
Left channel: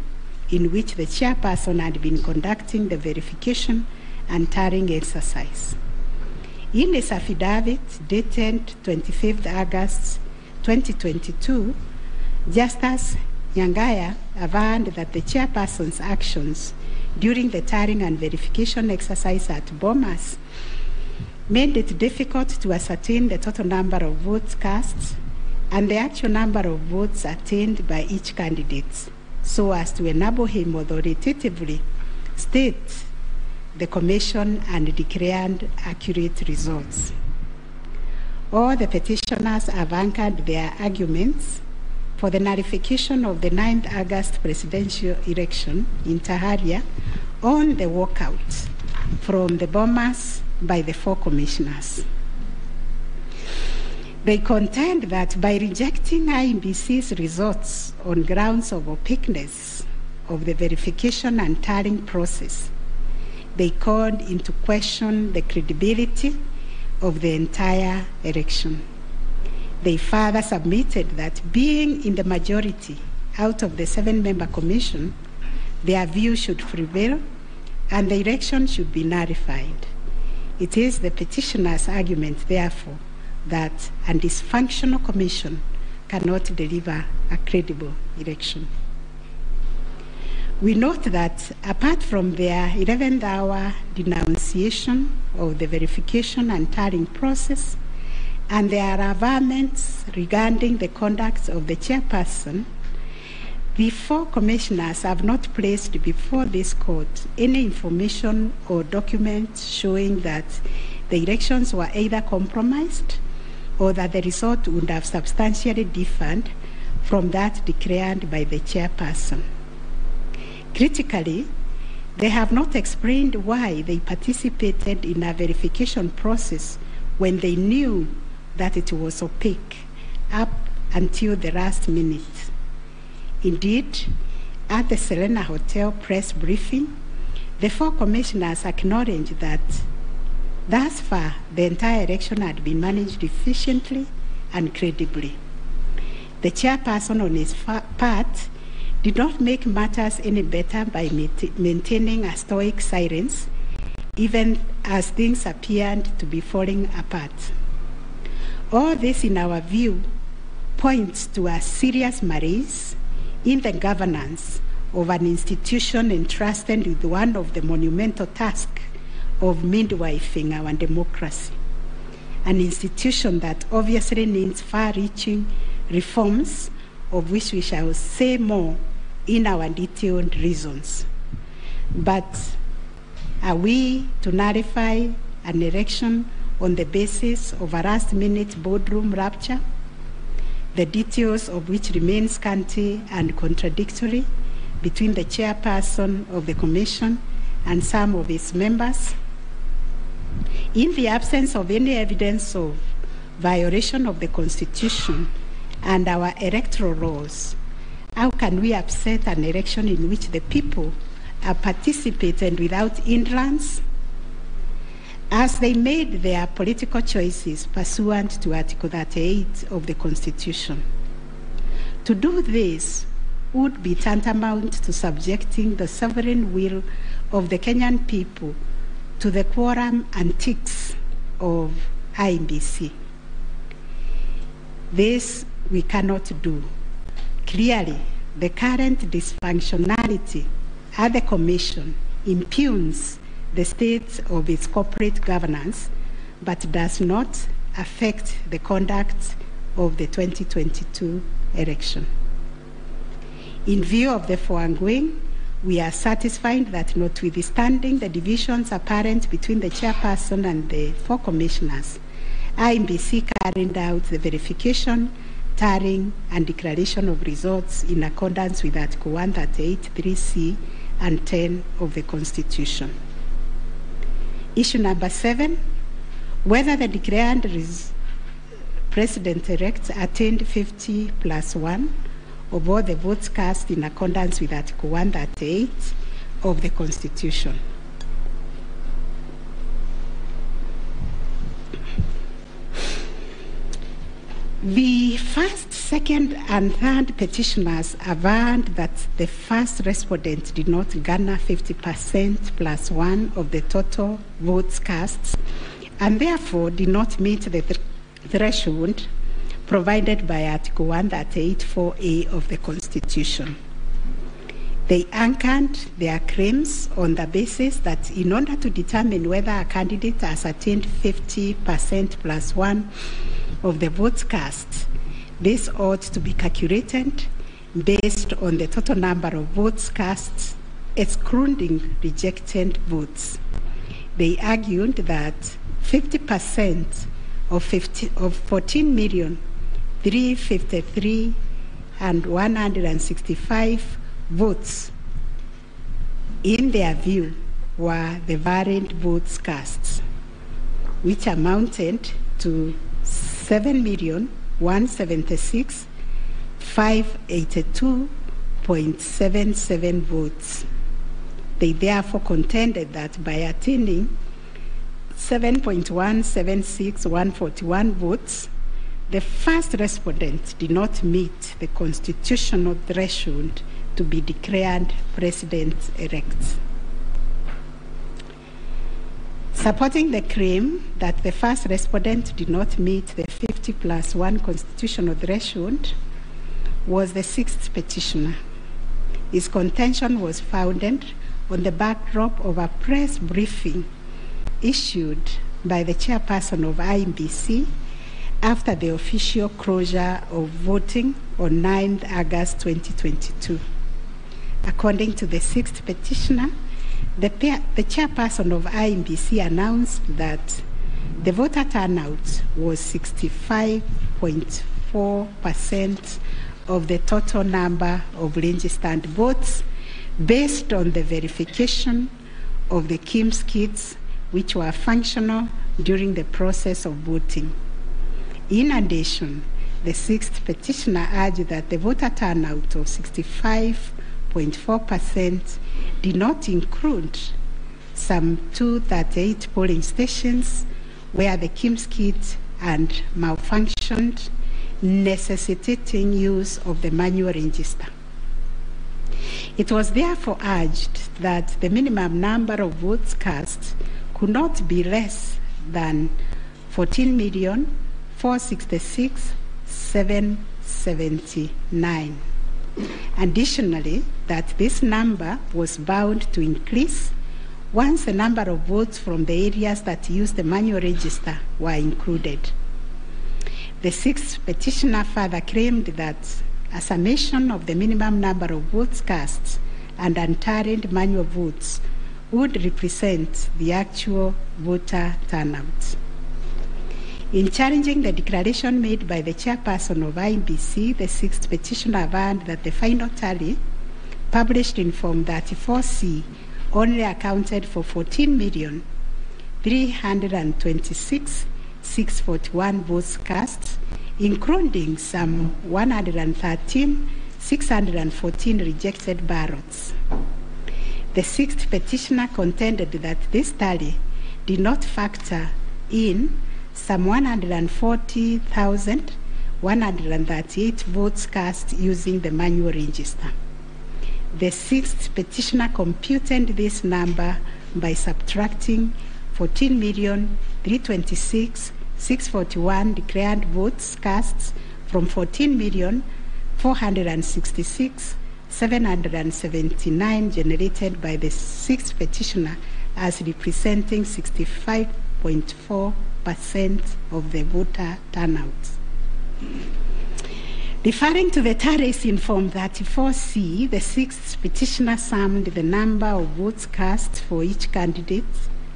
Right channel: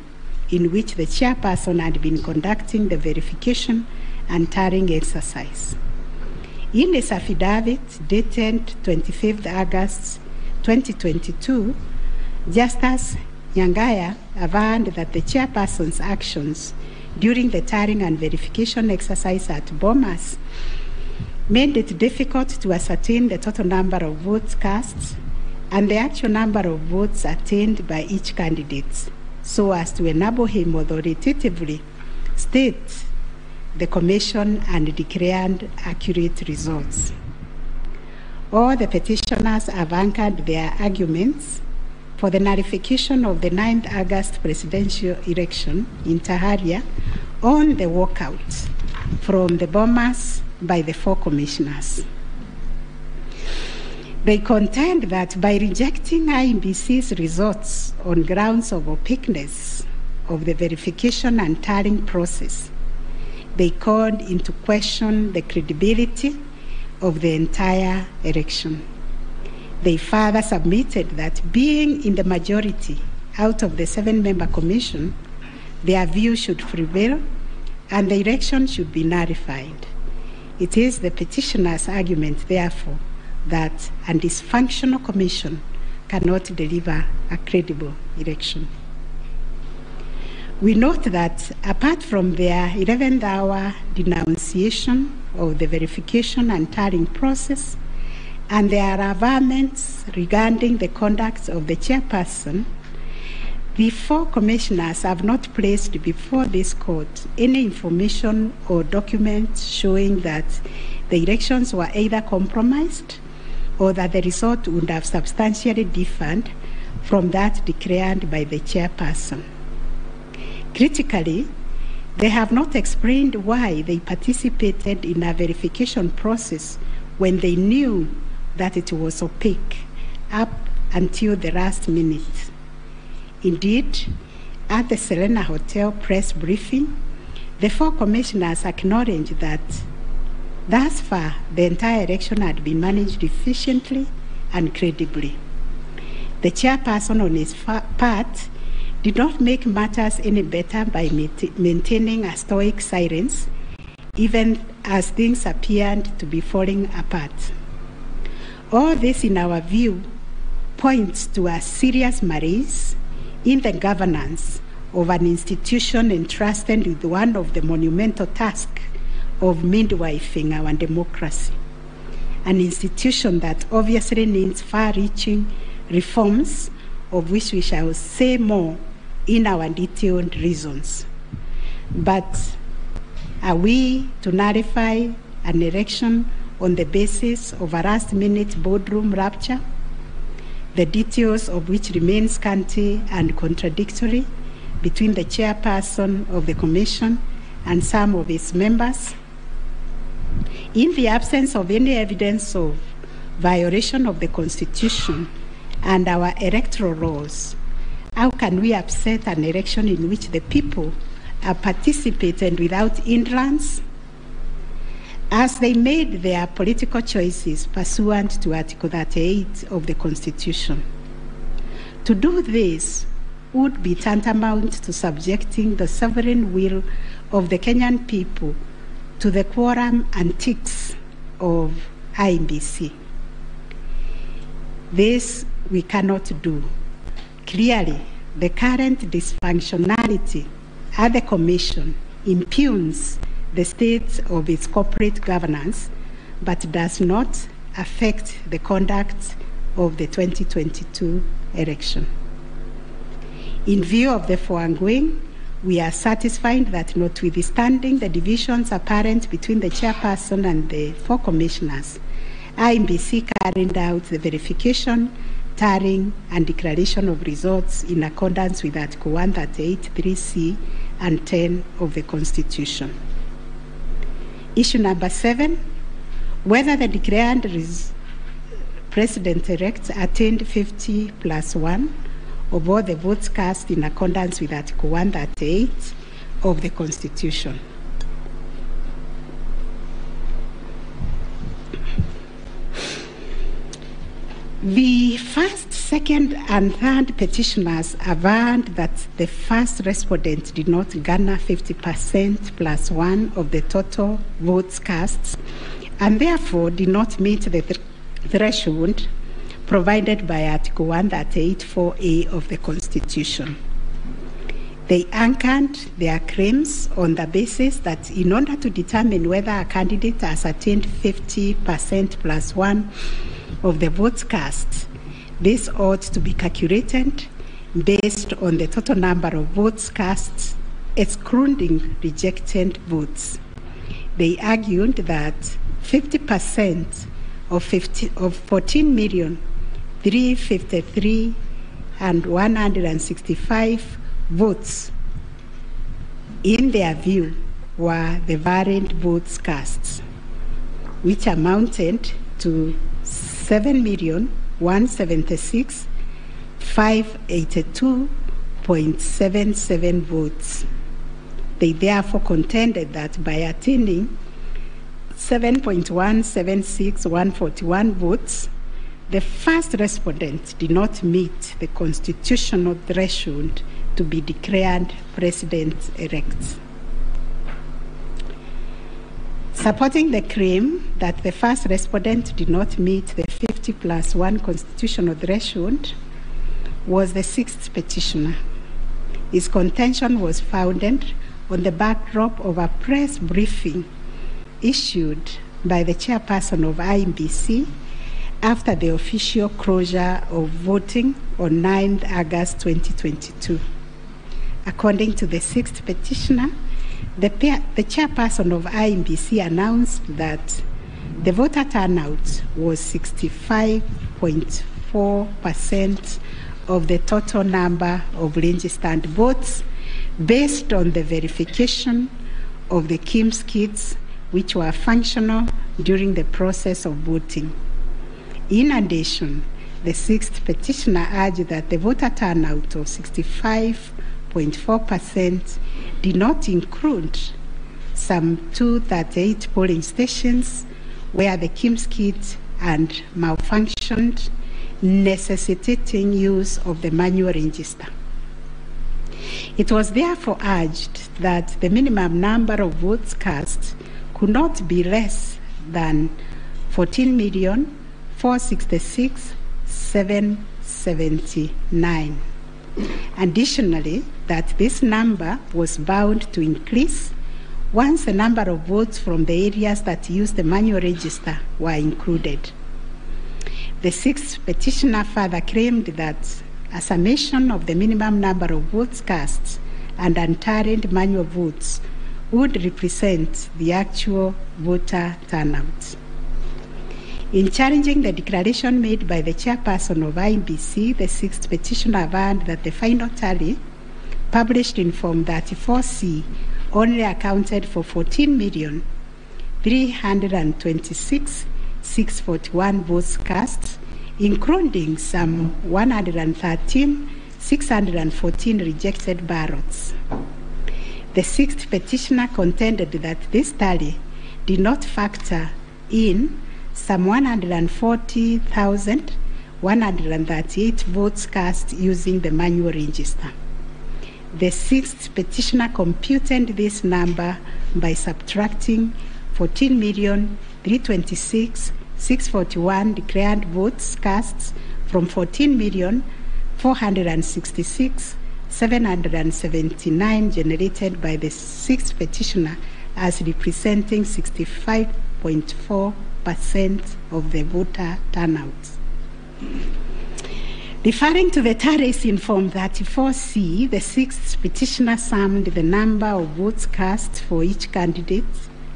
in which the chairperson had been conducting the verification and tallying exercise. In his affidavit dated 25th August 2022, Justice Nyangaya affirmed that the chairperson's actions during the tallying and verification exercise at Bomas made it difficult to ascertain the total number of votes cast and the actual number of votes attained by each candidate, so as to enable him authoritatively state the commission and declared accurate results. All the petitioners have anchored their arguments for the nullification of the 9th August presidential election in Taharia on the walkout from the Bomas by the four commissioners. They contend that by rejecting IEBC's results on grounds of opaqueness of the verification and tallying process, they called into question the credibility of the entire election. They further submitted that being in the majority out of the 7-member commission, their view should prevail and the election should be nullified. It is the petitioner's argument, therefore, that a dysfunctional commission cannot deliver a credible election. We note that apart from their 11th hour denunciation of the verification and tallying process and their averments regarding the conduct of the chairperson, the four commissioners have not placed before this court any information or documents showing that the elections were either compromised or that the result would have substantially differed from that declared by the chairperson. Critically, they have not explained why they participated in a verification process when they knew that it was opaque up until the last minute. Indeed, at the Serena Hotel press briefing, the four commissioners acknowledged that thus far the entire election had been managed efficiently and credibly. The chairperson on his part did not make matters any better by maintaining a stoic silence, even as things appeared to be falling apart. All this, in our view, points to a serious malaise in the governance of an institution entrusted with one of the monumental tasks of midwifing our democracy, an institution that obviously needs far-reaching reforms, of which we shall say more in our detailed reasons. But are we to nullify an election on the basis of a last-minute boardroom rapture, the details of which remain scanty and contradictory between the chairperson of the commission and some of its members? In the absence of any evidence of violation of the Constitution and our electoral laws, how can we upset an election in which the people are participating without hindrance, as they made their political choices pursuant to Article 38 of the Constitution? To do this would be tantamount to subjecting the sovereign will of the Kenyan people to the quorum antics of IEBC. This we cannot do. Clearly, the current dysfunctionality at the Commission impugns the state of its corporate governance, but does not affect the conduct of the 2022 election. In view of the foregoing, we are satisfied that notwithstanding the divisions apparent between the chairperson and the 4 commissioners, IEBC carried out the verification, tallying, and declaration of results in accordance with Article 138(3)(c) and 10 of the Constitution. Issue number 7, whether the declared President-elect attained 50+1 of all the votes cast in accordance with Article 138 of the Constitution. The first, second, and third petitioners averred that the first respondent did not garner 50%+1 of the total votes cast, and therefore did not meet the threshold provided by Article 138(4)(a) of the Constitution. They anchored their claims on the basis that in order to determine whether a candidate has attained 50%+1 of the votes cast, this ought to be calculated based on the total number of votes cast, excluding rejected votes. They argued that 50% of 14,353,165 votes, in their view, were the variant votes cast, which amounted to 7,176,582.77 votes. They therefore contended that by attaining 7.176141 votes, the first respondent did not meet the constitutional threshold to be declared president-elect. Supporting the claim that the first respondent did not meet the 50+1 constitutional threshold was the 6th petitioner. His contention was founded on the backdrop of a press briefing issued by the chairperson of IEBC after the official closure of voting on 9th August 2022. According to the 6th petitioner, the chairperson of IEBC announced that the voter turnout was 65.4% of the total number of registered votes based on the verification of the KIMS kits which were functional during the process of voting. In addition, the 6th petitioner urged that the voter turnout of 65.4% did not include some 238 polling stations where the KIMS kit had malfunctioned, necessitating use of the manual register. It was therefore urged that the minimum number of votes cast could not be less than 14,466,779. Additionally, that this number was bound to increase once the number of votes from the areas that used the manual register were included. The 6th petitioner further claimed that a summation of the minimum number of votes cast and untallied manual votes would represent the actual voter turnout. In challenging the declaration made by the chairperson of IEBC, the 6th petitioner averred that the final tally, published in Form 34C, only accounted for 14,326,641 votes cast, including some 113,614 rejected ballots. The sixth petitioner contended that this tally did not factor in some 140,138 votes cast using the manual register. The sixth petitioner computed this number by subtracting 14,326,641 declared votes cast from 14,466,779 generated by the sixth petitioner as representing 65.4% of the voter turnout. Referring to the tallies in Form 34C, the sixth petitioner summed the number of votes cast for each candidate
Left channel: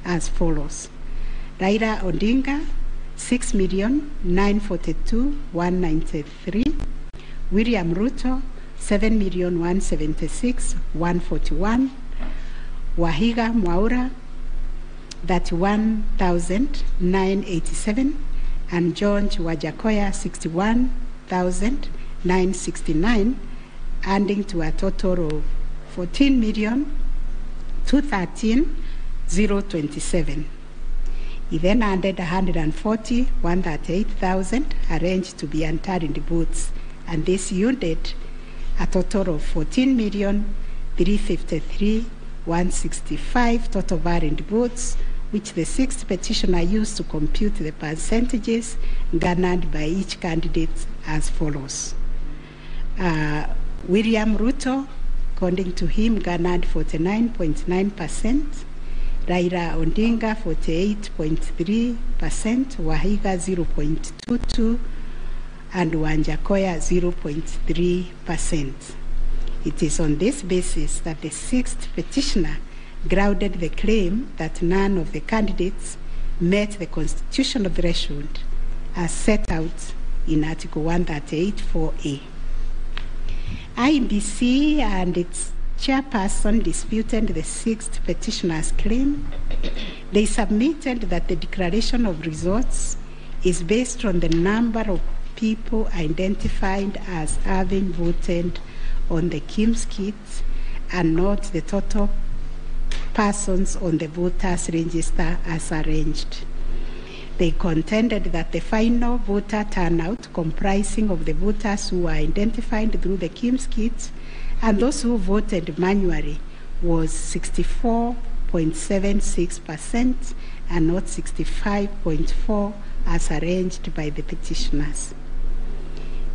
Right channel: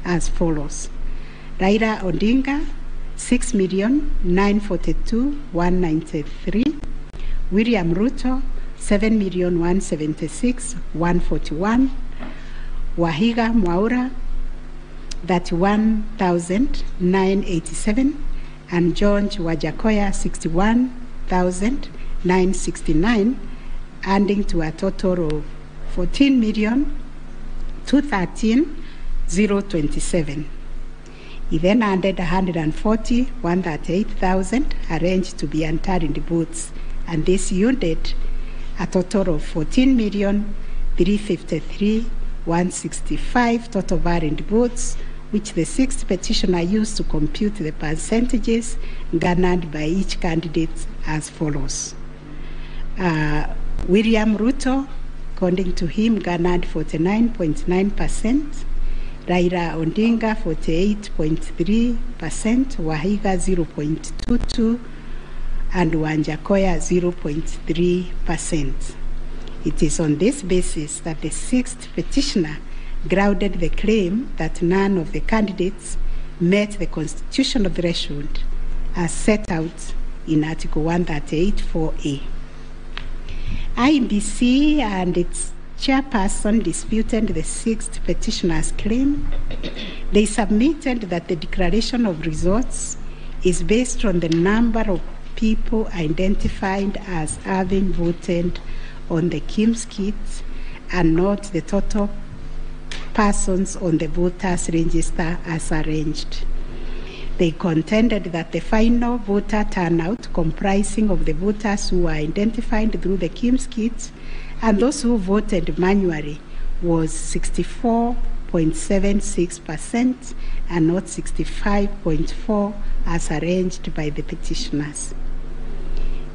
as follows. Raila Odinga, 6,942,193. William Ruto, 7,176,141. Wahiga Mwaura, 31,987. And George Wajakoya, 61,969, adding to a total of 14,213,027. He then added 140,138,000 arranged to be entered in the votes, and this yielded a total of 14,353,165 total valid votes, which the sixth petitioner used to compute the percentages garnered by each candidate as follows. William Ruto, according to him, garnered 49.9%, Raila Odinga 48.3%, Wahiga 0.22%, and Wanjakoya 0.3%. It is on this basis that the sixth petitioner grounded the claim that none of the candidates met the constitutional threshold as set out in Article 138(4)(a). IEBC and its chairperson disputed the sixth petitioner's claim. They submitted that the declaration of results is based on the number of people identified as having voted on the KIMS kit and not the total persons on the voters' register as arranged. They contended that the final voter turnout, comprising of the voters who were identified through the KIMS kit and those who voted manually, was 64.76% and not 65.4% as arranged by the petitioners.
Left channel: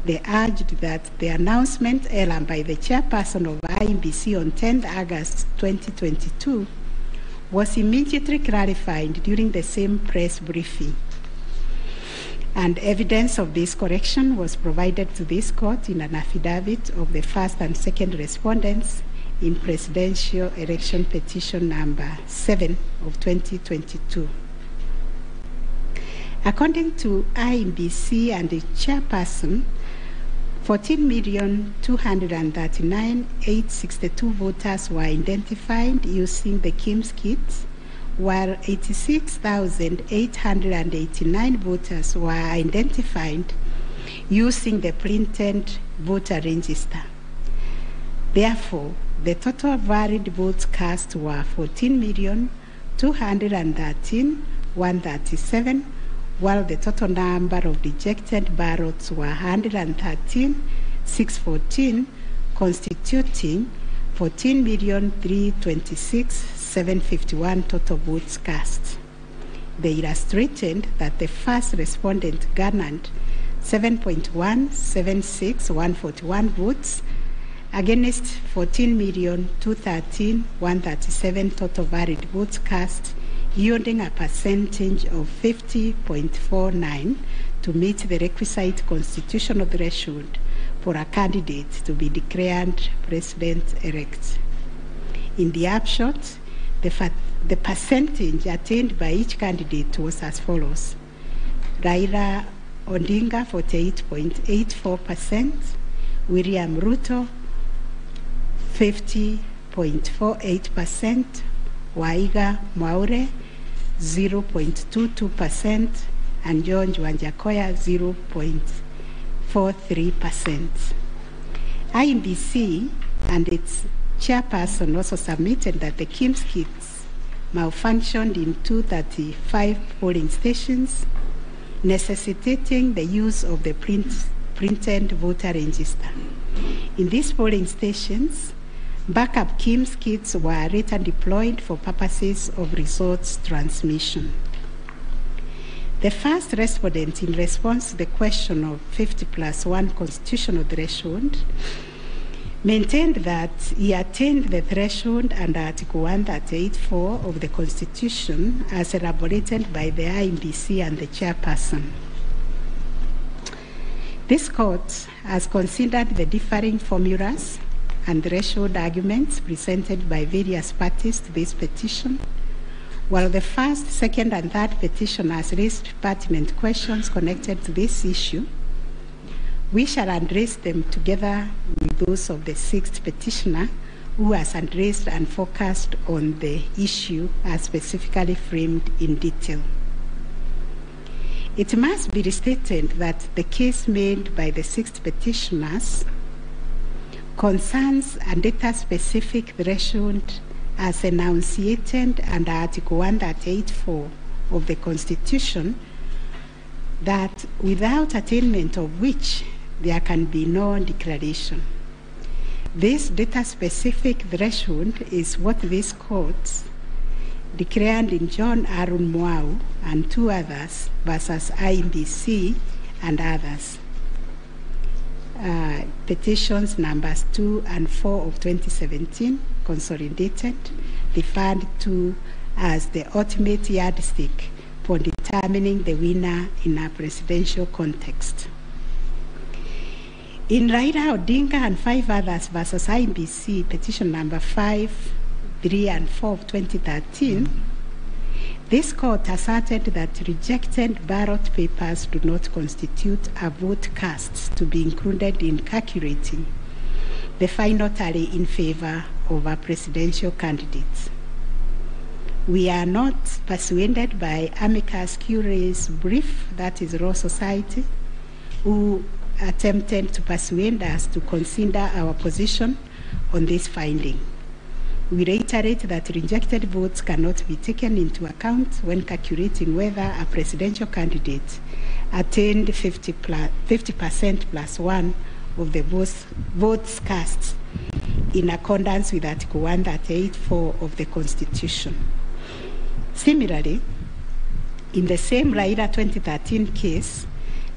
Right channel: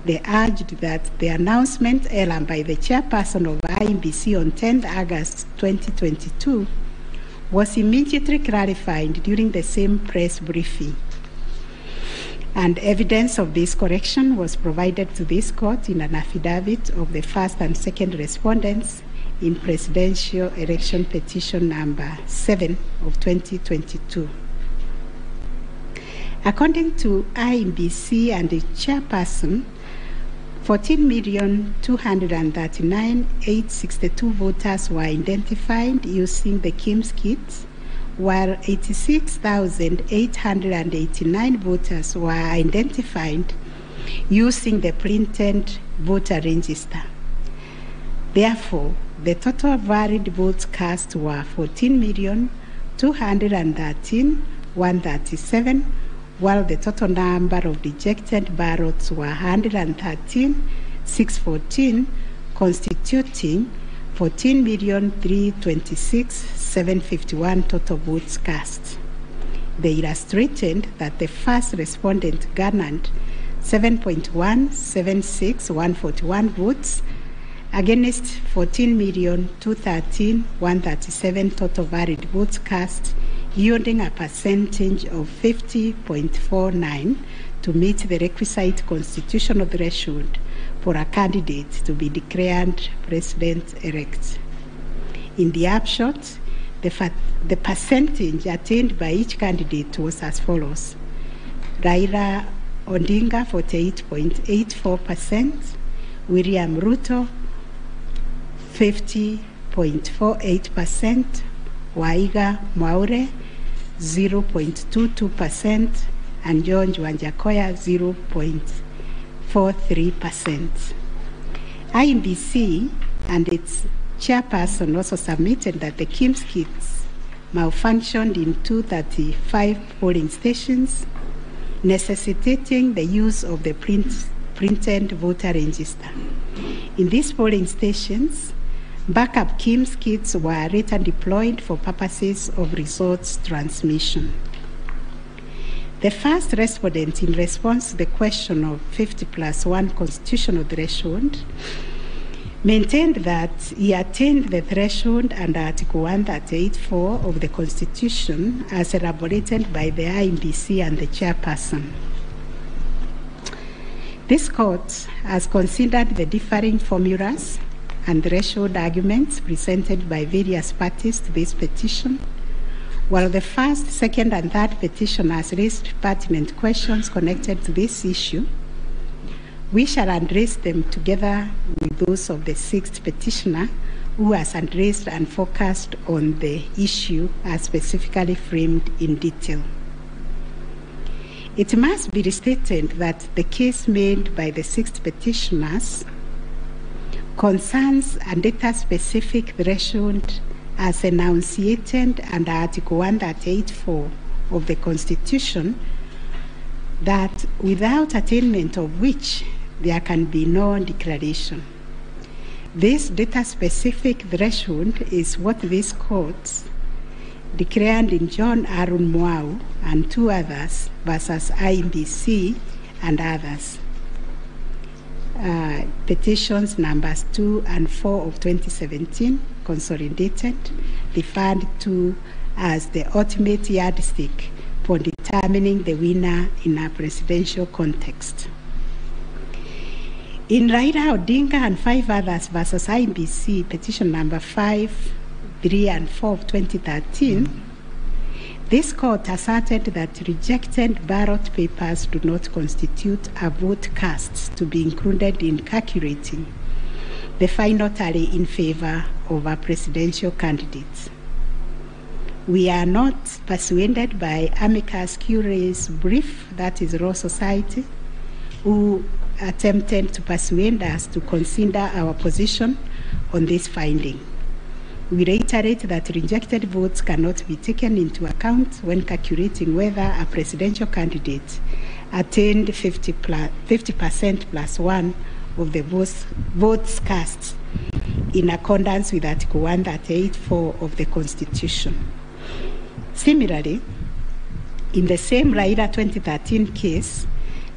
They urged that the announcement earlier by the chairperson of IEBC on 10th August 2022 was immediately clarified during the same press briefing. And evidence of this correction was provided to this court in an affidavit of the first and second respondents in Presidential Election Petition number 7 of 2022. According to IEBC and the chairperson, 14,239,862 voters were identified using the KIMS kit, while 86,889 voters were identified using the printed voter register. Therefore, the total valid votes cast were 14,213,137, while the total number of rejected ballots were 113,614, constituting 14,326,751 total votes cast. They illustrated that the first respondent garnered 7.176,141 votes against 14,213,137 total valid votes cast, yielding a percentage of 50.49 to meet the requisite constitutional threshold for a candidate to be declared president-elect. In the upshot, the percentage attained by each candidate was as follows. Raila Odinga 48.84%, William Ruto 50.48%, Wahiga Mwaura 0.22%, and George Wanjakoya 43%. IEBC and its chairperson also submitted that the KIMS kits malfunctioned in 235 polling stations, necessitating the use of the printed voter register. In these polling stations, backup KIMS kits were later deployed for purposes of results transmission. The first respondent, in response to the question of 50+1 constitutional threshold, maintained that he attained the threshold under Article 138(4) of the Constitution as elaborated by the IEBC and the chairperson. This court has considered the differing formulas and threshold arguments presented by various parties to this petition, while the first, second, and third petitioners raised pertinent questions connected to this issue. We shall address them together with those of the sixth petitioner, who has addressed and focused on the issue as specifically framed in detail. It must be restated that the case made by the sixth petitioners concerns a data-specific threshold as enunciated under Article 138(4) of the Constitution, that without attainment of which there can be no declaration. This data-specific threshold is what this court declared in John Arun Mwau and two others versus IEBC and others. Petitions numbers 2 and 4 of 2017, consolidated, referred to as the ultimate yardstick for determining the winner in a presidential context. In Raila Odinga and 5 others versus IEBC, petition number 5, 3, and 4 of 2013, this court asserted that rejected ballot papers do not constitute a vote cast to be included in calculating the final tally in favor of a presidential candidate. We are not persuaded by amicus curiae's brief, that is Law Society, who attempted to persuade us to consider our position on this finding. We reiterate that rejected votes cannot be taken into account when calculating whether a presidential candidate attained 50% plus 1 of the votes cast in accordance with Article 138(4) of the Constitution. Similarly, in the same Raila 2013 case,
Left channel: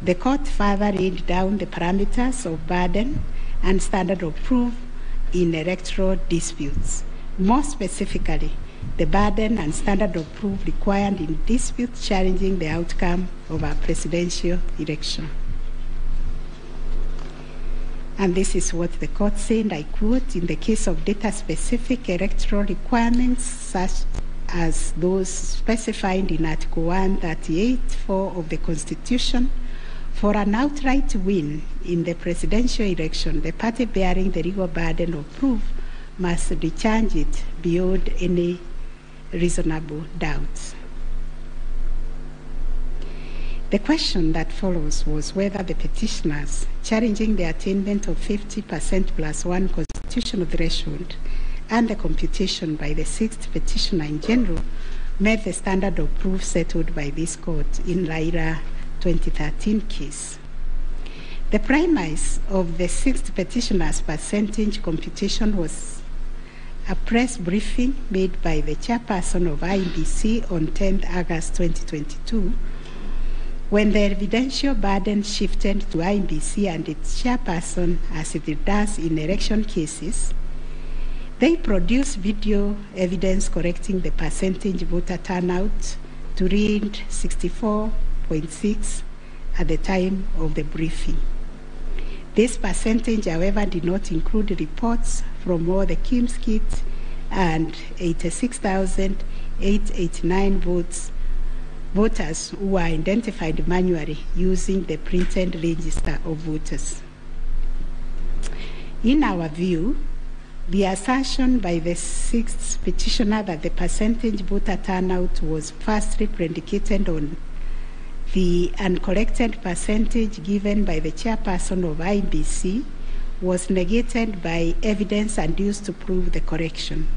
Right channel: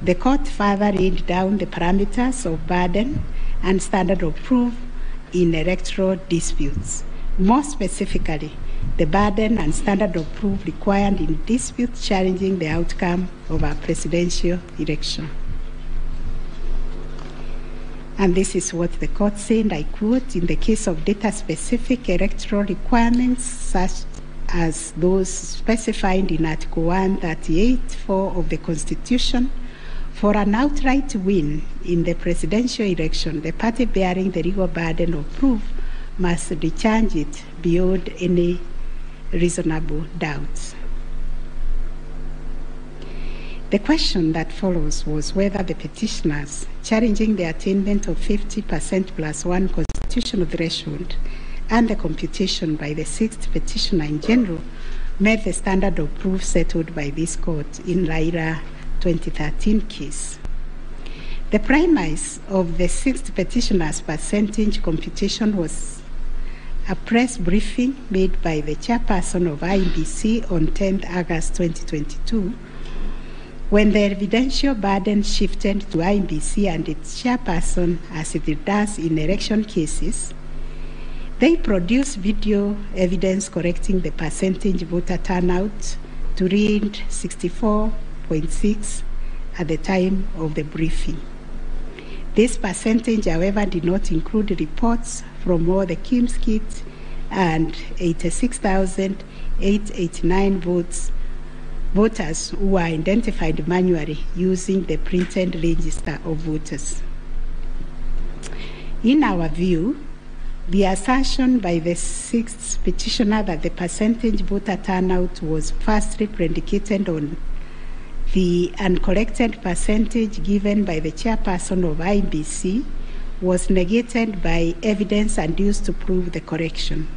the court further laid down the parameters of burden and standard of proof in electoral disputes. More specifically, the burden and standard of proof required in disputes challenging the outcome of a presidential election. And this is what the court said, I quote, "In the case of data-specific electoral requirements, such as those specified in Article 138(4) of the Constitution, for an outright win in the presidential election, the party bearing the legal burden of proof must discharge it beyond any reasonable doubt." The question that follows was whether the petitioners challenging the attainment of 50% plus 1 constitutional threshold and the computation by the sixth petitioner in general met the standard of proof settled by this court in Raila 2013 case. The premise of the sixth petitioner's percentage computation was a press briefing made by the chairperson of IEBC on 10th August 2022, when the evidential burden shifted to IEBC and its chairperson, as it does in election cases. They produced video evidence correcting the percentage voter turnout to read 64.6 at the time of the briefing. This percentage, however, did not include reports from all the KIMS kits and 86,889 voters who were identified manually using the printed register of voters. In our view, the assertion by the sixth petitioner that the percentage voter turnout was firstly predicated on the uncollected percentage given by the chairperson of IEBC was negated by evidence adduced to prove the correction.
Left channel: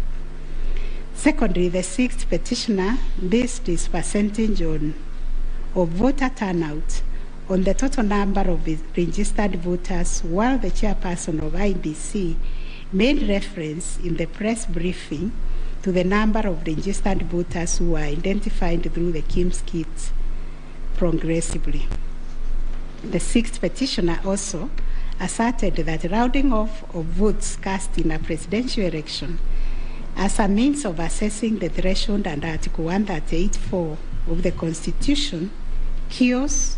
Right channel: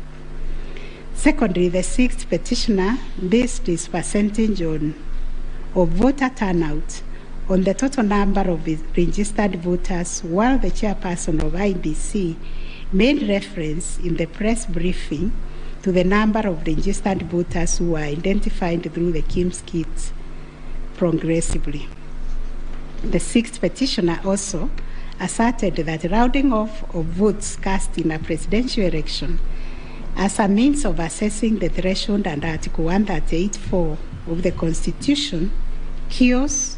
Secondly, the sixth petitioner based his percentage of voter turnout on the total number of registered voters, while the chairperson of IEBC made reference in the press briefing to the number of registered voters who were identified through the KIMS kit progressively. The sixth petitioner also asserted that rounding off of votes cast in a presidential election as a means of assessing the threshold under Article 138(4) of the Constitution kills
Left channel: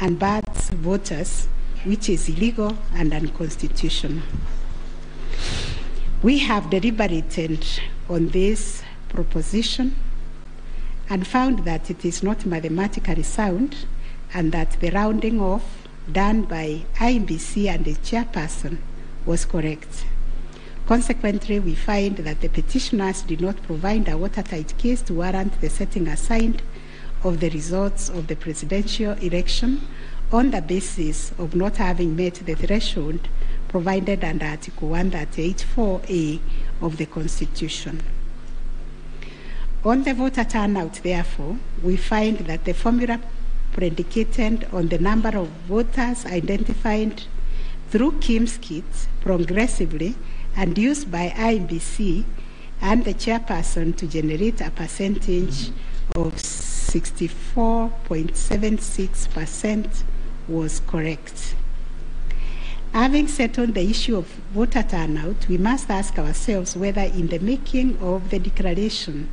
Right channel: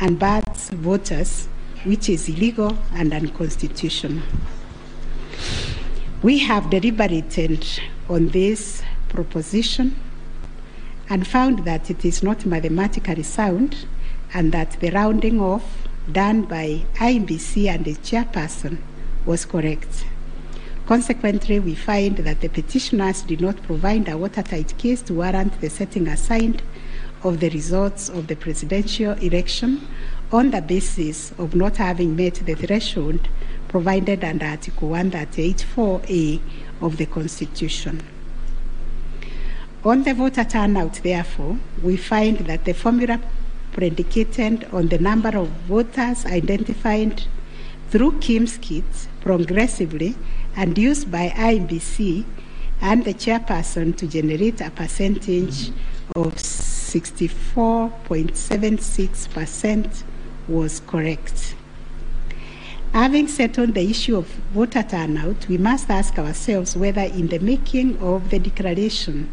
and bars voters, which is illegal and unconstitutional. We have deliberated on this proposition and found that it is not mathematically sound and that the rounding off done by IEBC and the chairperson was correct. Consequently, we find that the petitioners did not provide a watertight case to warrant the setting aside of the results of the presidential election on the basis of not having met the threshold provided under Article 138(4)(a) of the Constitution. On the voter turnout, therefore, we find that the formula predicated on the number of voters identified through KIMS kits progressively and used by IEBC and the chairperson to generate a percentage of 64.76% was correct. Having settled the issue of voter turnout, we must ask ourselves whether in the making of the declaration,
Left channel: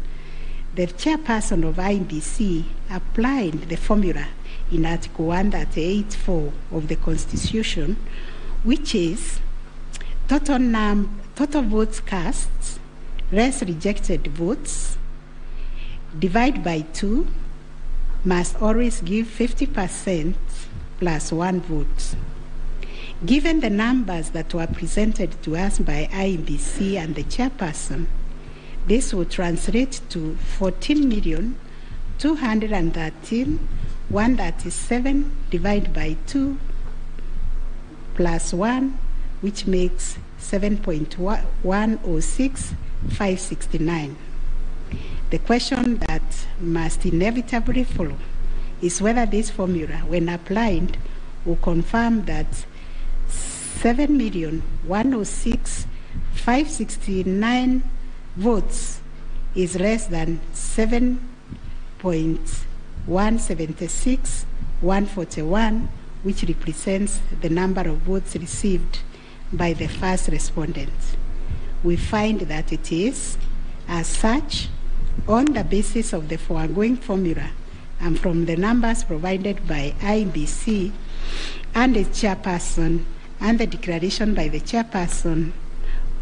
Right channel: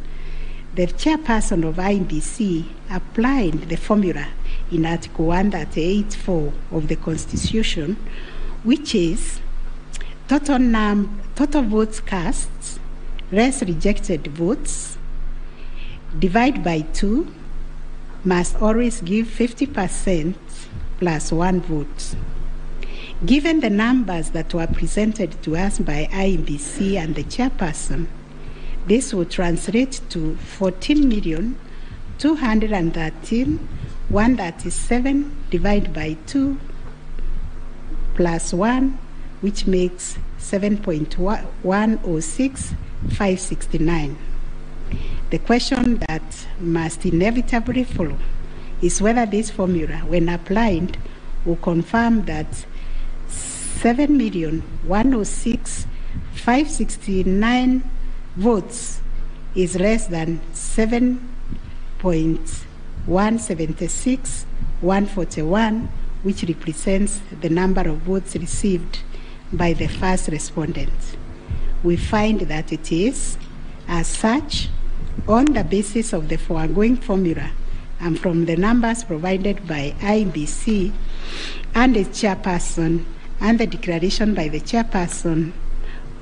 the chairperson of IEBC applied the formula in Article 138(4) of the Constitution, which is total votes cast less rejected votes divide by 2 must always give 50% plus 1 vote. Given the numbers that were presented to us by IEBC and the chairperson, this would translate to 14,213,137 divided by 2 plus 1, which makes 7.106569. The question that must inevitably follow is whether this formula, when applied, will confirm that 7,106,569 votes is less than 7.176,141, which represents the number of votes received by the first respondent. We find that it is, as such, on the basis of the foregoing formula and from the numbers provided by IEBC and the chairperson and the declaration by the chairperson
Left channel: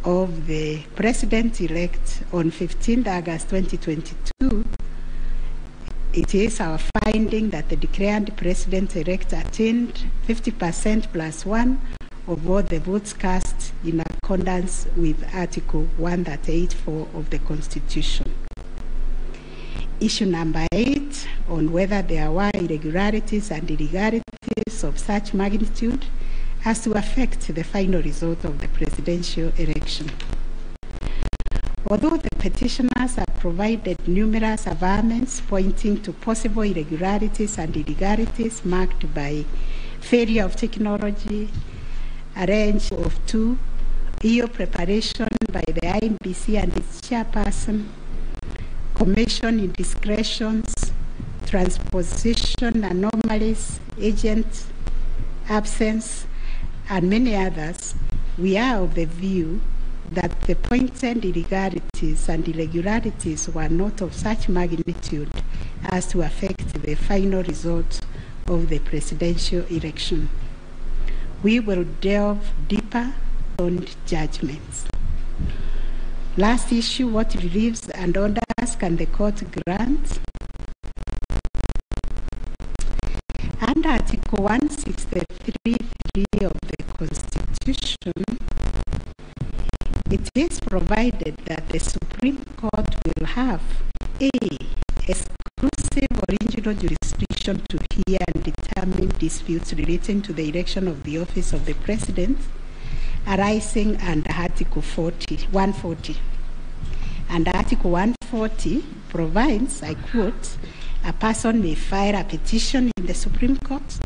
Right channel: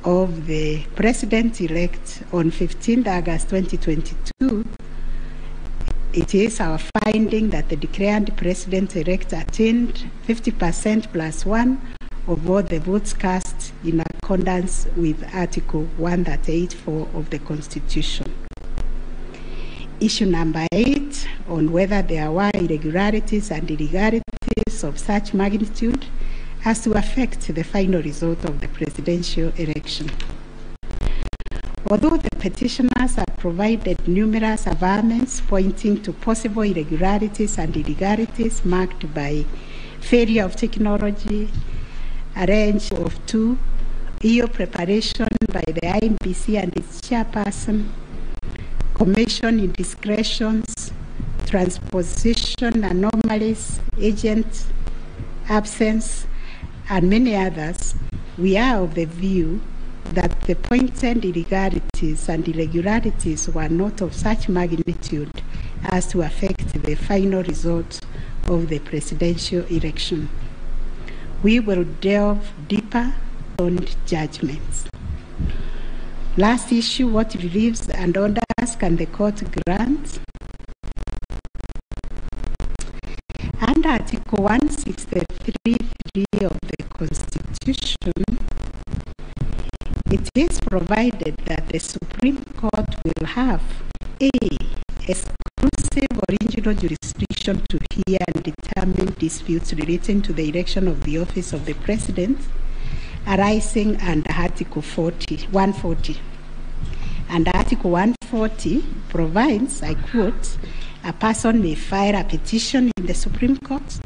of the president-elect on 15th August 2022, it is our finding that the declared president-elect attained 50% plus 1 of all the votes cast in accordance with Article 138(4) of the Constitution. Issue number 8, on whether there were irregularities and illegalities of such magnitude as to affect the final result of the presidential election. Although the petitioners have provided numerous averments pointing to possible irregularities and illegalities marked by failure of technology, a range of 2, EU preparation by the IEBC and its chairperson, commission indiscretions, transposition anomalies, agent absence, and many others, we are of the view that the pointed illegalities and irregularities were not of such magnitude as to affect the final result of the presidential election. We will delve deeper on judgments. Last issue, what reliefs and orders can the court grant? Under Article 163(3) of the Constitution, it is provided that the Supreme Court will have a exclusive exclusive original jurisdiction to hear and determine disputes relating to the election of the office of the President arising under Article 140. And Article 140 provides, I quote, a person may file a petition in the Supreme Court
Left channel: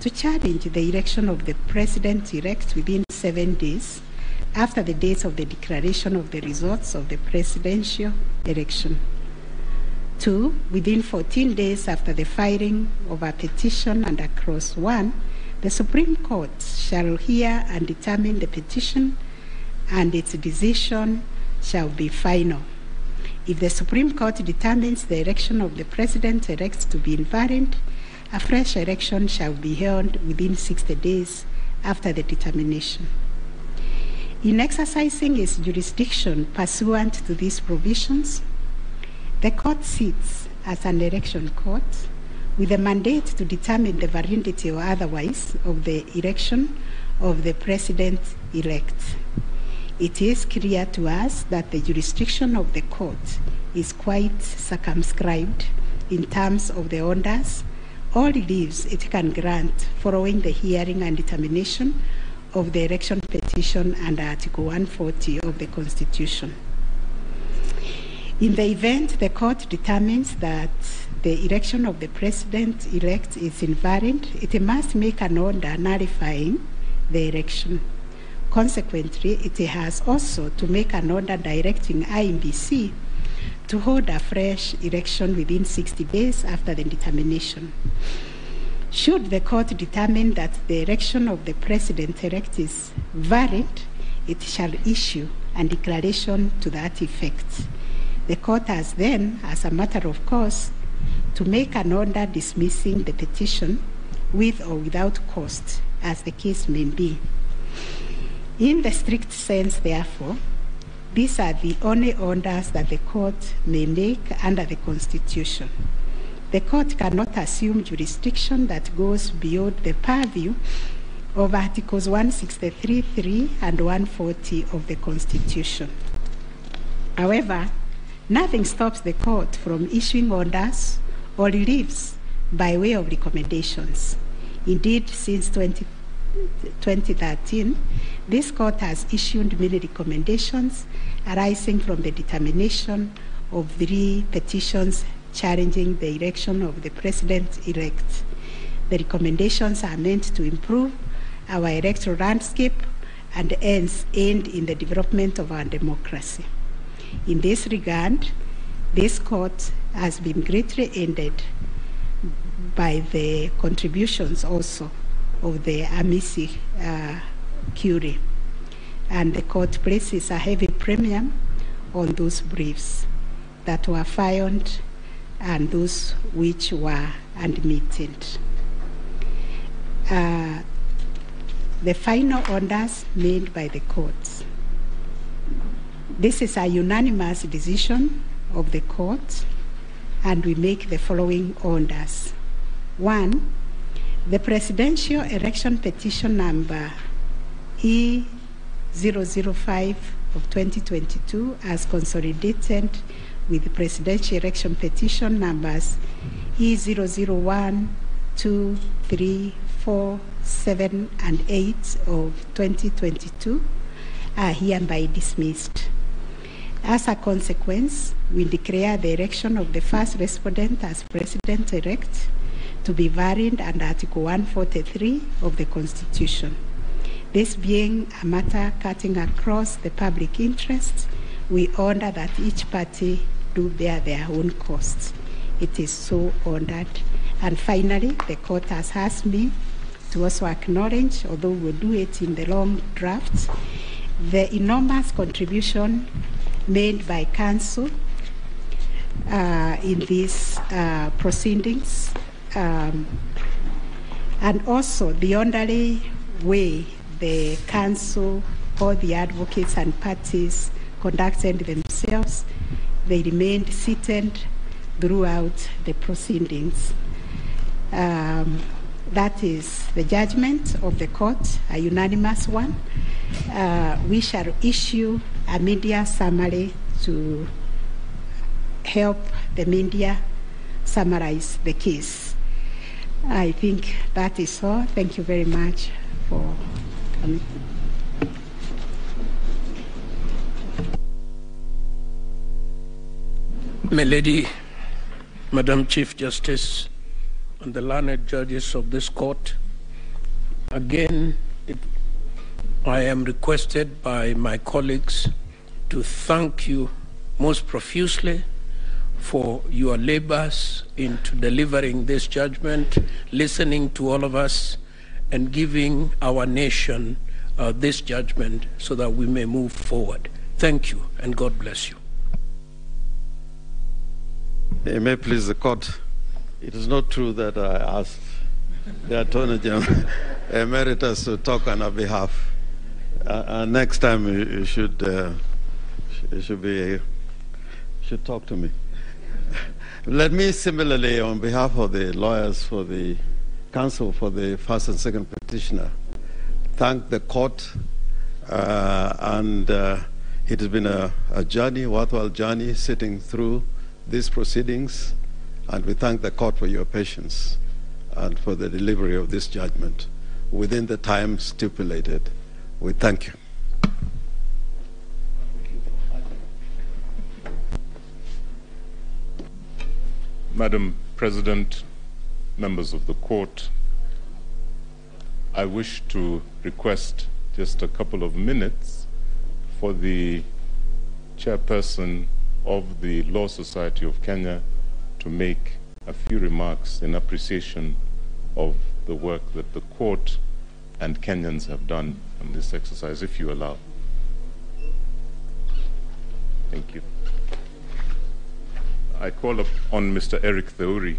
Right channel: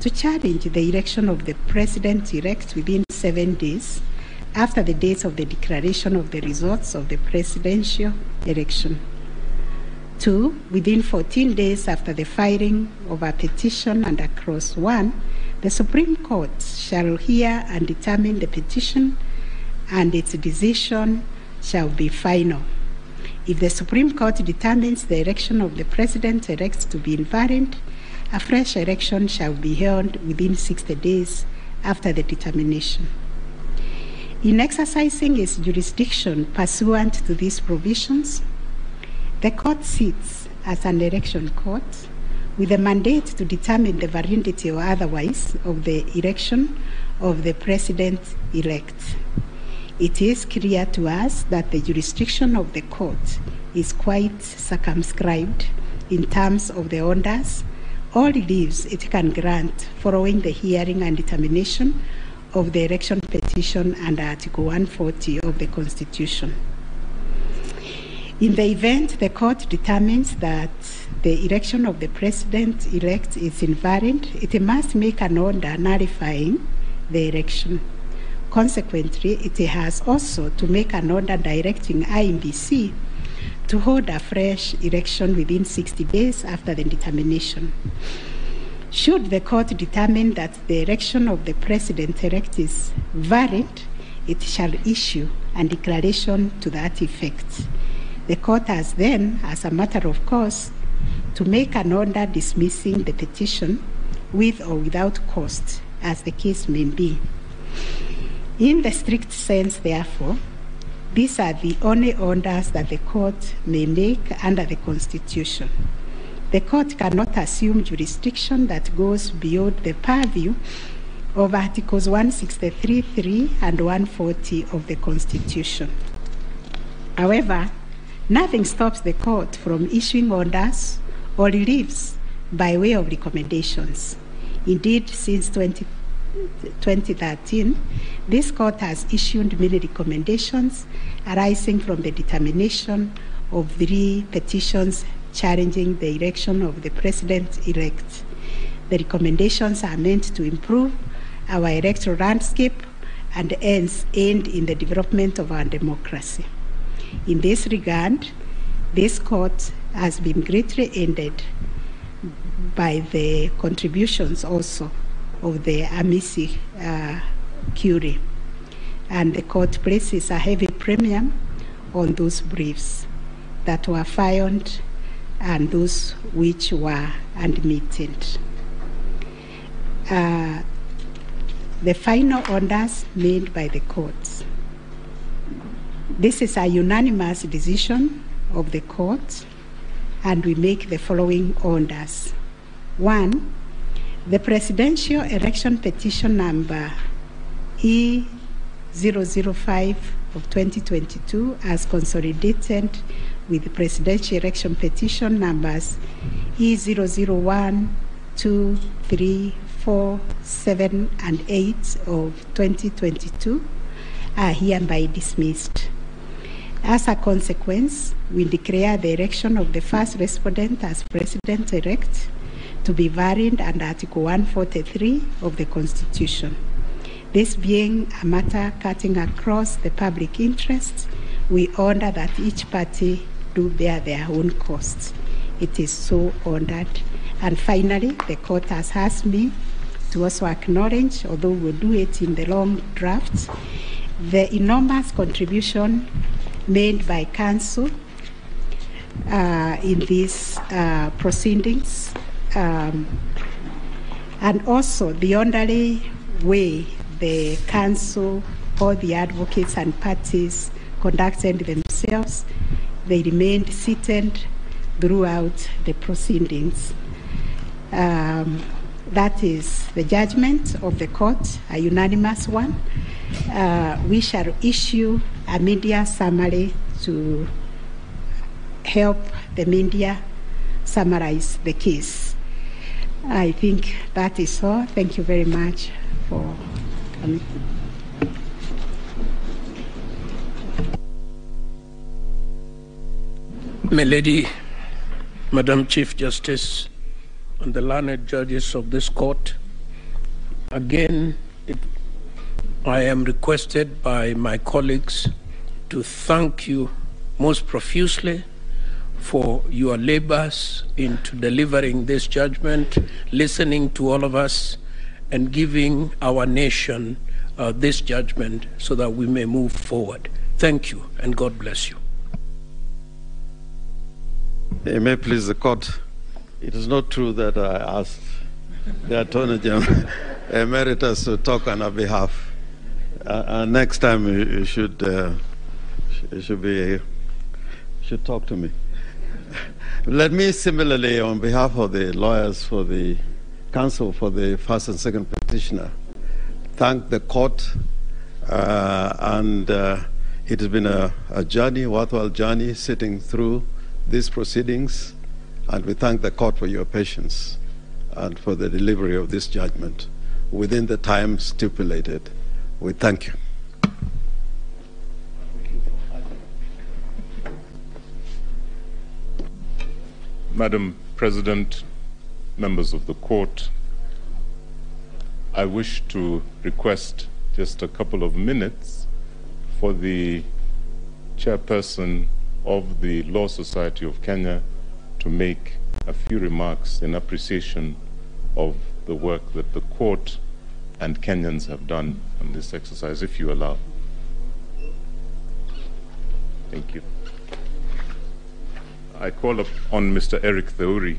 to challenge the election of the President-elect within 7 days after the date of the declaration of the results of the presidential election. 2, within 14 days after the filing of a petition under Clause 1, the Supreme Court shall hear and determine the petition, and its decision shall be final. If the Supreme Court determines the election of the President-elect to be invalid, a fresh election shall be held within 60 days after the determination. In exercising its jurisdiction pursuant to these provisions, the court sits as an election court with a mandate to determine the validity or otherwise of the election of the President-elect. It is clear to us that the jurisdiction of the court is quite circumscribed in terms of the orders or reliefs it can grant following the hearing and determination of the election petition under Article 140 of the Constitution. In the event the court determines that the election of the President-elect is invalid, it must make an order nullifying the election. Consequently, it has also to make an order directing IEBC to hold a fresh election within 60 days after the determination. Should the court determine that the election of the President-elect is valid, it shall issue a declaration to that effect. The court has then, as a matter of course, to make an order dismissing the petition with or without cost, as the case may be. In the strict sense, therefore, these are the only orders that the court may make under the Constitution. The court cannot assume jurisdiction that goes beyond the purview of Articles 163(3) and 140 of the Constitution. However, nothing stops the court from issuing orders or reliefs by way of recommendations. Indeed, since 2013, this court has issued many recommendations arising from the determination of 3 petitions challenging the election of the President-elect. The recommendations are meant to improve our electoral landscape and hence aid in the development of our democracy. In this regard, this court has been greatly aided by the contributions also of the Amici Curie, and the court places a heavy premium on those briefs that were filed and those which were admitted. The final orders made by the courts. This is a unanimous decision of the court, and we make the following orders. 1, the presidential election petition number E005 of 2022 as consolidated with the presidential election petition numbers E001, 2, 3, 4, 7, and 8 of 2022 are hereby dismissed. As a consequence, we declare the election of the first respondent as President-elect to be valid under Article 143 of the Constitution. This being a matter cutting across the public interest, we order that each party do bear their own costs. It is so ordered. And finally, the court has asked me to also acknowledge, although we'll do it in the long draft, the enormous contribution made by counsel in these proceedings, and also the orderly way the counsel, all the advocates and parties conducted themselves. They remained seated throughout the proceedings. That is the judgment of the court, a unanimous one. We shall issue a media summary to help the media summarize the case. I think that is all. Thank you very much for coming. My Lady, Madam Chief Justice, and the learned judges of this court, again, I am requested by my colleagues to thank you most profusely for your labors into delivering this judgment, listening to all of us, and giving our nation this judgment so that we may move forward. Thank you, and God bless you. It may please the court. It is not true that I asked the Attorney General Emeritus to talk on our behalf. Next time you should talk to me. Let me similarly, on behalf of the lawyers for the counsel for the first and second petitioner, thank the court. It has been a journey, worthwhile journey, sitting through these proceedings, and we thank the court for your patience and for the delivery of this judgment within the time stipulated. We thank you. Madam President, members of the court, I wish to request just a couple of minutes for the chairperson of the Law Society of Kenya to make a few remarks in appreciation of the work that the court and Kenyans have done on this exercise, if you allow. Thank you. I call upon Mr. Eric Theuri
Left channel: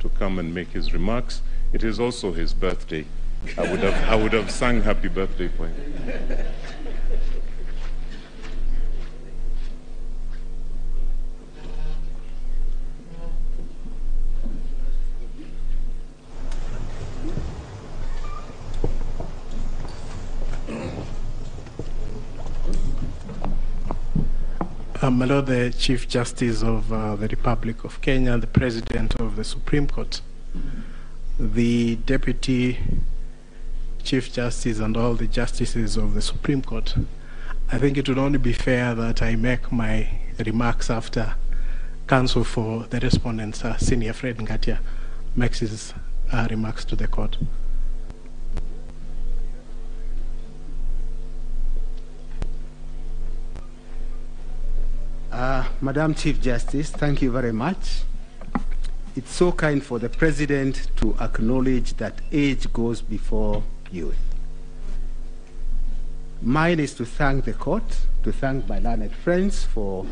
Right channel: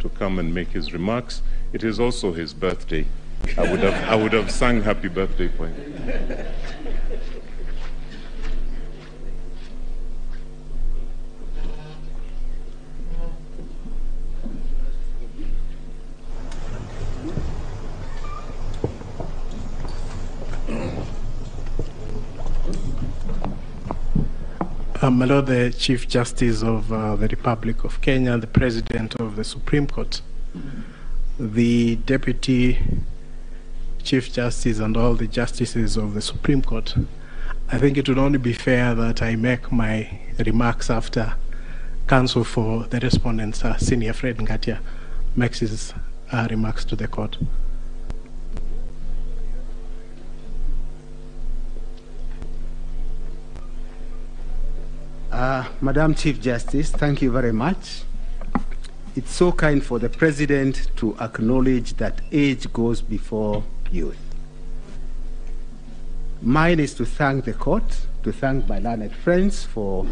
to come and make his remarks. It is also his birthday. I would have sung happy birthday for him. My Lord, the Chief Justice of the Republic of Kenya, the President of the Supreme Court, the Deputy Chief Justice and all the Justices of the Supreme Court, I think it would only be fair that I make my remarks after counsel for the respondents, Senior Fred Ngatia, makes his remarks to the court. Madam Chief Justice, thank you very much. It's so kind for the President to acknowledge that age goes before youth. Mine is to thank the court, to thank my learned friends for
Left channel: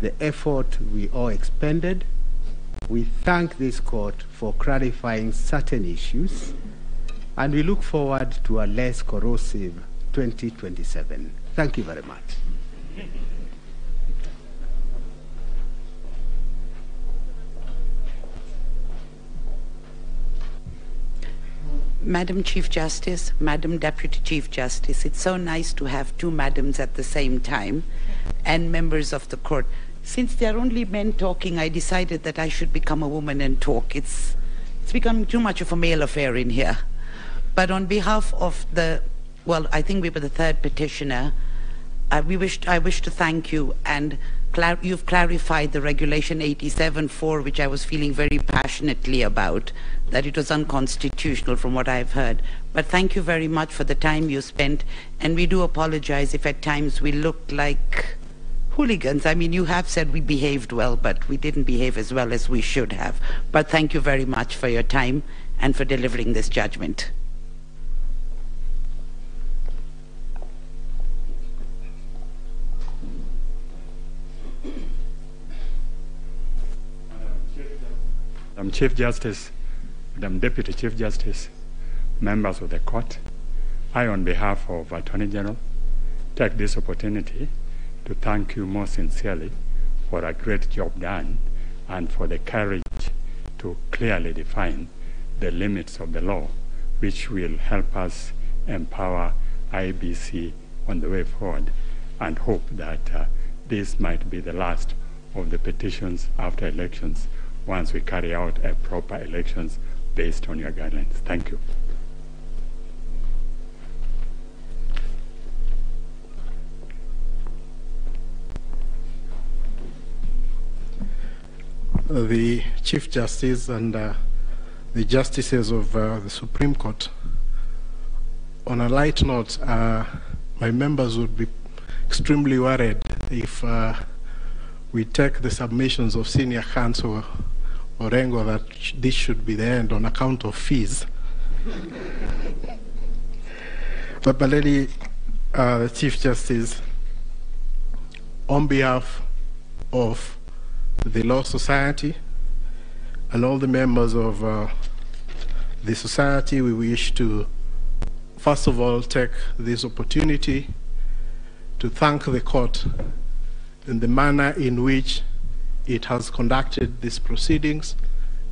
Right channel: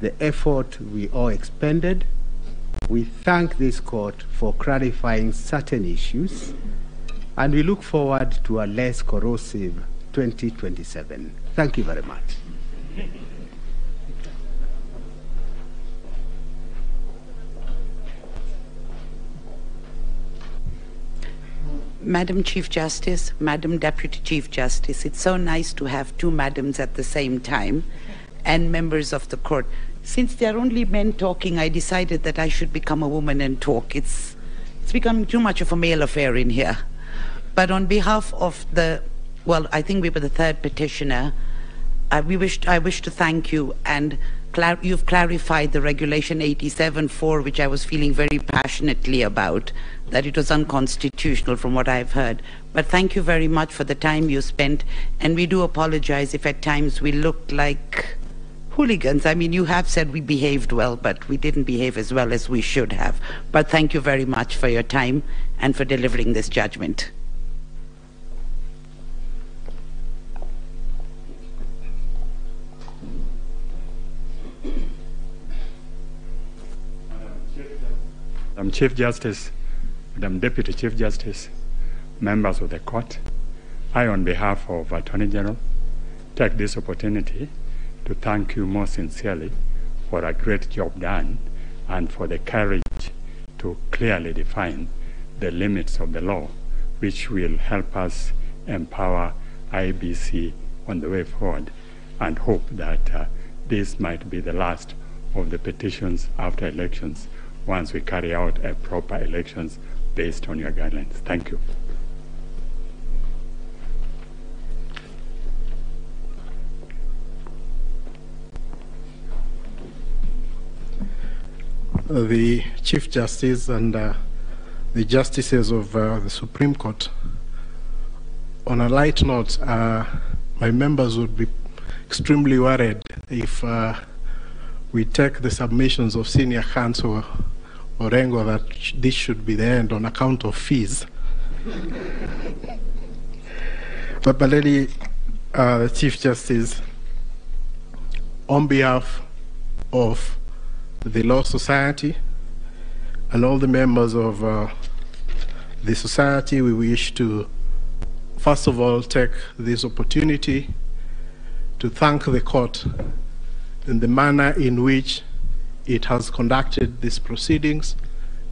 the effort we all expended. We thank this court for clarifying certain issues, and we look forward to a less corrosive 2027. Thank you very much. Madam Chief Justice, Madam Deputy Chief Justice, it's so nice to have two madams at the same time, and members of the court. Since there are only men talking, I decided that I should become a woman and talk. It's becoming too much of a male affair in here. But on behalf of the, well, I think we were the third petitioner, I wish to thank you, and you've clarified the Regulation 87.4, which I was feeling very passionately about, that it was unconstitutional from what I've heard. But thank you very much for the time you spent, and we do apologize if at times we looked like hooligans. I mean, you have said we behaved well, but we didn't behave as well as we should have. But thank you very much for your time and for delivering this judgment. Madam Chief Justice, Madam Deputy Chief Justice, members of the court, I, on behalf of Attorney General, take this opportunity to thank you most sincerely for a great job done and for the courage to clearly define the limits of the law, which will help us empower IBC on the way forward, and hope that this might be the last of the petitions after elections once we carry out proper elections based on your guidelines. Thank you. The Chief Justice and the Justices of the Supreme Court, on a light note, my members would be extremely worried if we take the submissions of Senior Counsel Orengo that this should be the end on account of fees. But my lady, the Chief Justice, on behalf of the Law Society and all the members of the society, we wish to first of all take this opportunity to thank the court in the manner in which it has conducted these proceedings,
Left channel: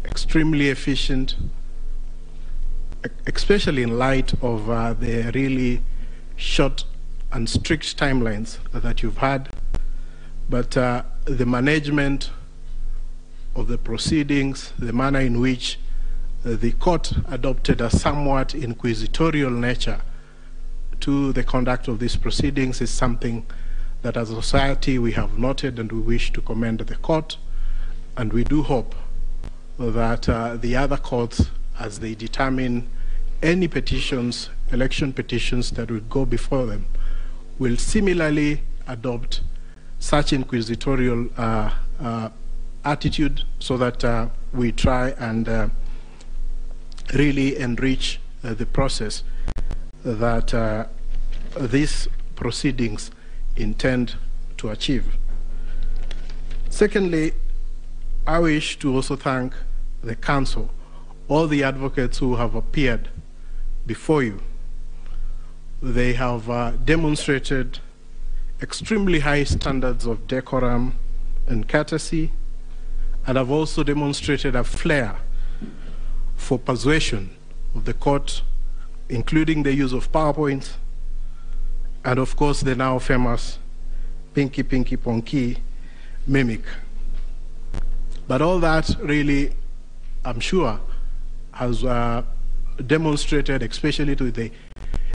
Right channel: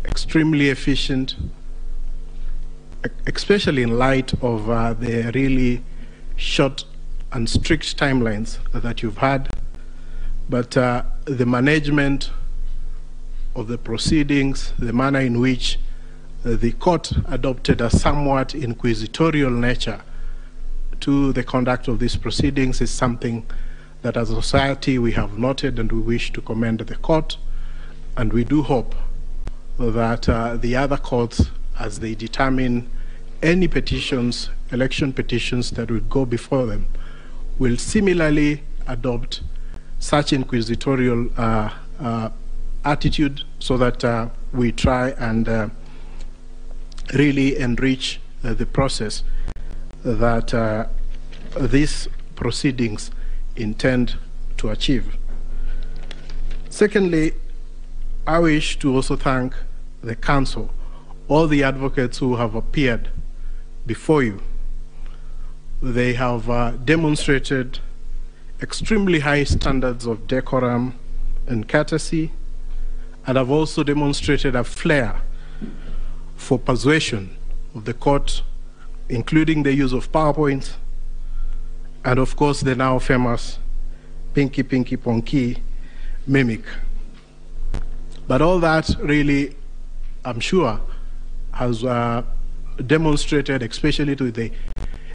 extremely efficient, especially in light of the really short and strict timelines that you've had. But the management of the proceedings, the manner in which the court adopted a somewhat inquisitorial nature to the conduct of these proceedings is something that as a society we have noted, and we wish to commend the court. And we do hope that the other courts, as they determine any petitions, election petitions that will go before them, will similarly adopt such inquisitorial attitude, so that we try and really enrich the process that these proceedings intend to achieve. Secondly, I wish to also thank the council, all the advocates who have appeared before you. They have demonstrated extremely high standards of decorum and courtesy, and have also demonstrated a flair for persuasion of the court, including the use of PowerPoint, and of course the now famous Pinky Pinky Ponky mimic. But all that really, I'm sure, has demonstrated, especially to the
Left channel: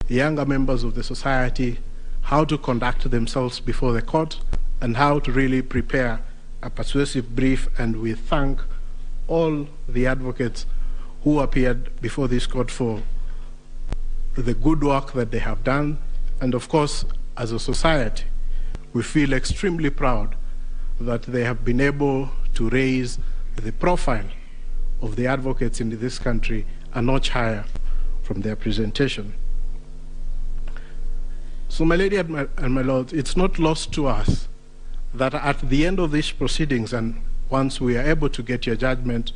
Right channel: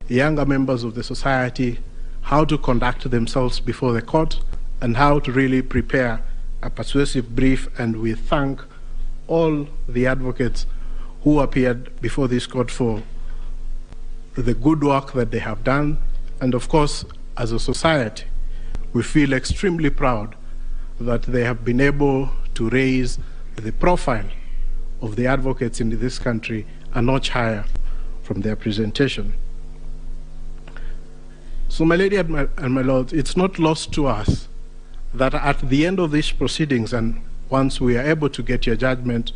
younger members of the society, how to conduct themselves before the court and how to really prepare a persuasive brief. And we thank all the advocates who appeared before this court for the good work that they have done. And of course, as a society, we feel extremely proud that they have been able to raise the profile of the advocates in this country a notch higher from their presentation. So, my lady and my lord, it's not lost to us that at the end of these proceedings, and once we are able to get your judgment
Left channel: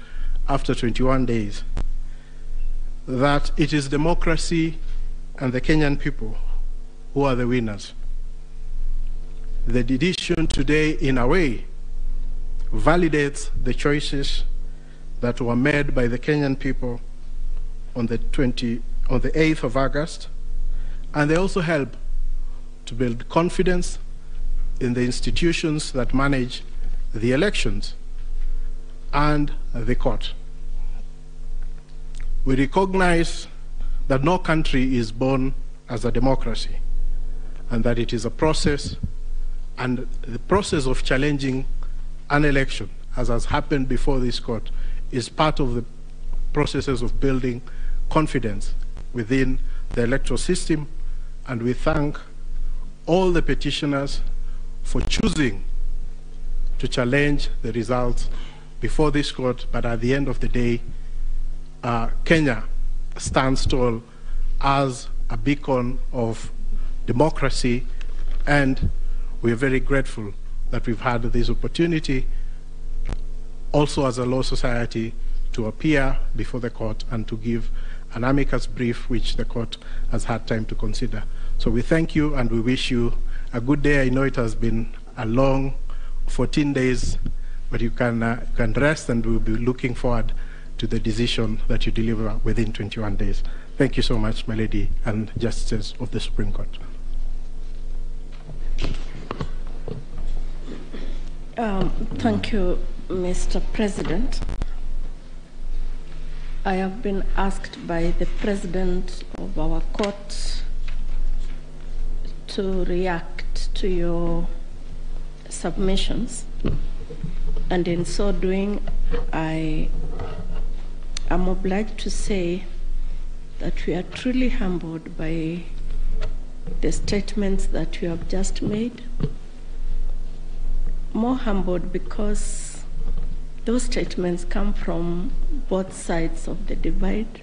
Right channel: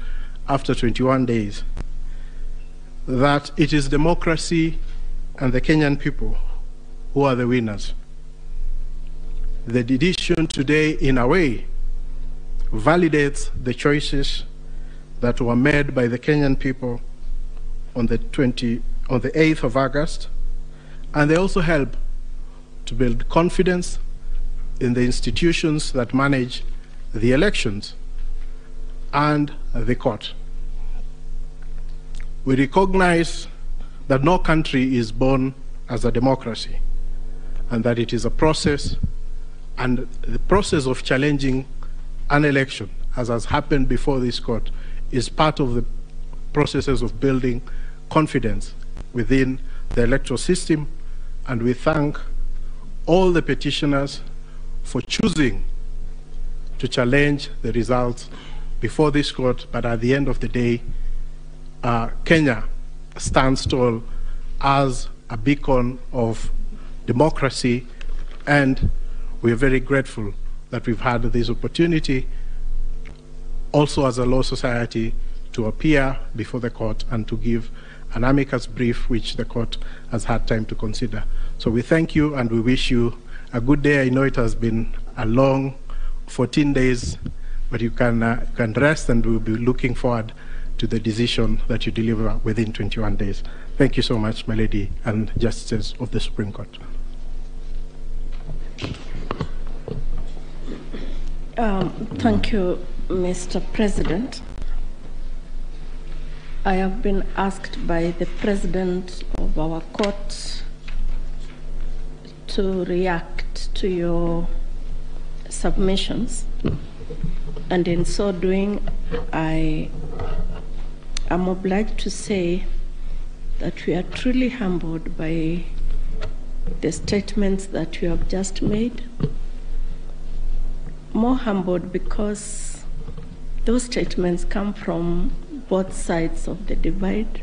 after 21 days, that it is democracy and the Kenyan people who are the winners. The decision today, in a way, validates the choices that were made by the Kenyan people on the 8th of August, and they also help to build confidence in the institutions that manage the elections and the court. We recognize that no country is born as a democracy, and that it is a process, and the process of challenging an election, as has happened before this court, is part of the processes of building confidence within the electoral system. And we thank all the petitioners for choosing to challenge the results before this court. But at the end of the day, Kenya stands tall as a beacon of democracy, and we are very grateful that we've had this opportunity also as a law society to appear before the court and to give an amicus brief which the court has had time to consider. So we thank you and we wish you a good day. I know it has been a long 14 days, but you can rest, and we'll be looking forward to the decision that you deliver within 21 days. Thank you so much, my lady and justices of the Supreme Court. Thank you, Mr. President. I have been asked by the president of our court to react to your submissions, and in so doing, I am obliged to say that we are truly humbled by the statements that you have just made. More humbled because those statements come from both sides of the divide.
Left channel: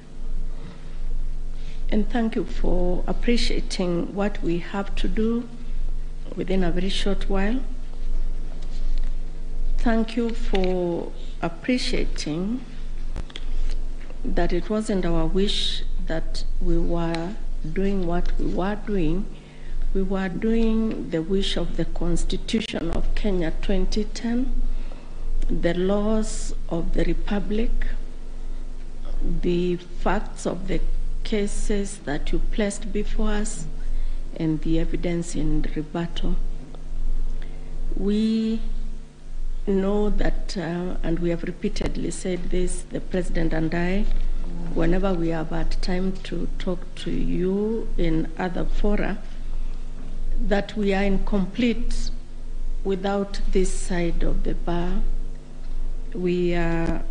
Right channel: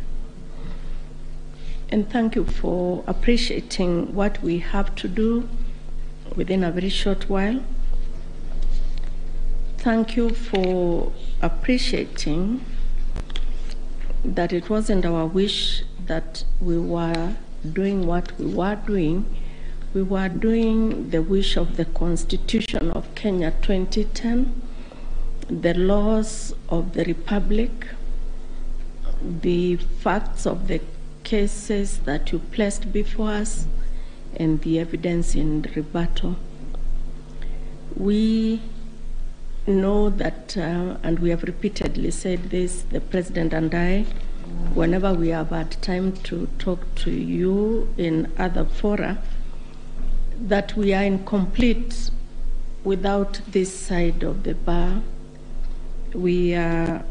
And thank you for appreciating what we have to do within a very short while. Thank you for appreciating that it wasn't our wish that we were doing what we were doing. We were doing the wish of the Constitution of Kenya 2010, the laws of the Republic, the facts of the cases that you placed before us, and the evidence in rebuttal. We know that, and we have repeatedly said this, the President and I, whenever we have had time to talk to you in other fora, that we are incomplete without this side of the bar. We are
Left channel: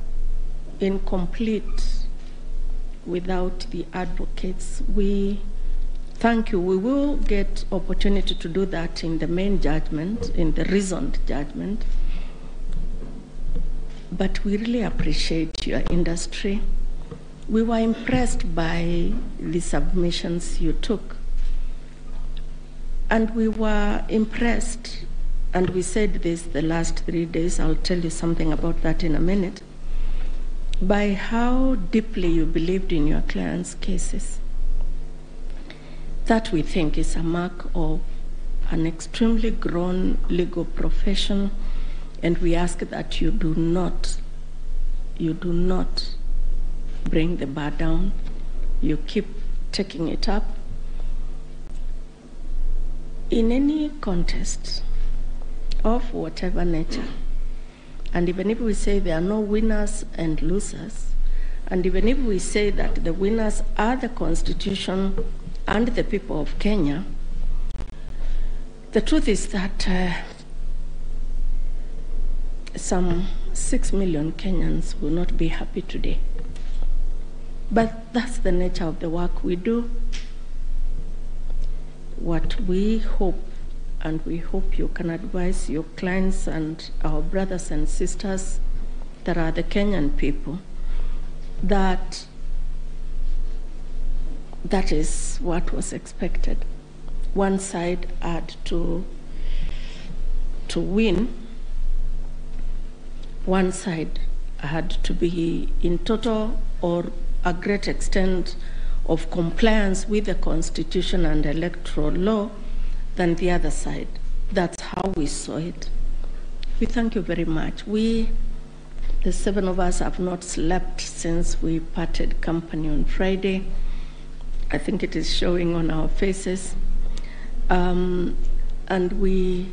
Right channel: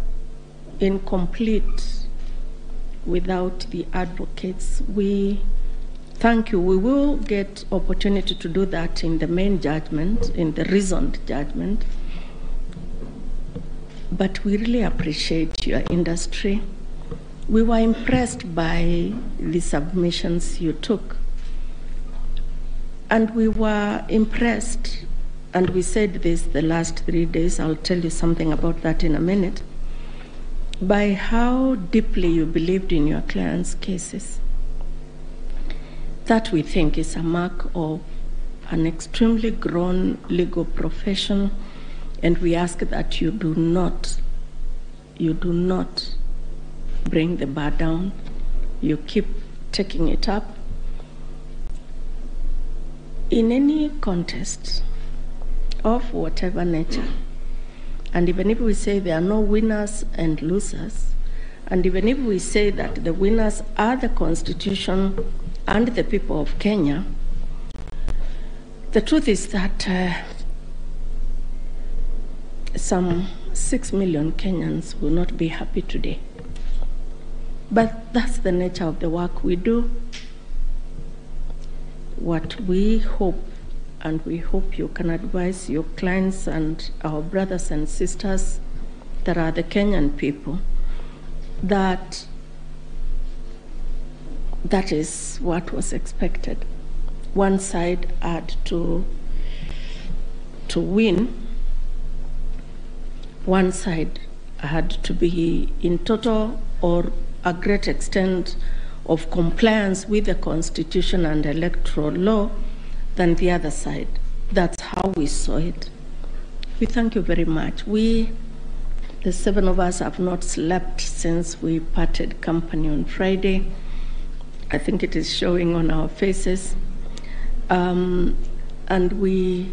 incomplete without the advocates. We thank you. We will get opportunity to do that in the main judgment, in the reasoned judgment. But we really appreciate your industry. We were impressed by the submissions you took. And we were impressed, and we said this the last 3 days, I'll tell you something about that in a minute, by how deeply you believed in your clients' cases. That we think is a mark of an extremely grown legal profession, and we ask that you do not bring the bar down. You keep taking it up. In any contest of whatever nature, and even if we say there are no winners and losers, and even if we say that the winners are the Constitution and the people of Kenya, the truth is that some 6 million Kenyans will not be happy today. But that's the nature of the work we do. What we hope, and we hope you can advise your clients and our brothers and sisters that are the Kenyan people, that that is what was expected. One side had to win. One side had to be in total or a great extent of compliance with the Constitution and electoral law than the other side. That's how we saw it. We thank you very much. We, the 7 of us, have not slept since we parted company on Friday. I think it is showing on our faces. And we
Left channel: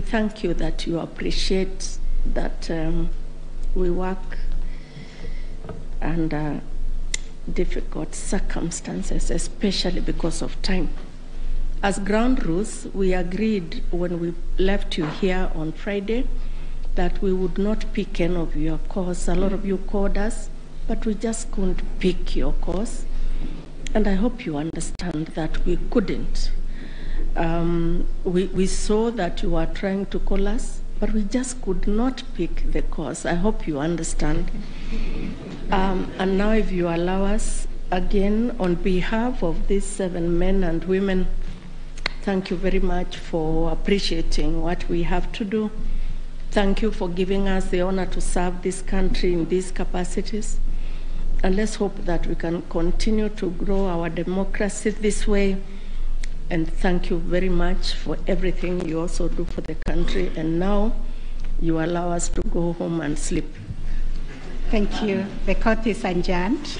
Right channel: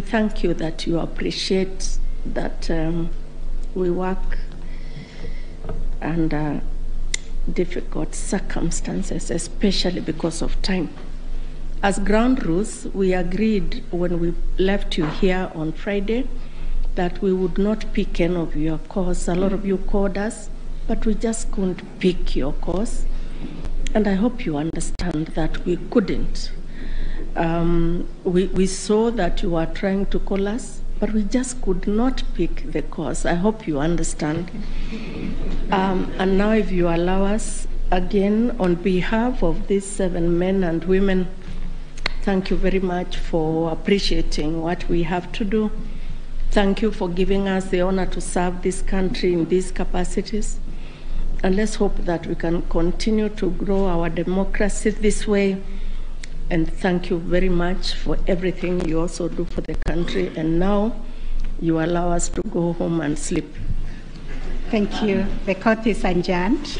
thank you that you appreciate that we work under difficult circumstances, especially because of time. As ground rules, we agreed when we left you here on Friday that we would not pick any of your calls. A lot of you called us, but we just couldn't pick your calls. And I hope you understand that we couldn't. We saw that you were trying to call us, but we just could not pick the calls. I hope you understand. And now if you allow us, again, on behalf of these 7 men and women, thank you very much for appreciating what we have to do. Thank you for giving us the honor to serve this country in these capacities. And let's hope that we can continue to grow our democracy this way. And thank you very much for everything you also do for the country. And now you allow us to go home and sleep. Thank you. The court is adjourned.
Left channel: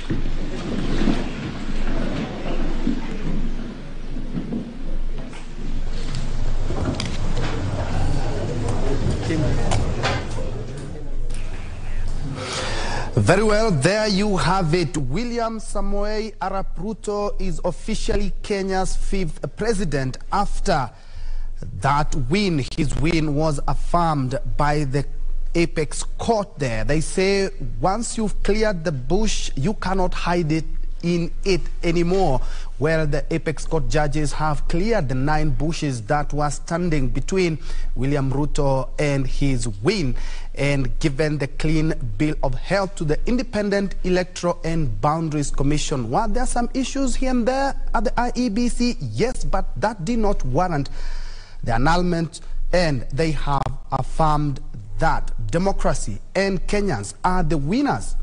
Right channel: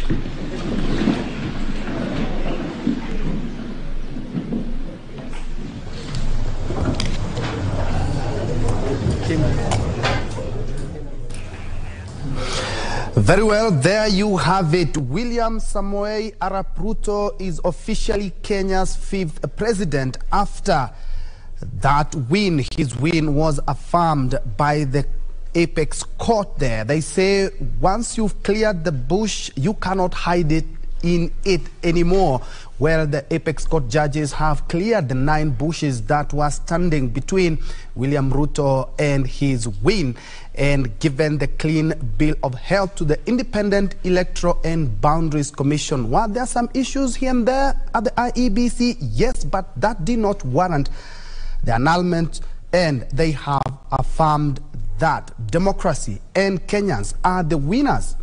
Very well, there you have it. William Samoei Arap Ruto is officially Kenya's 5th president after that win. His win was affirmed by the apex court there. They say once you've cleared the bush, you cannot hide it in it anymore. Well, the apex court judges have cleared the 9 bushes that were standing between William Ruto and his win, and given the clean bill of health to the Independent Electoral and Boundaries Commission. While there are some issues here and there at the IEBC, yes, but that did not warrant the annulment, and they have affirmed that democracy and Kenyans are the winners.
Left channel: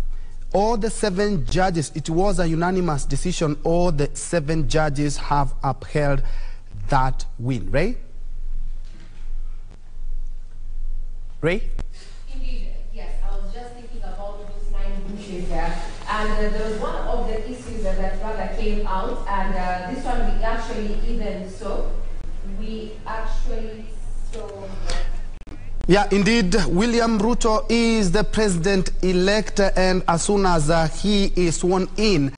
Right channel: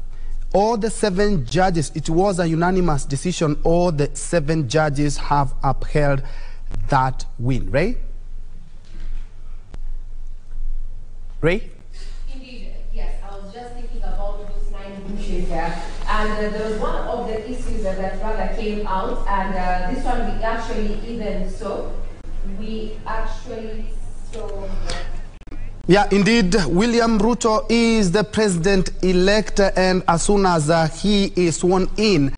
All the 7 judges, it was a unanimous decision, all the 7 judges have upheld that win. Ray? Ray? Indeed, yes. I was just thinking about those 9 bushes there. And there was one of the issues that rather came out, and this one we actually even saw. We actually saw... Yeah, indeed, William Ruto is the president-elect, and as soon as he is sworn in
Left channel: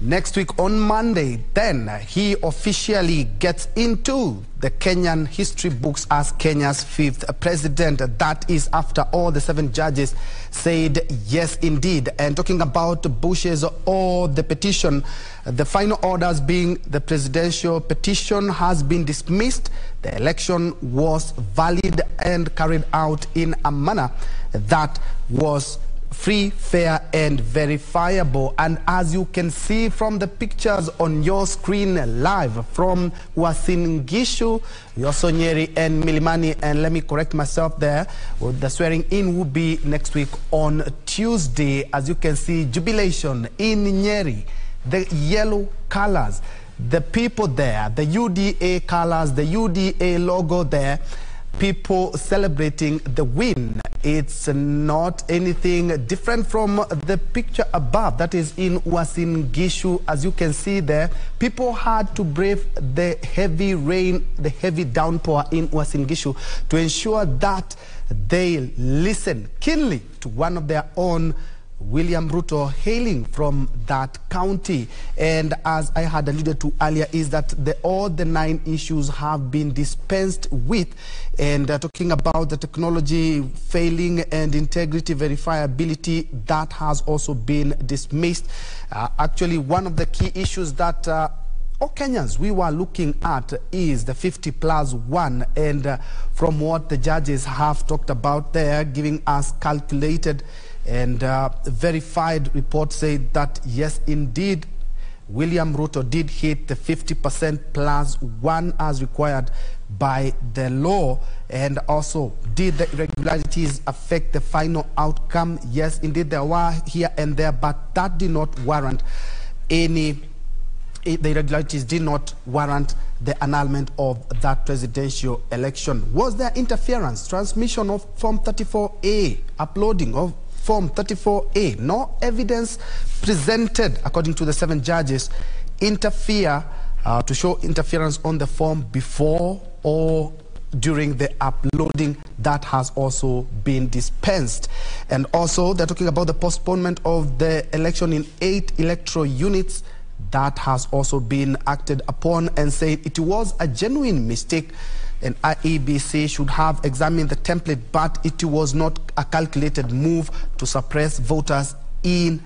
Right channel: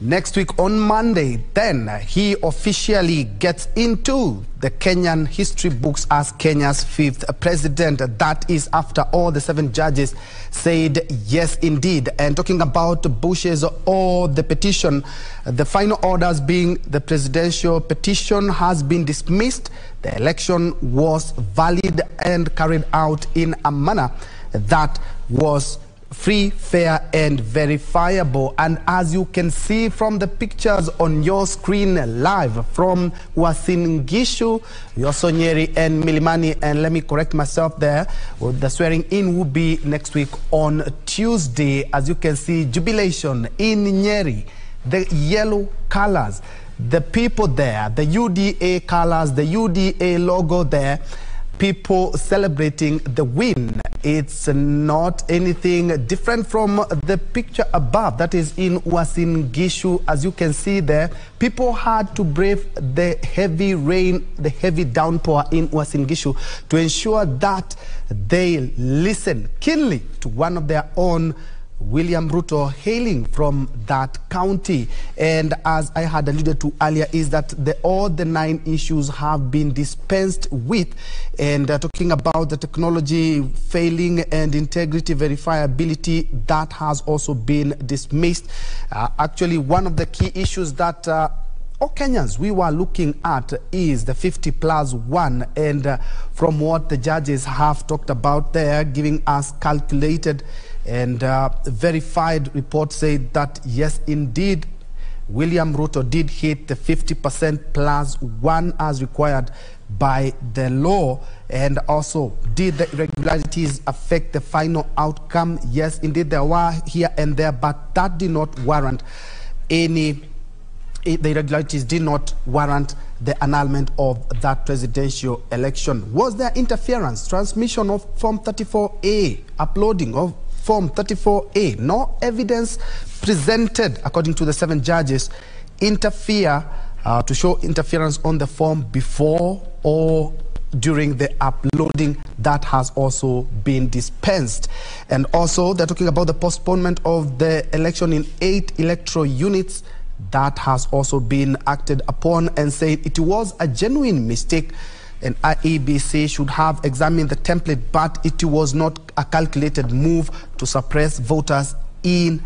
next week on Monday, then he officially gets into the Kenyan history books as Kenya's 5th president. That is after all the 7 judges said yes, indeed. And talking about bushes or the petition, the final orders being the presidential petition has been dismissed. The election was valid and carried out in a manner that was free, fair, and verifiable. And as you can see from the pictures on your screen live from Uasin Gishu, Yosonyeri, and Milimani, and let me correct myself there, the swearing in will be next week on Tuesday. As you can see, jubilation in Nyeri, the yellow colors, the people there, the UDA colors, the UDA logo there, people celebrating the win. It's not anything different from the picture above, that is in Uasin Gishu. As you can see there, people had to brave the heavy rain, the heavy downpour in Uasin Gishu to ensure that they listen keenly to one of their own, William Ruto, hailing from that county. And as I had alluded to earlier, is that all the 9 issues have been dispensed with. And talking about the technology failing and integrity verifiability, that has also been dismissed. Actually, one of the key issues that all Kenyans we were looking at is the 50+1, and from what the judges have talked about there, giving us calculated and verified reports, say that yes, indeed, William Ruto did hit the 50%+1 as required by the law. And also, did the irregularities affect the final outcome? Yes, indeed, there were here and there, but that did not warrant any, the irregularities did not warrant the annulment of that presidential election. Was there interference, transmission of Form 34A, uploading of Form 34A? No evidence presented, according to the 7 judges, to show interference on the form before or during the uploading. That has also been dispensed. And also, they're talking about the postponement of the election in 8 electoral units. That has also been acted upon, and saying it was a genuine mistake, and IEBC should have examined the template, but it was not a calculated move to suppress voters in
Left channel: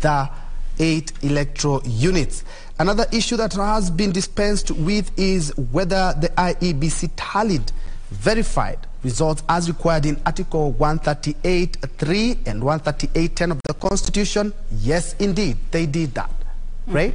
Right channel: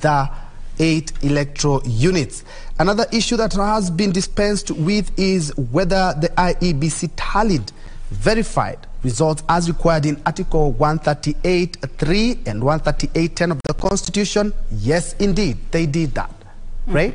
the 8 electoral units. Another issue that has been dispensed with is whether the IEBC tallied verified results as required in Article 138(3) and 138(10) of the Constitution. Yes, indeed, they did that. Right?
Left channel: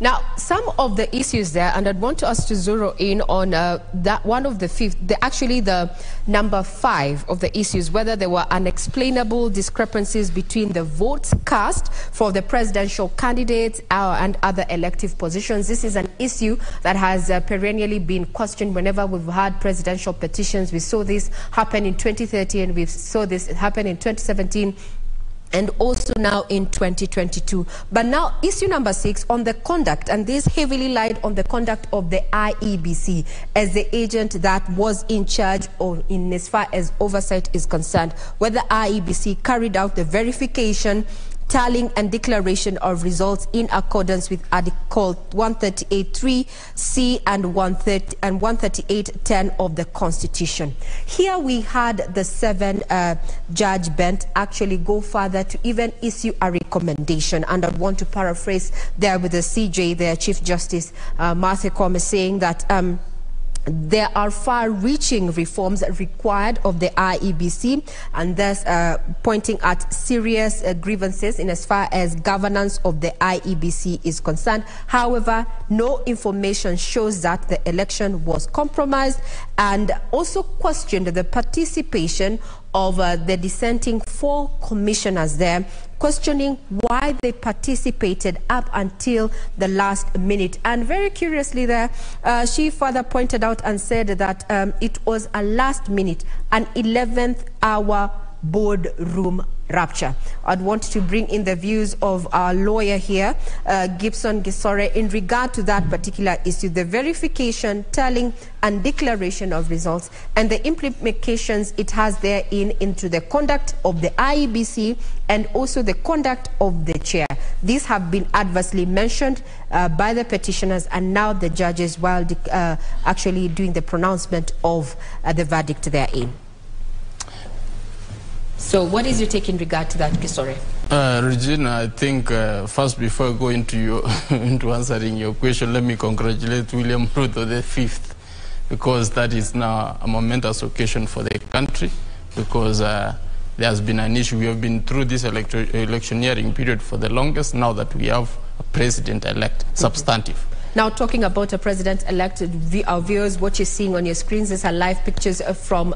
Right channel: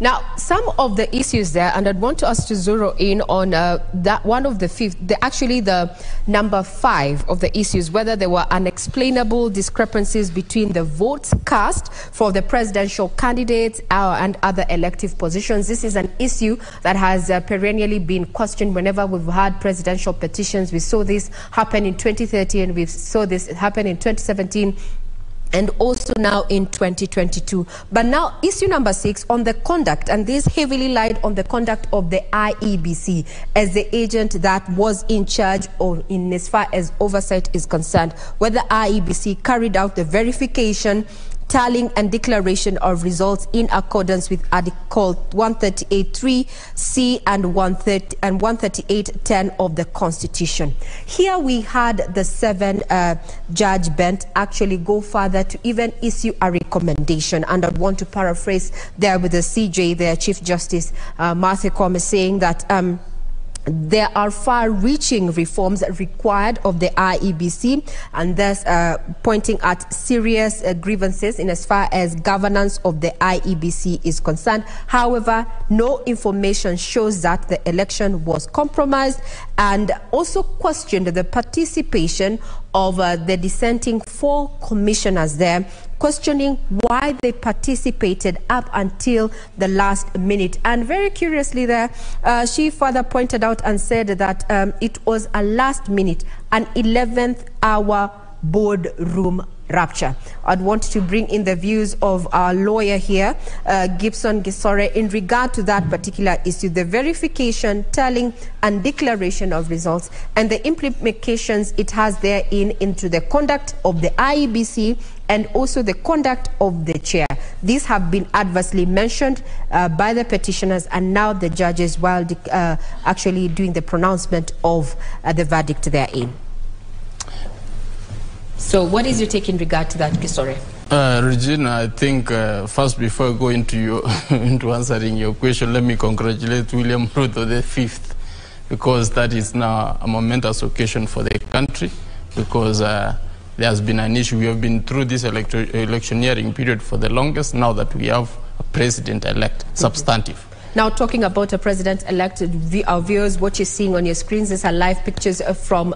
Now, some of the issues there, and I'd want us to zero in on that one of the 5th, actually the number 5 of the issues, whether there were unexplainable discrepancies between the votes cast for the presidential candidates and other elective positions. This is an issue that has perennially been questioned whenever we've had presidential petitions. We saw this happen in 2013, and we saw this happen in 2017. And also now in 2022. But now issue number 6 on the conduct, and this heavily lied on the conduct of the IEBC as the agent that was in charge, or in as far as oversight is concerned, whether IEBC carried out the verification, tallying and declaration of results in accordance with Article 138(3)(c) and 138(10) of the Constitution. Here we had the 7-judge bench actually go further to even issue a recommendation, and I want to paraphrase there with the CJ, their Chief Justice Mafanikio, saying that there are far-reaching reforms required of the IEBC, and thus pointing at serious grievances in as far as governance of the IEBC is concerned. However, no information shows that the election was compromised, and also questioned the participation of the dissenting 4 commissioners there, questioning why they participated up until the last minute. And very curiously there, she further pointed out and said that it was a last minute, an 11th hour boardroom rupture. I'd want to bring in the views of our lawyer here, Gibson Gisore, in regard to that particular issue, the verification, tallying and declaration of results, and the implications it has therein into the conduct of the IEBC and also the conduct of the chair. These have been adversely mentioned by the petitioners, and now the judges, while actually doing the pronouncement of the verdict therein. So what is your take in regard to that, Gisore? Regina, I think first, before I go into into answering your question, let me congratulate William Ruto the 5th, because that is now a momentous occasion for the country, because there has been an issue. We have been through this electioneering period for the longest, now that we have a president-elect, substantive. Now, talking about a president-elect, our viewers, what you're seeing on your screens is live pictures from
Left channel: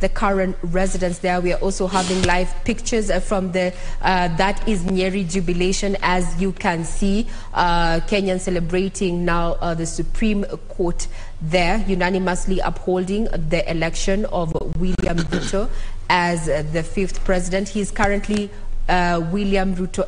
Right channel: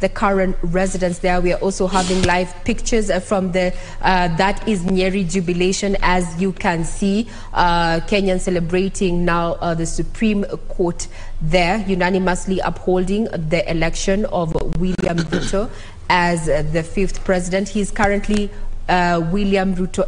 the current residence there. We are also having live pictures from the, that is Nyeri jubilation, as you can see. Kenyans celebrating now the Supreme Court there, unanimously upholding the election of William Ruto as the 5th president. He is currently William Ruto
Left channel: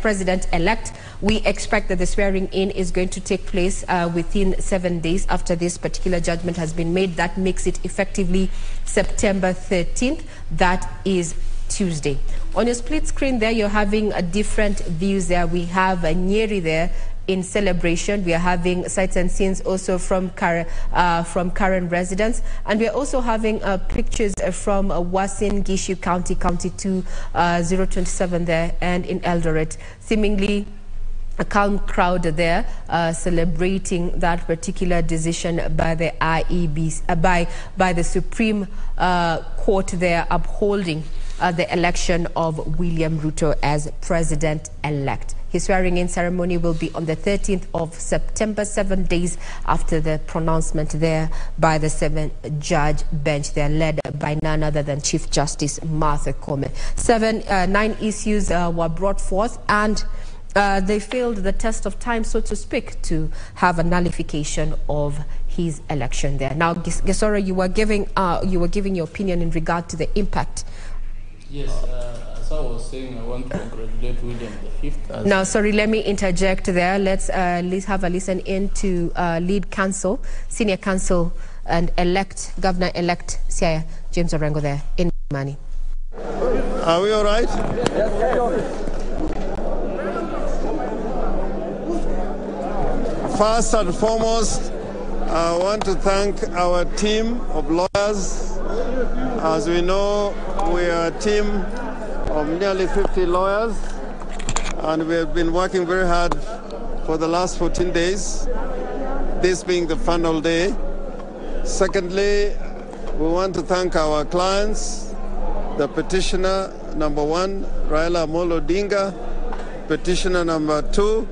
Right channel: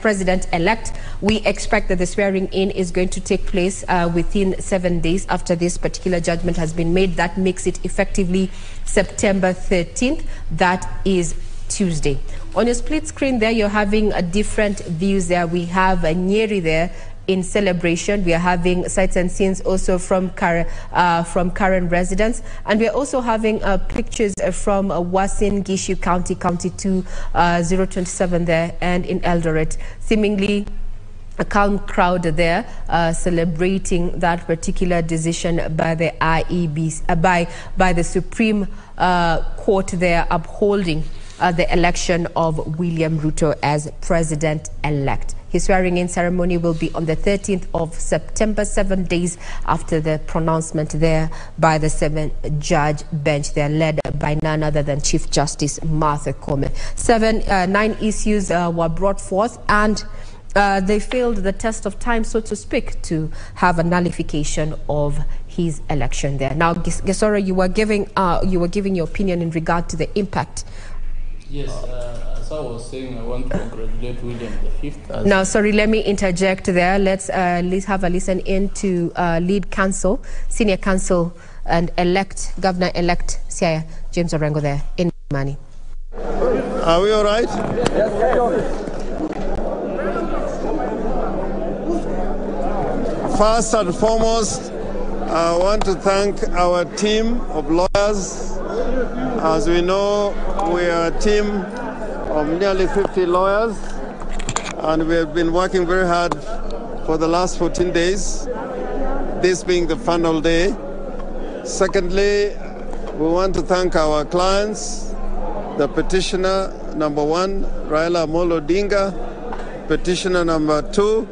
president-elect. We expect that the swearing in is going to take place within 7 days after this particular judgment has been made. That makes it effectively September 13th. That is Tuesday. On your split screen there, you're having different views there. We have Nyeri there in celebration. We are having sights and scenes also from current residents, and we are also having pictures from Uasin Gishu County, County 2, 027 there, and in Eldoret. Seemingly a calm crowd there celebrating that particular decision by the IEBC, by the Supreme Court there, upholding the election of William Ruto as president-elect. His swearing-in ceremony will be on the 13th of September, 7 days after the pronouncement there by the 7-judge bench. They are led by none other than Chief Justice Mafanikio. 9 issues were brought forth, and they failed the test of time, so to speak, to have a nullification of his election there. Now, Gisore, you were giving your opinion in regard to the impact. Yes, as I was saying, I want to congratulate William the 5th. Now, sorry, let me interject there. Let's have a listen in to lead counsel, senior counsel, and governor-elect Siaya James Orengo there in Mani. Are we all right? First and foremost, I want to thank our team of lawyers. As we know, we are a team of nearly 50 lawyers, and we have been working very hard for the last 14 days, this being the final day. Secondly, we want to thank our clients, the petitioner number 1, Raila Amolo Odinga, petitioner number 2,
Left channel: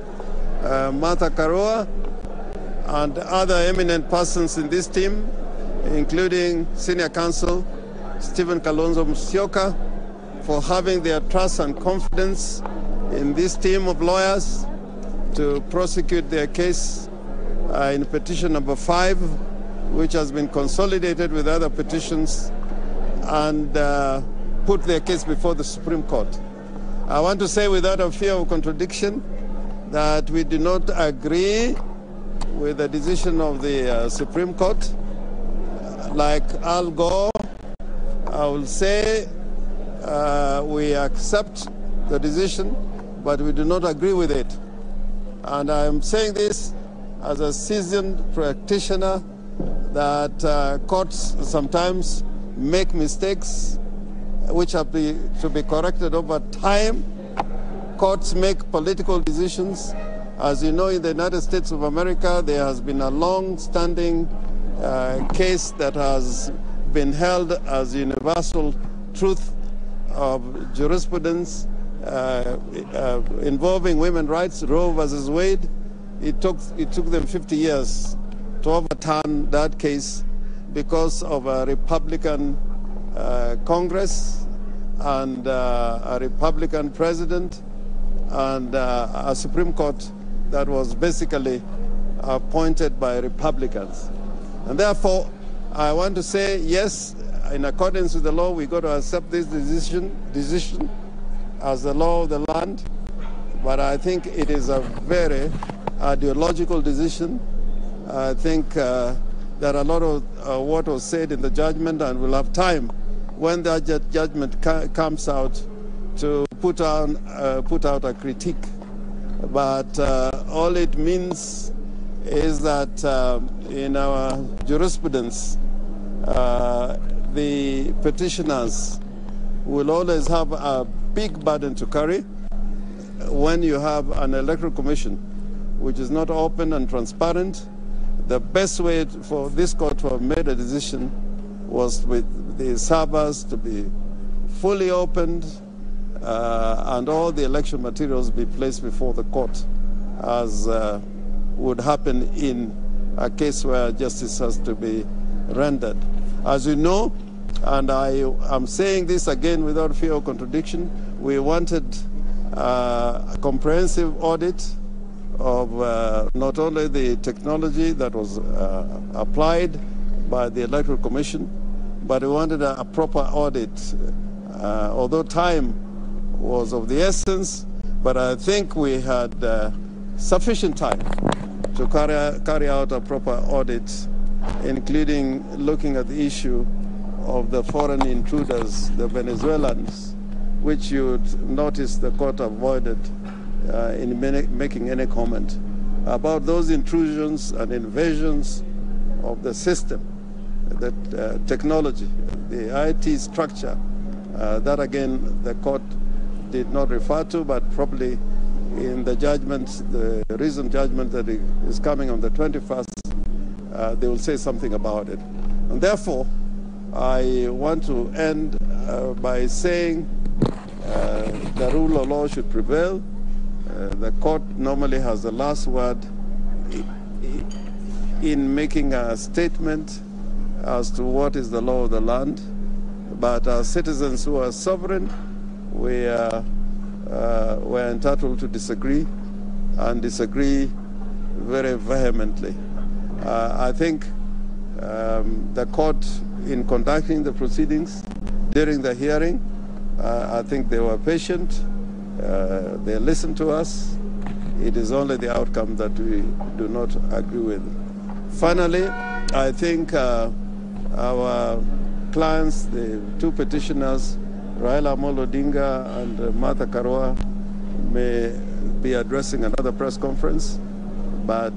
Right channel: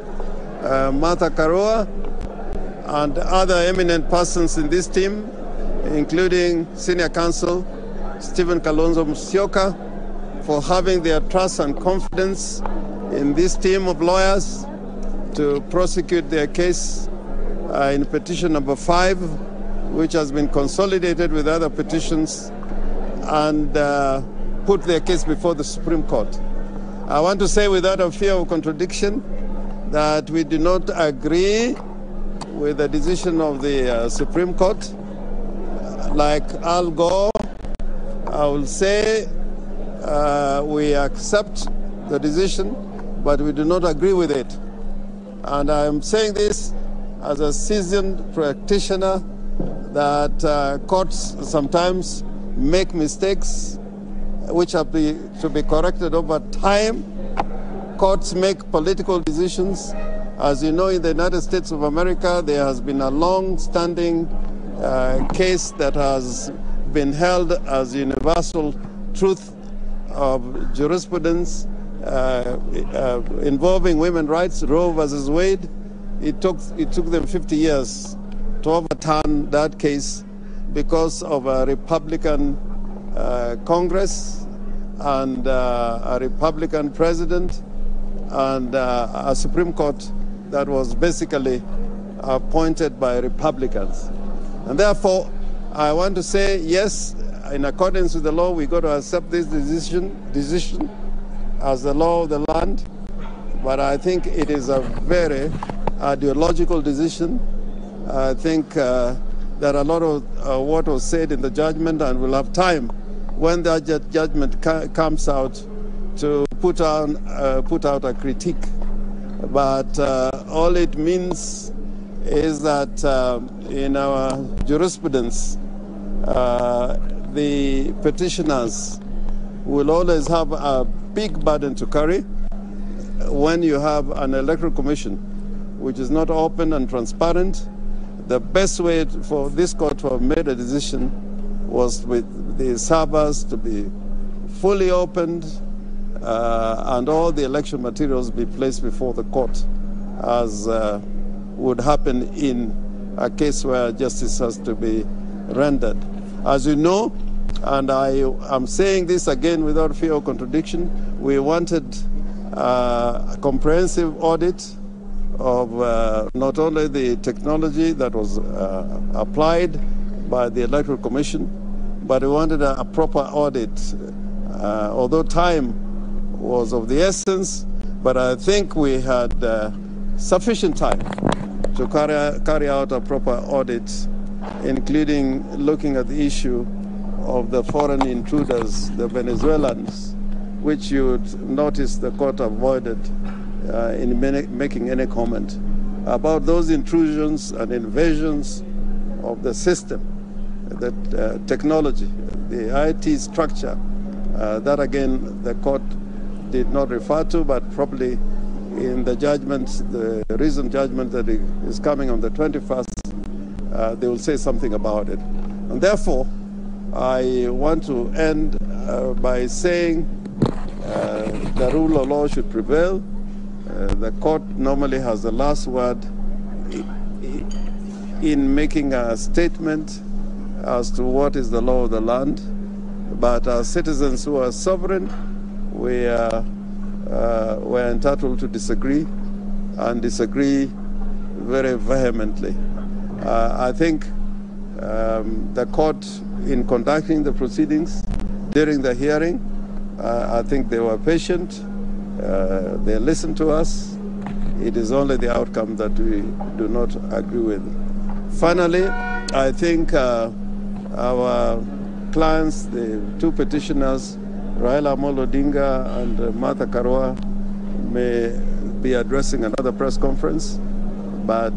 Martha Karua, and other eminent persons in this team, including senior counsel Stephen Kalonzo Musyoka, for having their trust and confidence in this team of lawyers to prosecute their case in petition number 5, which has been consolidated with other petitions, and put their case before the Supreme Court. I want to say without a fear of contradiction that we do not agree with the decision of the Supreme Court. Like Al Gore, I will say we accept the decision, but we do not agree with it. And I am saying this as a seasoned practitioner that courts sometimes make mistakes which have to be corrected over time. Courts make political decisions. As you know, in the United States of America, there has been a long-standing case that has been held as universal truth of jurisprudence involving women's rights, Roe versus Wade. It took them 50 years to overturn that case because of a Republican Congress and a Republican president and a Supreme Court that was basically appointed by Republicans. And therefore, I want to say, yes, in accordance with the law, we got to accept this decision as the law of the land. But I think it is a very ideological decision. I think there are a lot of what was said in the judgment, and we'll have time when that judgment comes out to put out a critique. But all it means is that in our jurisprudence, the petitioners will always have a big burden to carry when you have an electoral commission which is not open and transparent. The best way for this court to have made a decision was with the servers to be fully opened and all the election materials be placed before the court, as would happen in a case where justice has to be rendered. As you know, and I am saying this again without fear of contradiction, we wanted a comprehensive audit of not only the technology that was applied by the Electoral Commission, but we wanted a proper audit. Although time was of the essence, but I think we had sufficient time to carry out a proper audit, including looking at the issue of the foreign intruders, the Venezuelans, which you'd notice the court avoided in making any comment about those intrusions and invasions of the system, the technology, the IT structure. That again, the court did not refer to, but probably in the judgment, the recent judgment that is coming on the 21st, they will say something about it. And therefore, I want to end by saying the rule of law should prevail. The court normally has the last word in making a statement as to what is the law of the land. But as citizens who are sovereign, we're entitled to disagree, and disagree very vehemently. I think the court, in conducting the proceedings during the hearing, I think they were patient. They listened to us. It is only the outcome that we do not agree with. Finally, I think our clients, the two petitioners, Raila Amolo Odinga and Martha Karua, may be addressing another press conference, but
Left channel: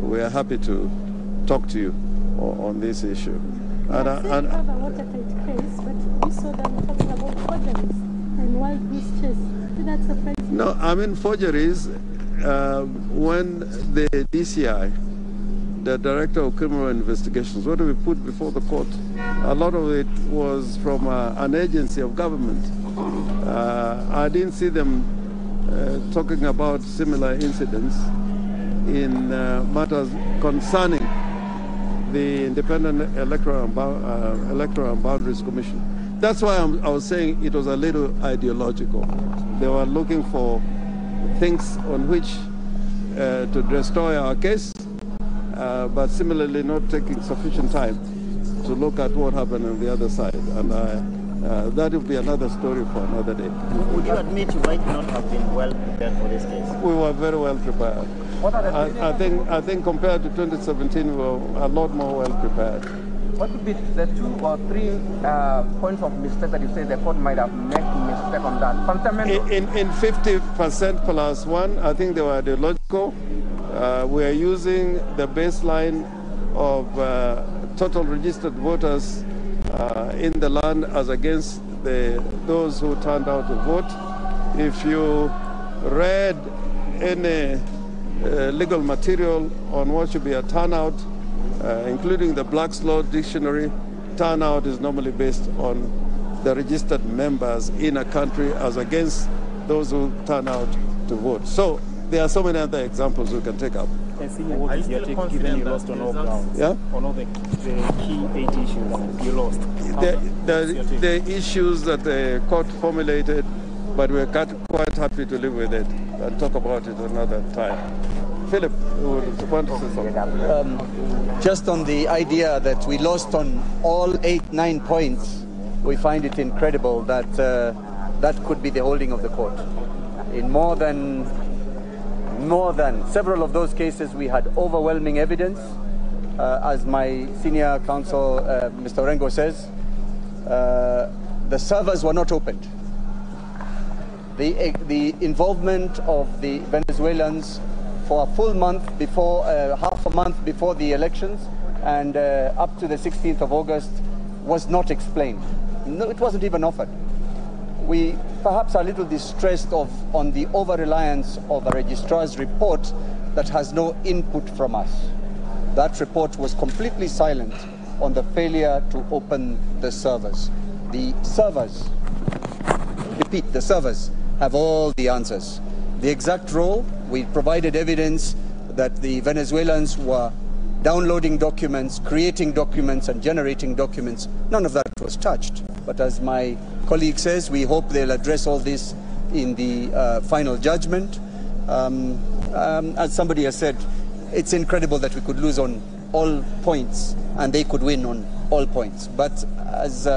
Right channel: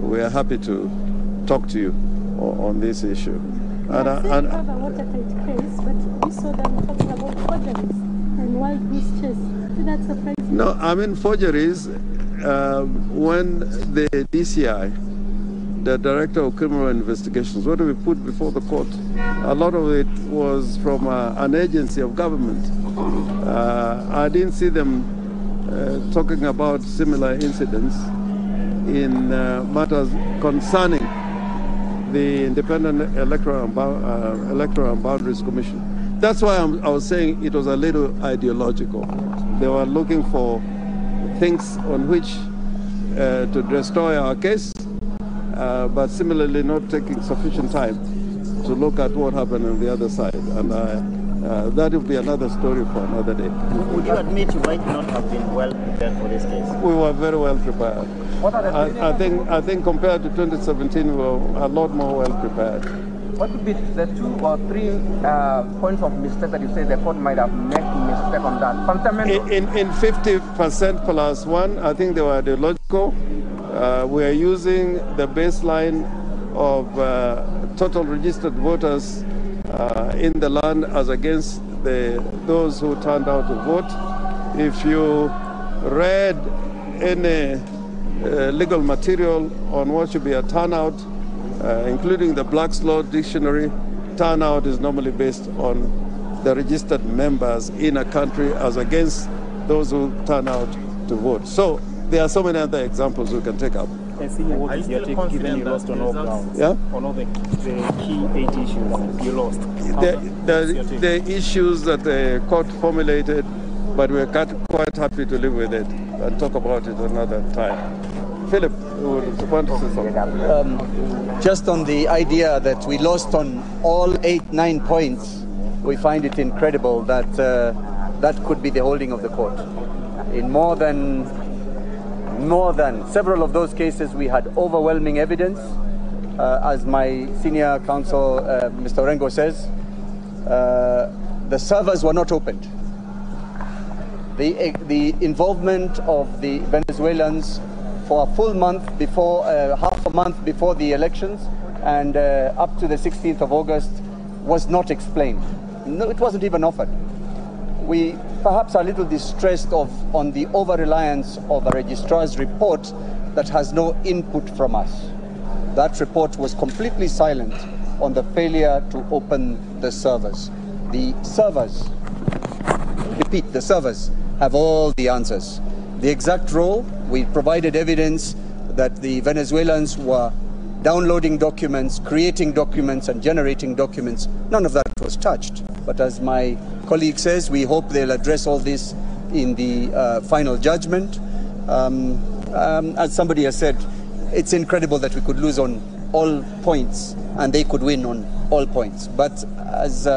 we are happy to talk to you on this issue. And you have a watertight case, but we saw them talking about forgeries and wild goose chase. Did that surprise you? No, I mean forgeries. When the DCI, the Director of Criminal Investigations, what we put before the court, a lot of it was from an agency of government. I didn't see them talking about similar incidents in matters concerning the Independent Electoral and Boundaries Commission. That's why I was saying it was a little ideological. They were looking for things on which to destroy our case, but similarly not taking sufficient time to look at what happened on the other side. And that will be another story for another day. Would you admit you might not have been well prepared for this case? We were very well prepared. I think compared to 2017, we were a lot more well prepared. What would be the 2 or 3 points of mistake that you say the court might have made mistake on that? Fundamental. In 50% plus 1, I think they were ideological. We are using the baseline of total registered voters in the land as against those who turned out to vote. If you read any legal material on what should be a turnout, including the Black's Law Dictionary, turnout is normally based on the registered members in a country as against those who turn out to vote. So there are so many other examples we can take up. What is your take, given you lost on all grounds? Yeah? On all the key 8 issues you lost. The issues that the court formulated, but we're quite happy to live with it and talk about it another time. Philip, you want to say something? Just on the idea that we lost on all 8-9 points, we find it incredible that that could be the holding of the court. In more than several of those cases, we had overwhelming evidence. As my senior counsel, Mr. Orengo says, the servers were not opened. The involvement of the Venezuelans for a full month before, half a month before the elections and up to the 16th of August was not explained. No, it wasn't even offered. We perhaps are a little distressed on the over-reliance of a registrar's report that has no input from us. That report was completely silent on the failure to open the servers. The servers, repeat, the servers have all the answers. The exact role, we provided evidence that the Venezuelans were downloading documents, creating documents, and generating documents. None of that was touched. But as my colleague says, we hope they'll address all this in the final judgment. As somebody has said, it's incredible that we could lose on all points and they could win on all points. But as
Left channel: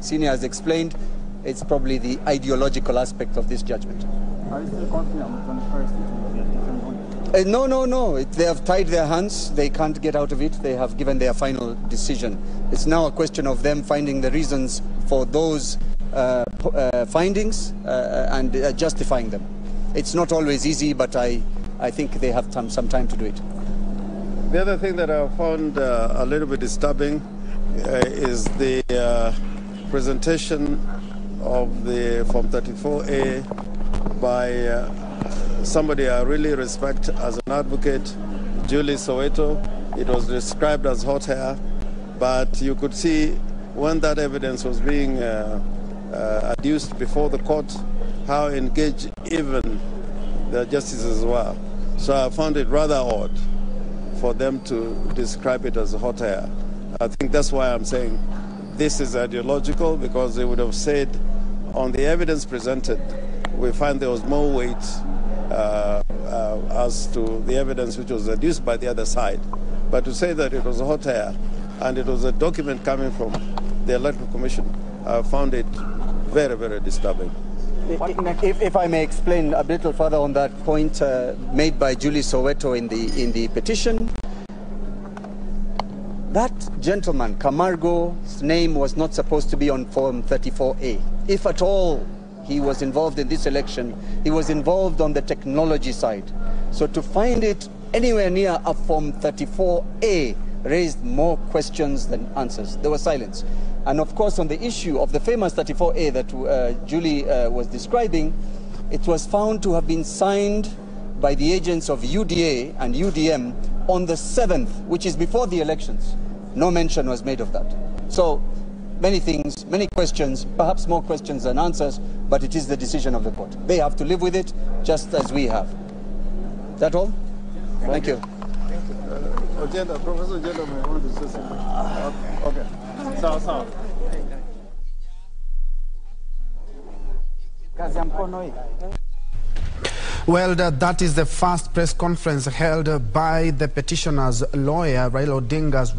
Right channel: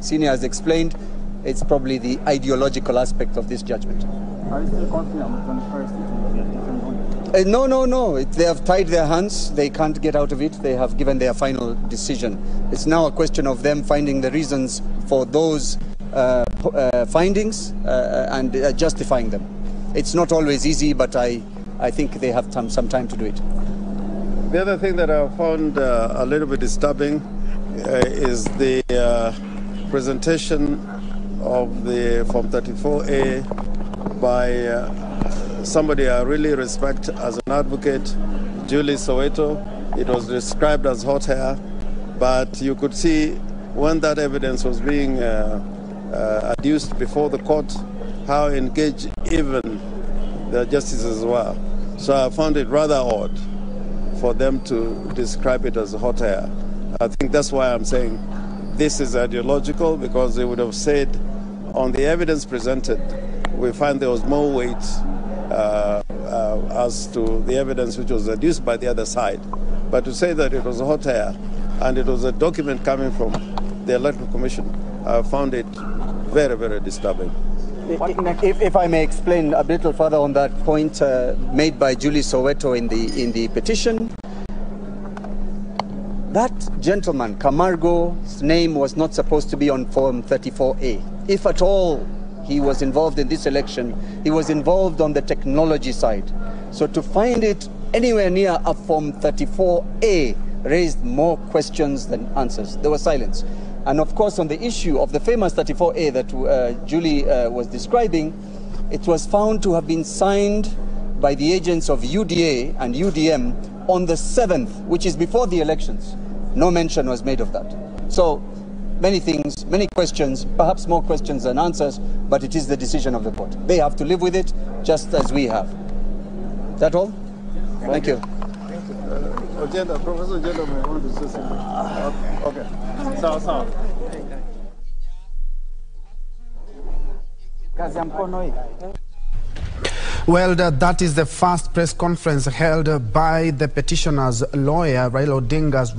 Senior has explained, it's probably the ideological aspect of this judgment. Are you still confident on the first different No. They have tied their hands. They can't get out of it. They have given their final decision. It's now a question of them finding the reasons for those findings and justifying them. It's not always easy, but I think they have some time to do it. The other thing that I found a little bit disturbing is the presentation of the Form 34A by somebody I really respect as an advocate, Julie Soweto. It was described as hot hair, but you could see when that evidence was being adduced before the court, how engaged even the justices were. So I found it rather odd for them to describe it as hot air. I think that's why I'm saying this is ideological, because they would have said on the evidence presented, we find there was more weight as to the evidence which was adduced by the other side. But to say that it was hot air and it was a document coming from the Electoral Commission, I found it very, very disturbing. If I may explain a little further on that point made by Julie Soweto in the petition, that gentleman, Camargo's name was not supposed to be on Form 34A. If at all he was involved in this election, he was involved on the technology side. So to find it anywhere near a Form 34A raised more questions than answers. There was silence. And of course, on the issue of the famous 34A that Julie was describing, it was found to have been signed by the agents of UDA and UDM on the 7th, which is before the elections. No mention was made of that. So many things, many questions, perhaps more questions than answers, but it is the decision of the court. They have to live with it just as we have. Is that all? Thank you. Professor Agenda may want to say something. Okay. Sawa. Well, that is the first press conference held by the petitioner's lawyer, Raila Odinga's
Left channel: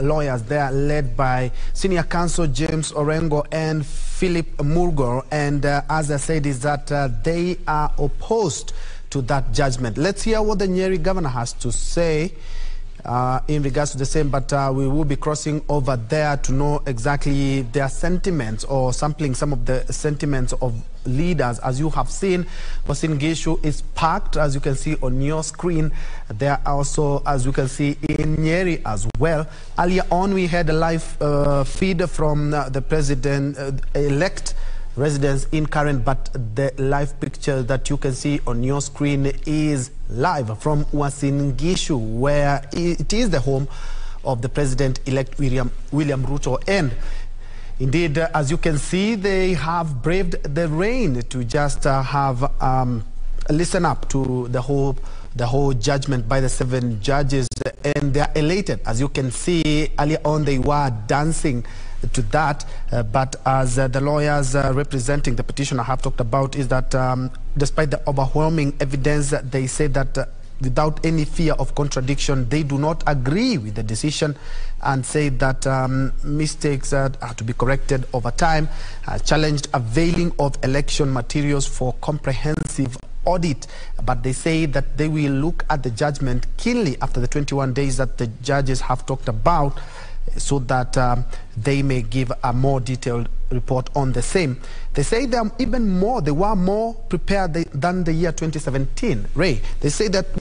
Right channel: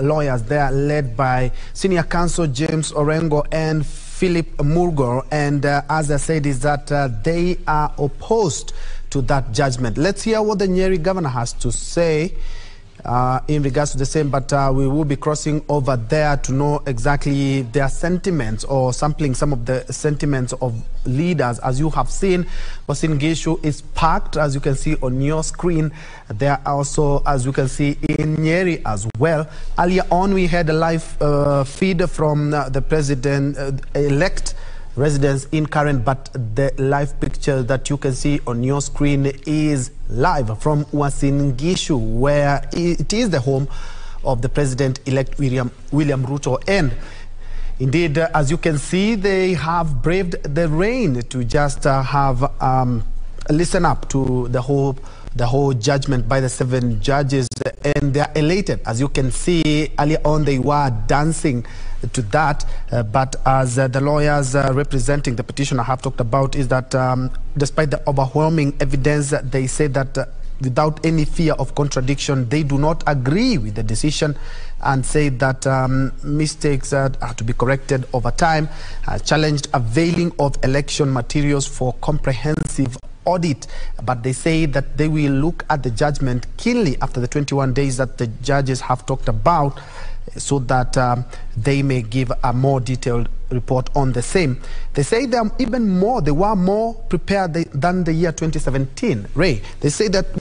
lawyers. They are led by Senior Counsel James Orengo and Philip Murgor. And as I said, is that they are opposed to that judgment. Let's hear what the Nyeri governor has to say in regards to the same, but we will be crossing over there to know exactly their sentiments or sampling some of the sentiments of leaders. As you have seen, Uasin Gishu is packed, as you can see on your screen. There are also, as you can see, in Nyeri as well. Earlier on, we had a live feed from the president-elect residents in Karen, but the live picture that you can see on your screen is live from Uasin Gishu, where it is the home of the president-elect William Ruto. And indeed, as you can see, they have braved the rain to just listen up to the whole judgment by the 7 judges, and they are elated. As you can see, earlier on they were dancing to that, but as the lawyers representing the petitioner have talked about, is that despite the overwhelming evidence, they say that without any fear of contradiction, they do not agree with the decision and say that mistakes are to be corrected over time, challenged availing of election materials for comprehensive audit, but they say that they will look at the judgment keenly after the 21 days that the judges have talked about, so that they may give a more detailed report on the same. They say they were more prepared than the year 2017. Ray, they say that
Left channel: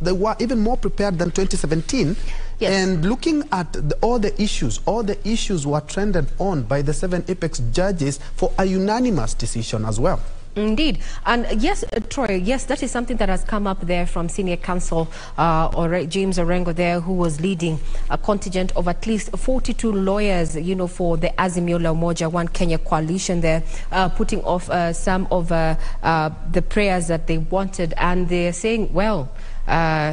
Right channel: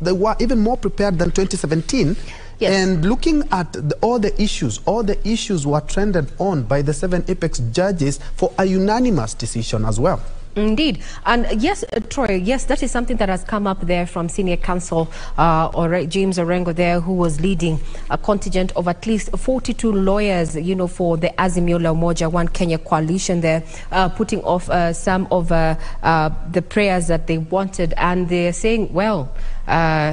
they were even more prepared than 2017. Yes. And looking at all the issues were trended on by the 7 apex judges for a unanimous decision as well. Indeed. And yes, Troy, yes, that is something that has come up there from senior counsel James Orengo there, who was leading a contingent of at least 42 lawyers, for the Azimio la Umoja One Kenya coalition there, putting off some of the prayers that they wanted. And they're saying, well,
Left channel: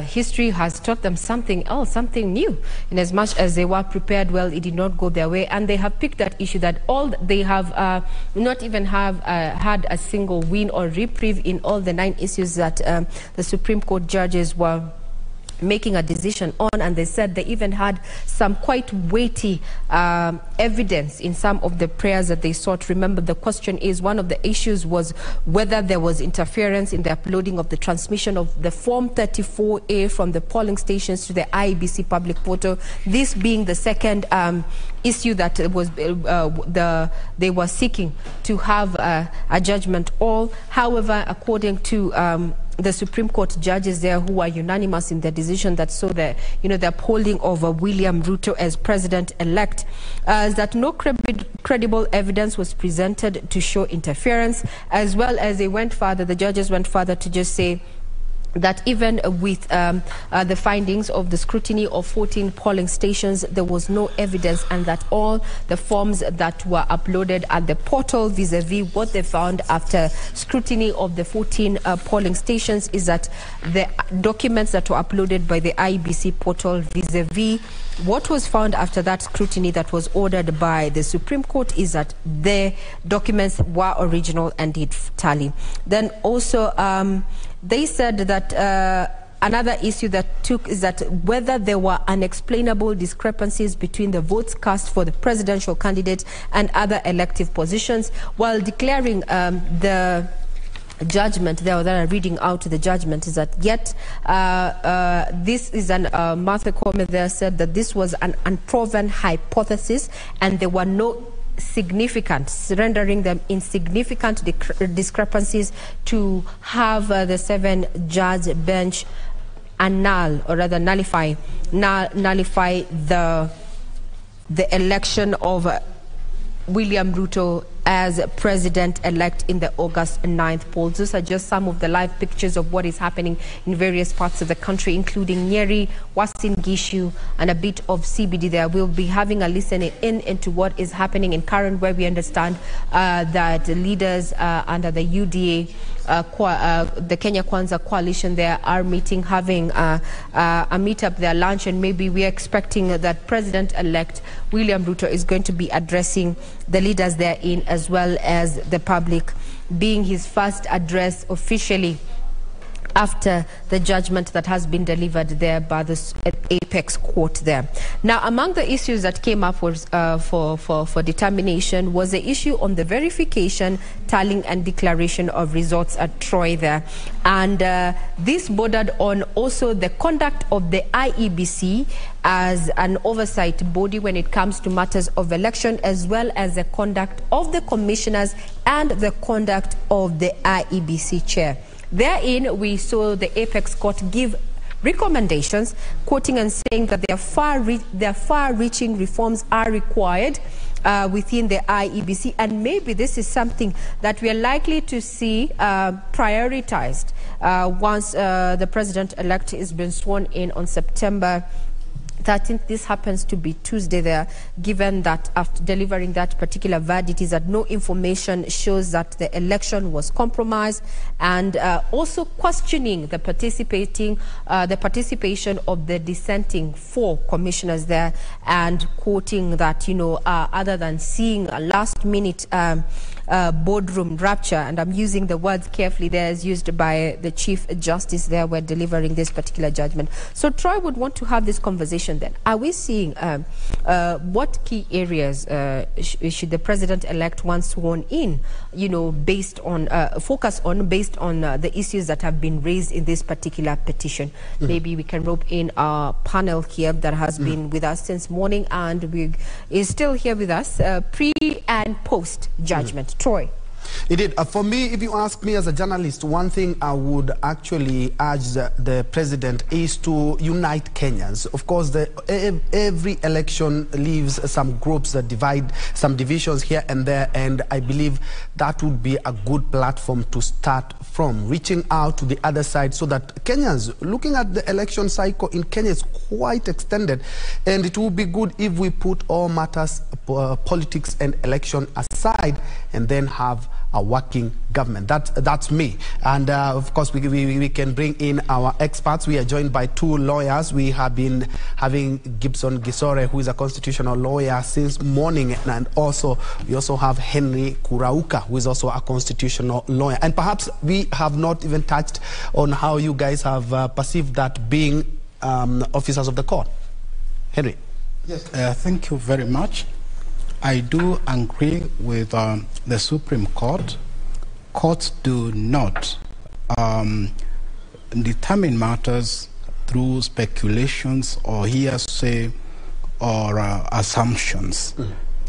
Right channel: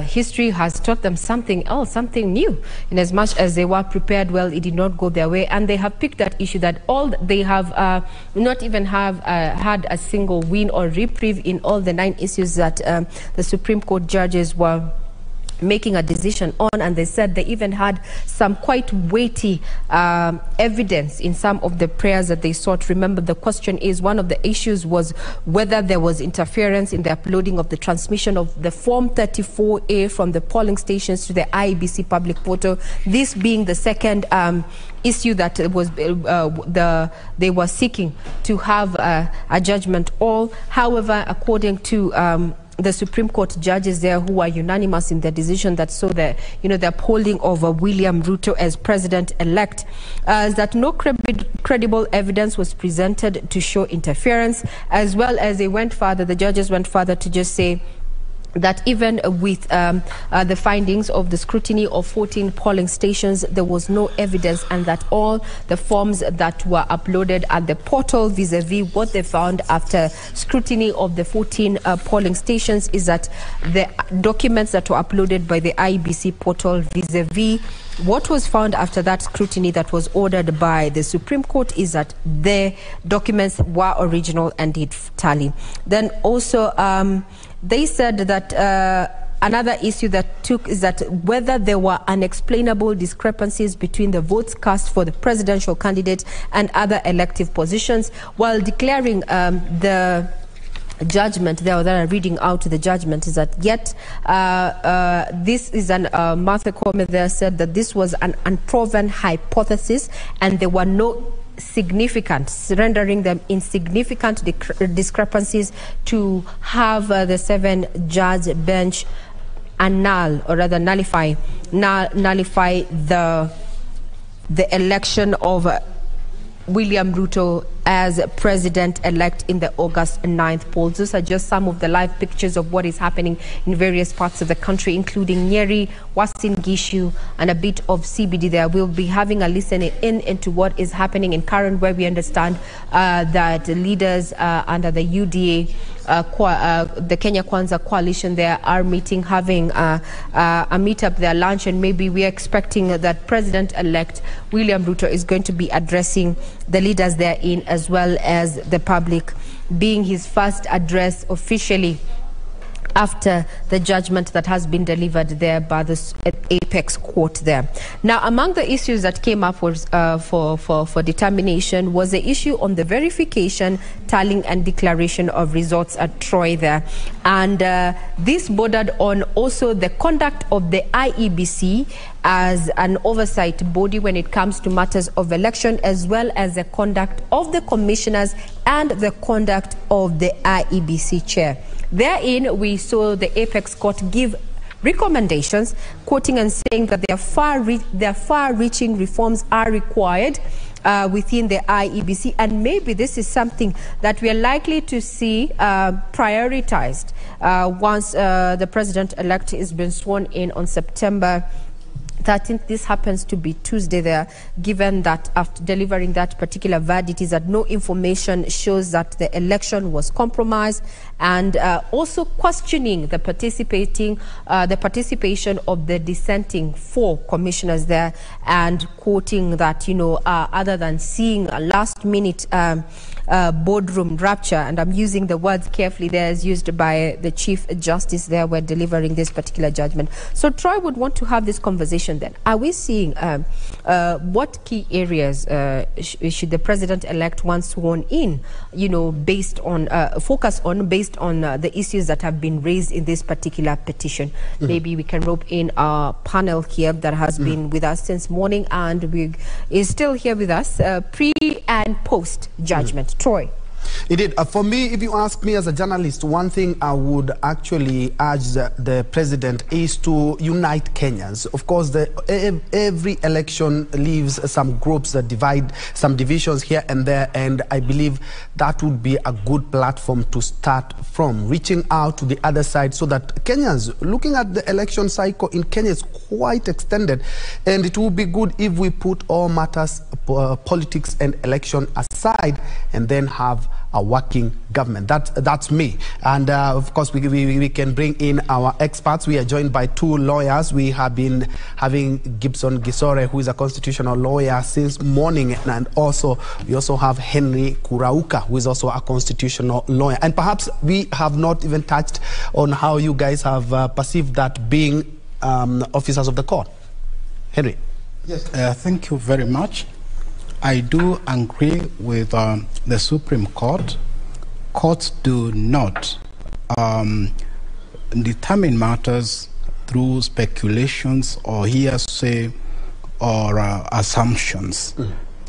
history has taught them something else, something new. In as much as they were prepared, well, it did not go their way, and they have picked that issue that all they have not even have had a single win or reprieve in all the 9 issues that the Supreme Court judges were making a decision on, and they said they even had some quite weighty evidence in some of the prayers that they sought. Remember, the question is, one of the issues was whether there was interference in the uploading of the transmission of the Form 34A from the polling stations to the IEBC public portal, this being the second issue that was they were seeking to have a judgment all. However, according to the Supreme Court judges there, who are unanimous in their decision that saw the upholding of William Ruto as president-elect, is that no credible evidence was presented to show interference, as well as the judges went further to just say that even with the findings of the scrutiny of 14 polling stations, there was no evidence, and that all the forms that were uploaded at the portal vis-a-vis what they found after scrutiny of the 14 polling stations is that the documents that were uploaded by the IEBC portal vis-a-vis what was found after that scrutiny that was ordered by the Supreme Court is that the documents were original and did tally. Then also they said that another issue that took is that whether there were unexplainable discrepancies between the votes cast for the presidential candidate and other elective positions, while declaring the judgment there, that are reading out the judgment, is that yet this is an Martha Koome there said that this was an unproven hypothesis and there were no significant, rendering them insignificant discrepancies to have the 7-judge bench annul, or rather nullify the election of William Ruto as president-elect in the August 9th polls. Those are just some of the live pictures of what is happening in various parts of the country, including Nyeri, Uasin Gishu, and a bit of CBD there. We'll be having a listen into what is happening in Karen, where we understand that leaders under the UDA, the Kenya Kwanza coalition there, are meeting, having a meetup there, lunch, and maybe we are expecting that President-elect William Ruto is going to be addressing the leaders therein, as well as the public, being his first address officially after the judgment that has been delivered there by the apex court there. Now, among the issues that came up was, for determination was the issue on the verification, tallying and declaration of results at Troy there. And this bordered on also the conduct of the IEBC as an oversight body when it comes to matters of election, as well as the conduct of the commissioners and the conduct of the IEBC chair. Therein, we saw the apex court give recommendations, quoting and saying that their far-reaching reforms are required within the IEBC, and maybe this is something that we are likely to see prioritized once the president-elect has been sworn in on September 13th. This happens to be Tuesday there, given that after delivering that particular verdict is that no information shows that the election was compromised, and also questioning the participation of the dissenting 4 commissioners there, and quoting that, you know, other than seeing a last-minute boardroom rapture, and I'm using the words carefully there as used by the Chief Justice there when delivering this particular judgment. So Troy would want to have this conversation then. Are we seeing what key areas should the president-elect once sworn in, you know, based on, focus on based on the issues that have been raised in this particular petition? Maybe we can rope in our panel here that has been with us since morning and is still here with us pre and post judgment. Troy. Indeed. For me, if you ask me as a journalist, one thing I would actually urge the president is to unite Kenyans. Of course, every election leaves some groups that divide, some divisions here and there, and I believe that would be a good platform to start from, reaching out to the other side so that Kenyans, looking at the election cycle in Kenya is quite extended, and it would be good if we put all matters, politics and election aside, and then have a working government. That's me. And of course, we can bring in our experts. We are joined by 2 lawyers. We have been having Gibson Gisore, who is a constitutional lawyer since morning, and also we also have Henry Kurauka, who is also a constitutional lawyer. And perhaps we have not even touched on how you guys have perceived that being officers of the court. Henry. Yes, thank you very much. I do agree with the Supreme Court. Courts do not determine matters through speculations or hearsay or assumptions.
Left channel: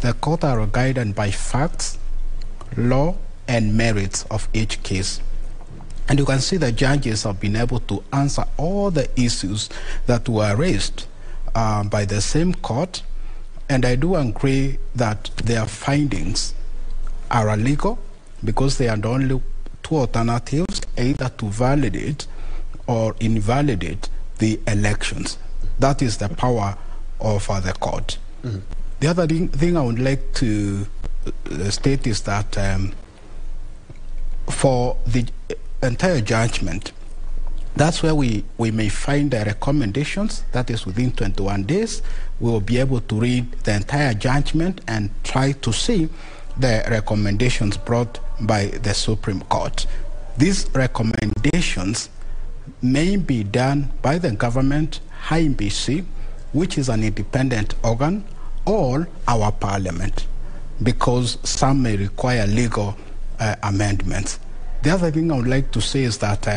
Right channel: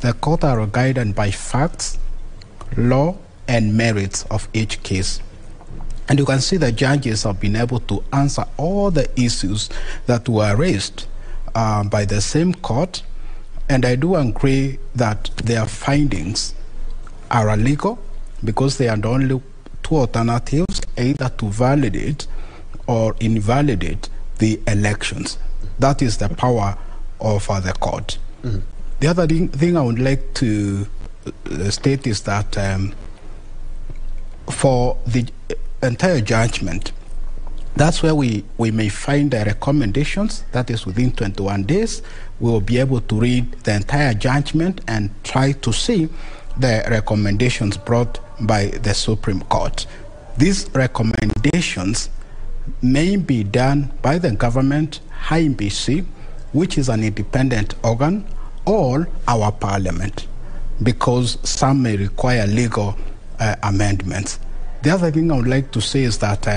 The court are guided by facts, law, and merits of each case. And you can see the judges have been able to answer all the issues that were raised by the same court. And I do agree that their findings are illegal because they are the only 2 alternatives, either to validate or invalidate the elections. That is the power of the court. The other thing I would like to state is that for the entire judgment, that's where we may find the recommendations. That is within 21 days. We will be able to read the entire judgment and try to see the recommendations brought by the Supreme Court. These recommendations may be done by the government, IEBC, which is an independent organ, or our parliament, because some may require legal amendments. The other thing I would like to say is that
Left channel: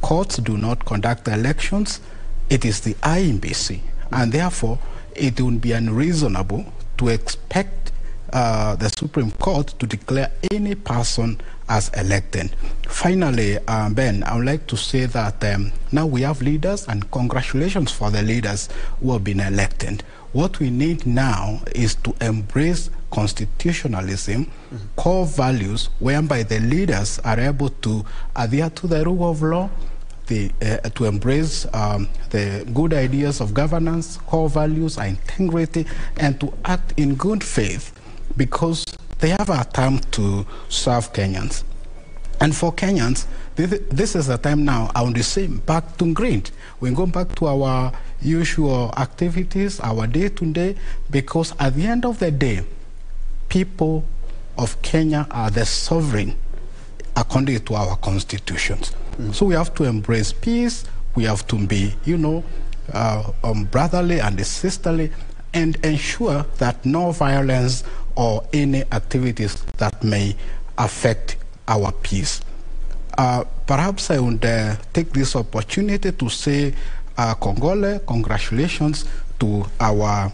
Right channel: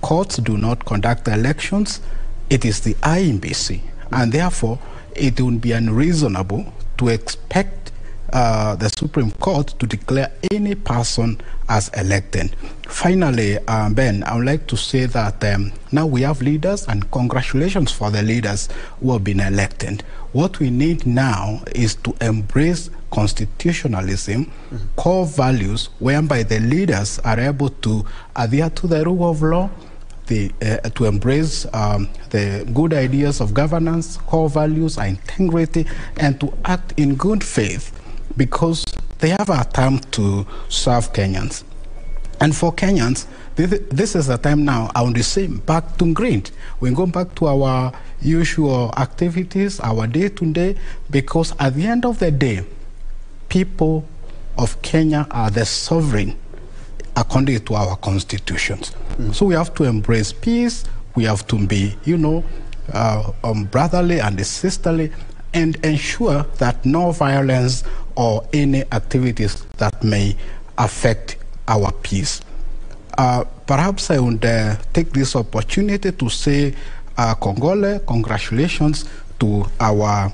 courts do not conduct elections. It is the IEBC, and therefore it would be unreasonable to expect the Supreme Court to declare any person as elected. Finally, Ben, I would like to say that now we have leaders, and congratulations for the leaders who have been elected. What we need now is to embrace constitutionalism, core values, whereby the leaders are able to adhere to the rule of law, to embrace the good ideas of governance, core values, integrity, and to act in good faith, because they have a time to serve Kenyans. And for Kenyans, this is the time now, I want to say, back to green. We go back to our usual activities, our day-to-day, because at the end of the day, people of Kenya are the sovereign according to our constitutions. So we have to embrace peace. We have to be, brotherly and sisterly, and ensure that no violence or any activities that may affect our peace. Perhaps I would take this opportunity to say congratulations to our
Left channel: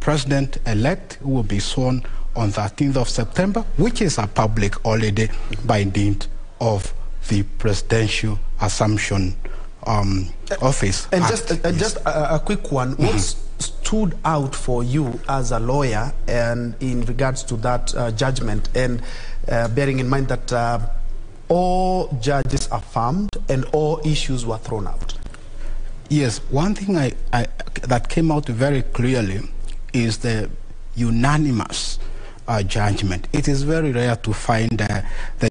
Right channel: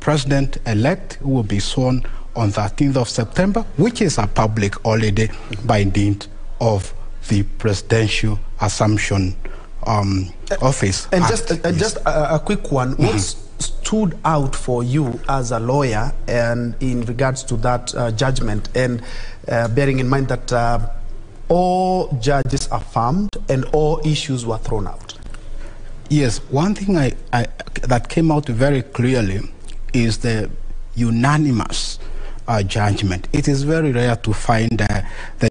President-elect, who will be sworn on 13th of September, which is a public holiday by dint of the presidential assumption office. And just a quick one. What stood out for you as a lawyer and in regards to that judgment, and bearing in mind that all judges affirmed and all issues were thrown out? Yes, one thing that came out very clearly is the unanimous judgment. It is very rare to find the